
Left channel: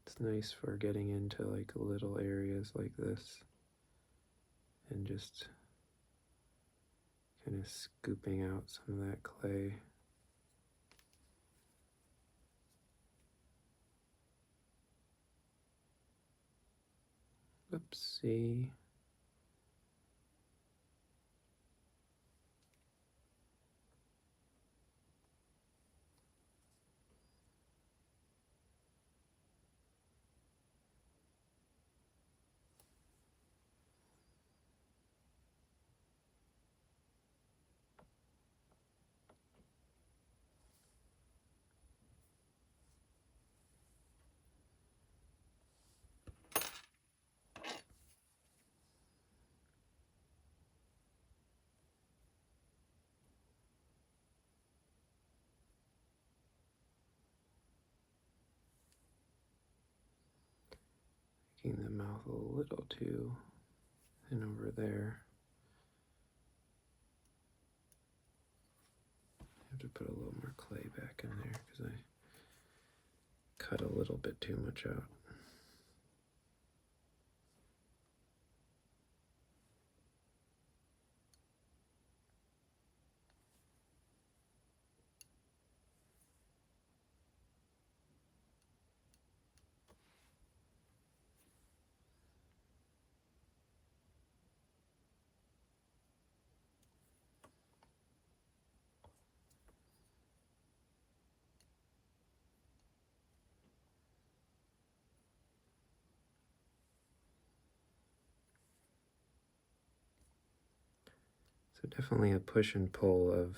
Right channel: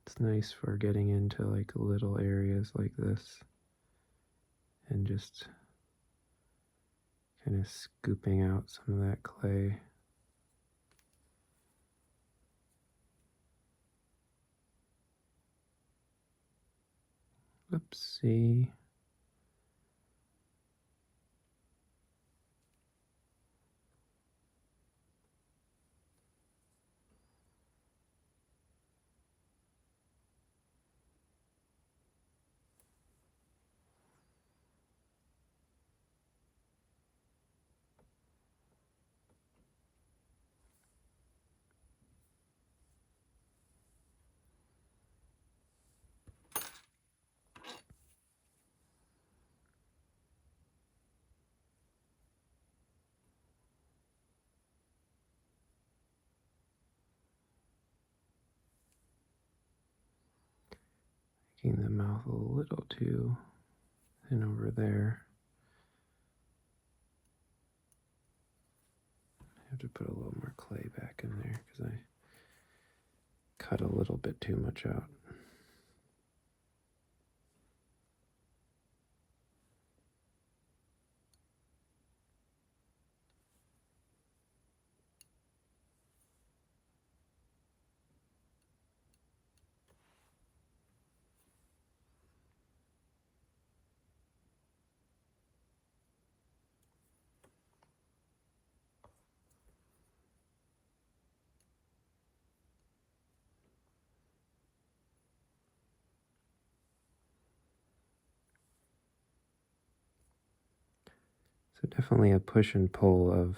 It's nice for getting into like little areas like this and just kind of scooping out some of that clay. Oopsie. Making the mouth a little too thin over there. I have to put a little more clay back in there because I cut a little bit too much out. So definitely a push and pull of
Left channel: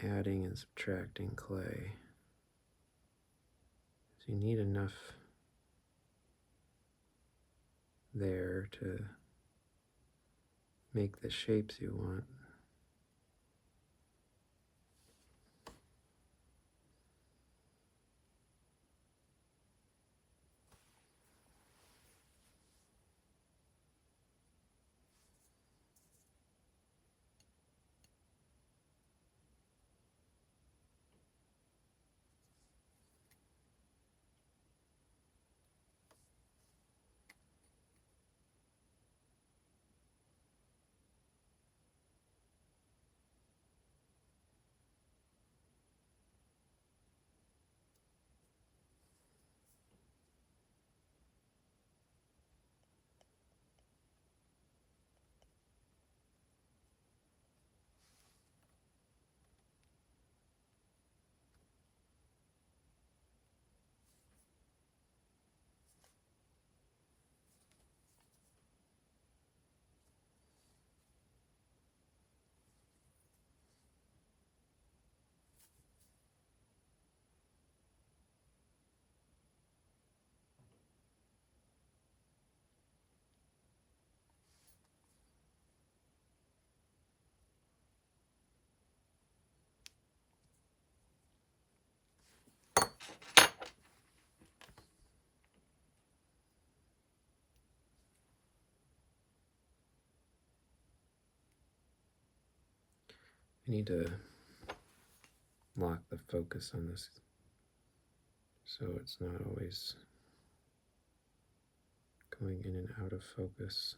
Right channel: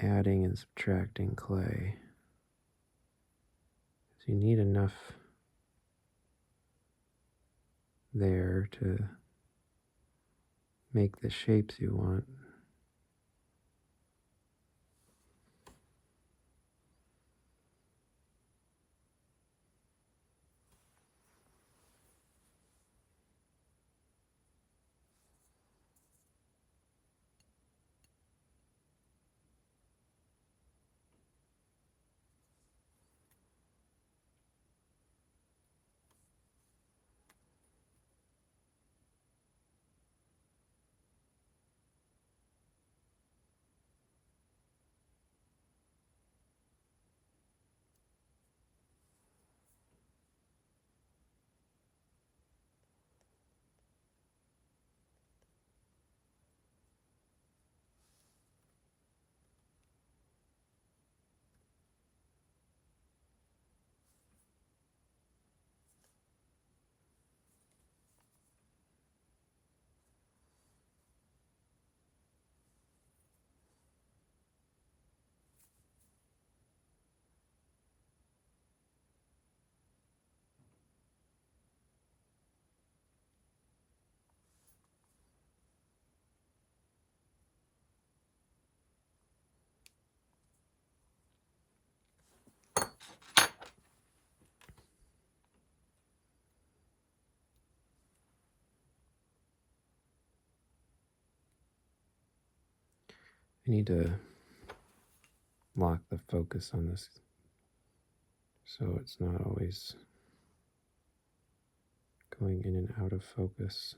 adding and subtracting clay. So you need enough there to make the shapes you want. I need to lock the focus on this so it's not always going in and out of focus.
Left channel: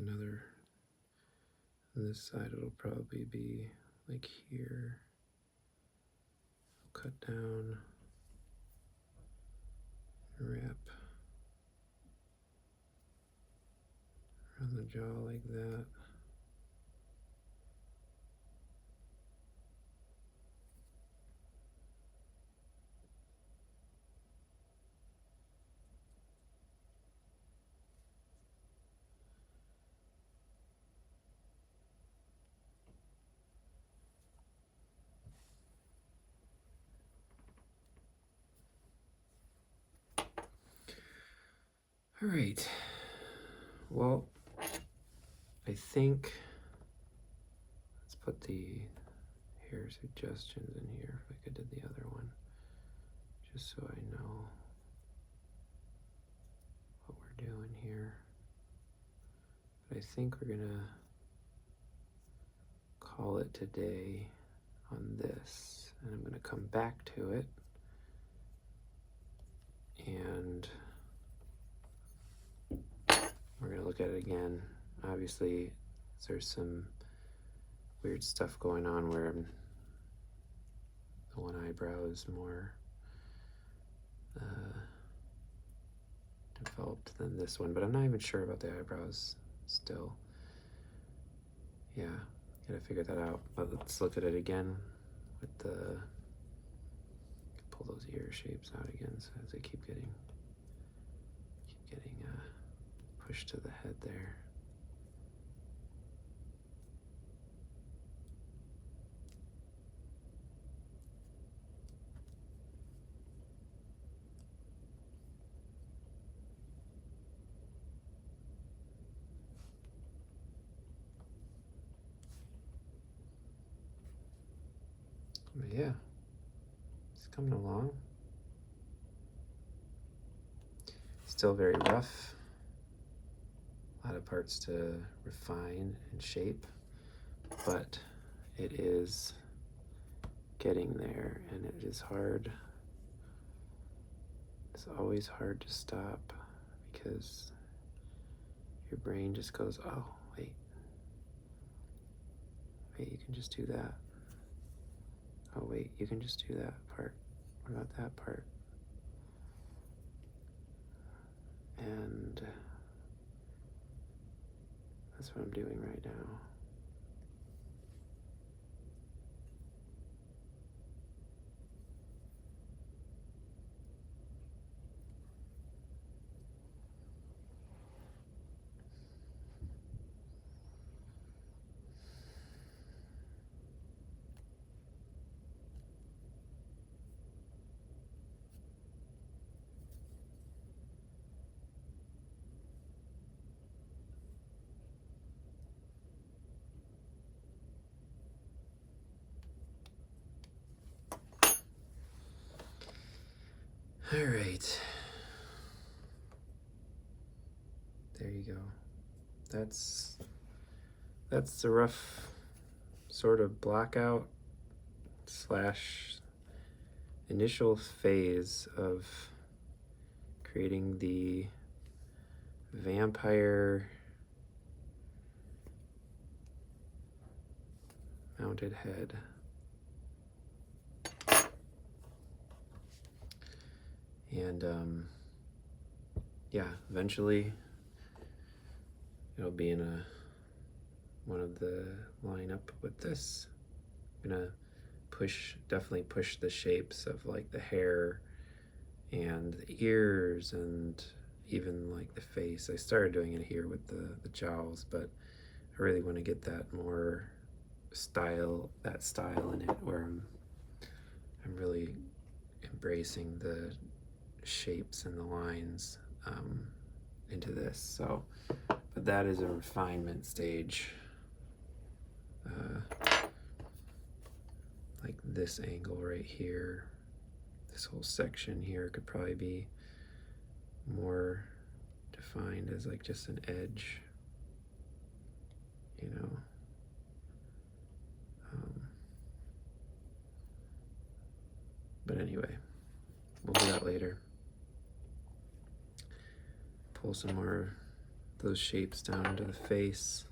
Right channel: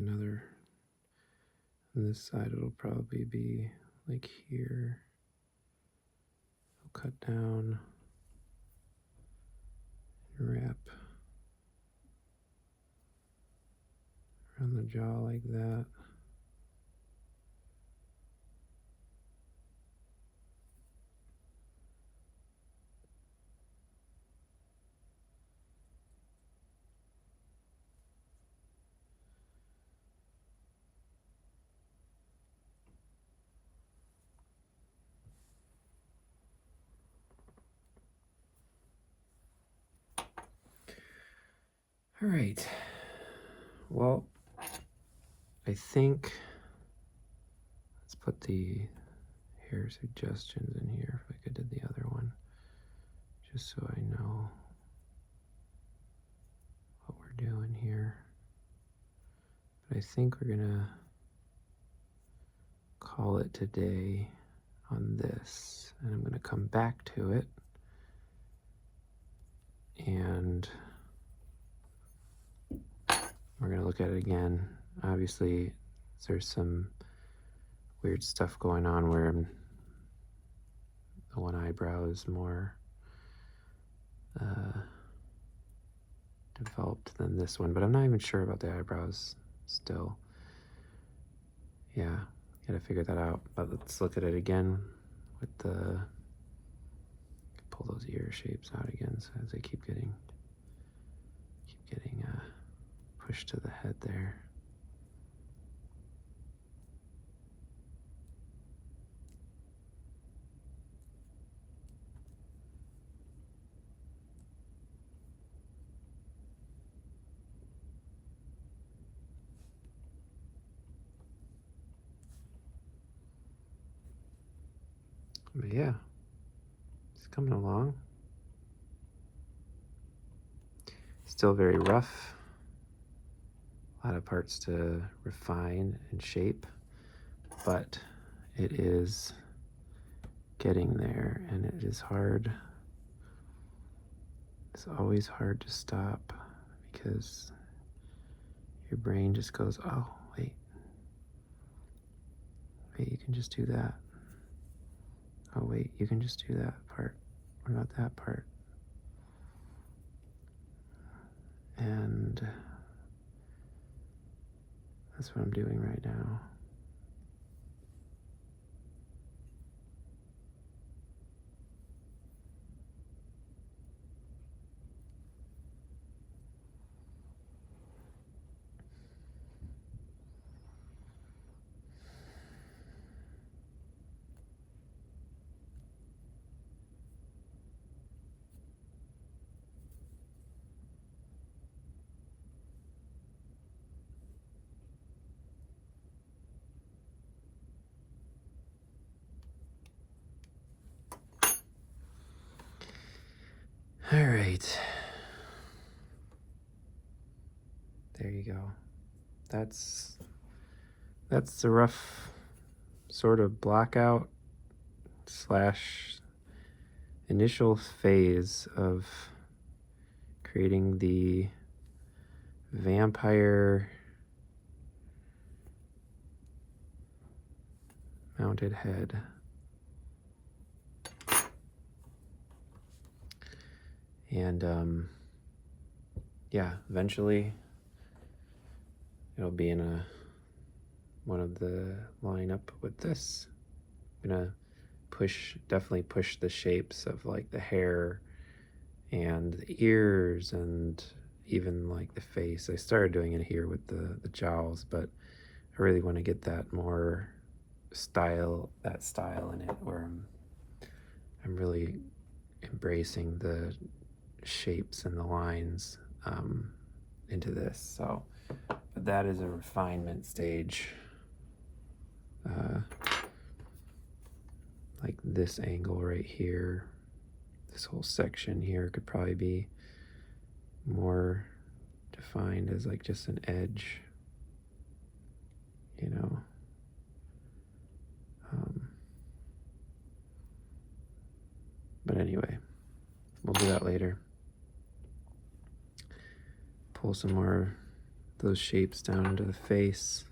Another, on this side it'll probably be like here. I'll cut down, wrap around the jaw like that. All right, well, I think let's put the hair suggestions in here if I did the other one, just so I know what we're doing here. But I think we're gonna call it today on this, and I'm gonna come back to it and we're gonna look at it again. Obviously, there's some weird stuff going on where the one eyebrow is more developed than this one, but I'm not even sure about the eyebrows still. Yeah, gotta figure that out. But let's look at it again with the, pull those ear shapes out again so as they keep getting pushed to the head there. But yeah, it's coming along. Still very rough. A lot of parts to refine and shape, but it is getting there, and it is hard. It's always hard to stop because your brain just goes, oh, wait, you can just do that. Oh, wait, you can just do that part. What about that part? And that's what I'm doing right now. All right. There you go. That's the rough sort of blockout / initial phase of creating the vampire mounted head. And yeah, eventually it'll be in one of the lineup with this. I'm gonna definitely push the shapes of like the hair and the ears and even like the face. I started doing it here with the jowls, but I really want to get that more style in it, where I'm really embracing the shapes and the lines into this. So, but that is a refinement stage. Like this angle right here, this whole section here could probably be more defined as like just an edge, you know. But anyway, we'll do that later. Pull some more of those shapes down into the face.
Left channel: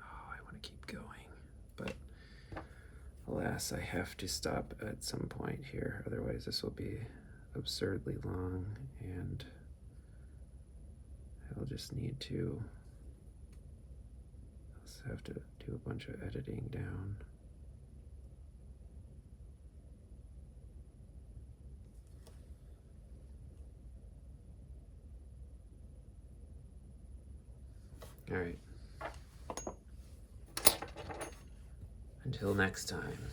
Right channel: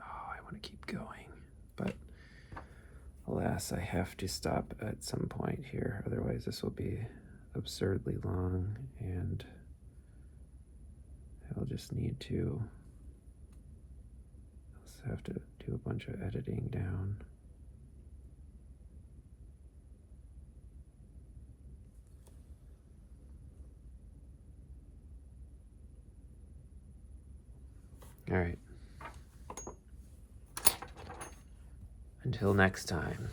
Oh, I want to keep going, but alas, I have to stop at some point here. Otherwise, this will be absurdly long, and I'll just need to have to do a bunch of editing down. All right. Until next time.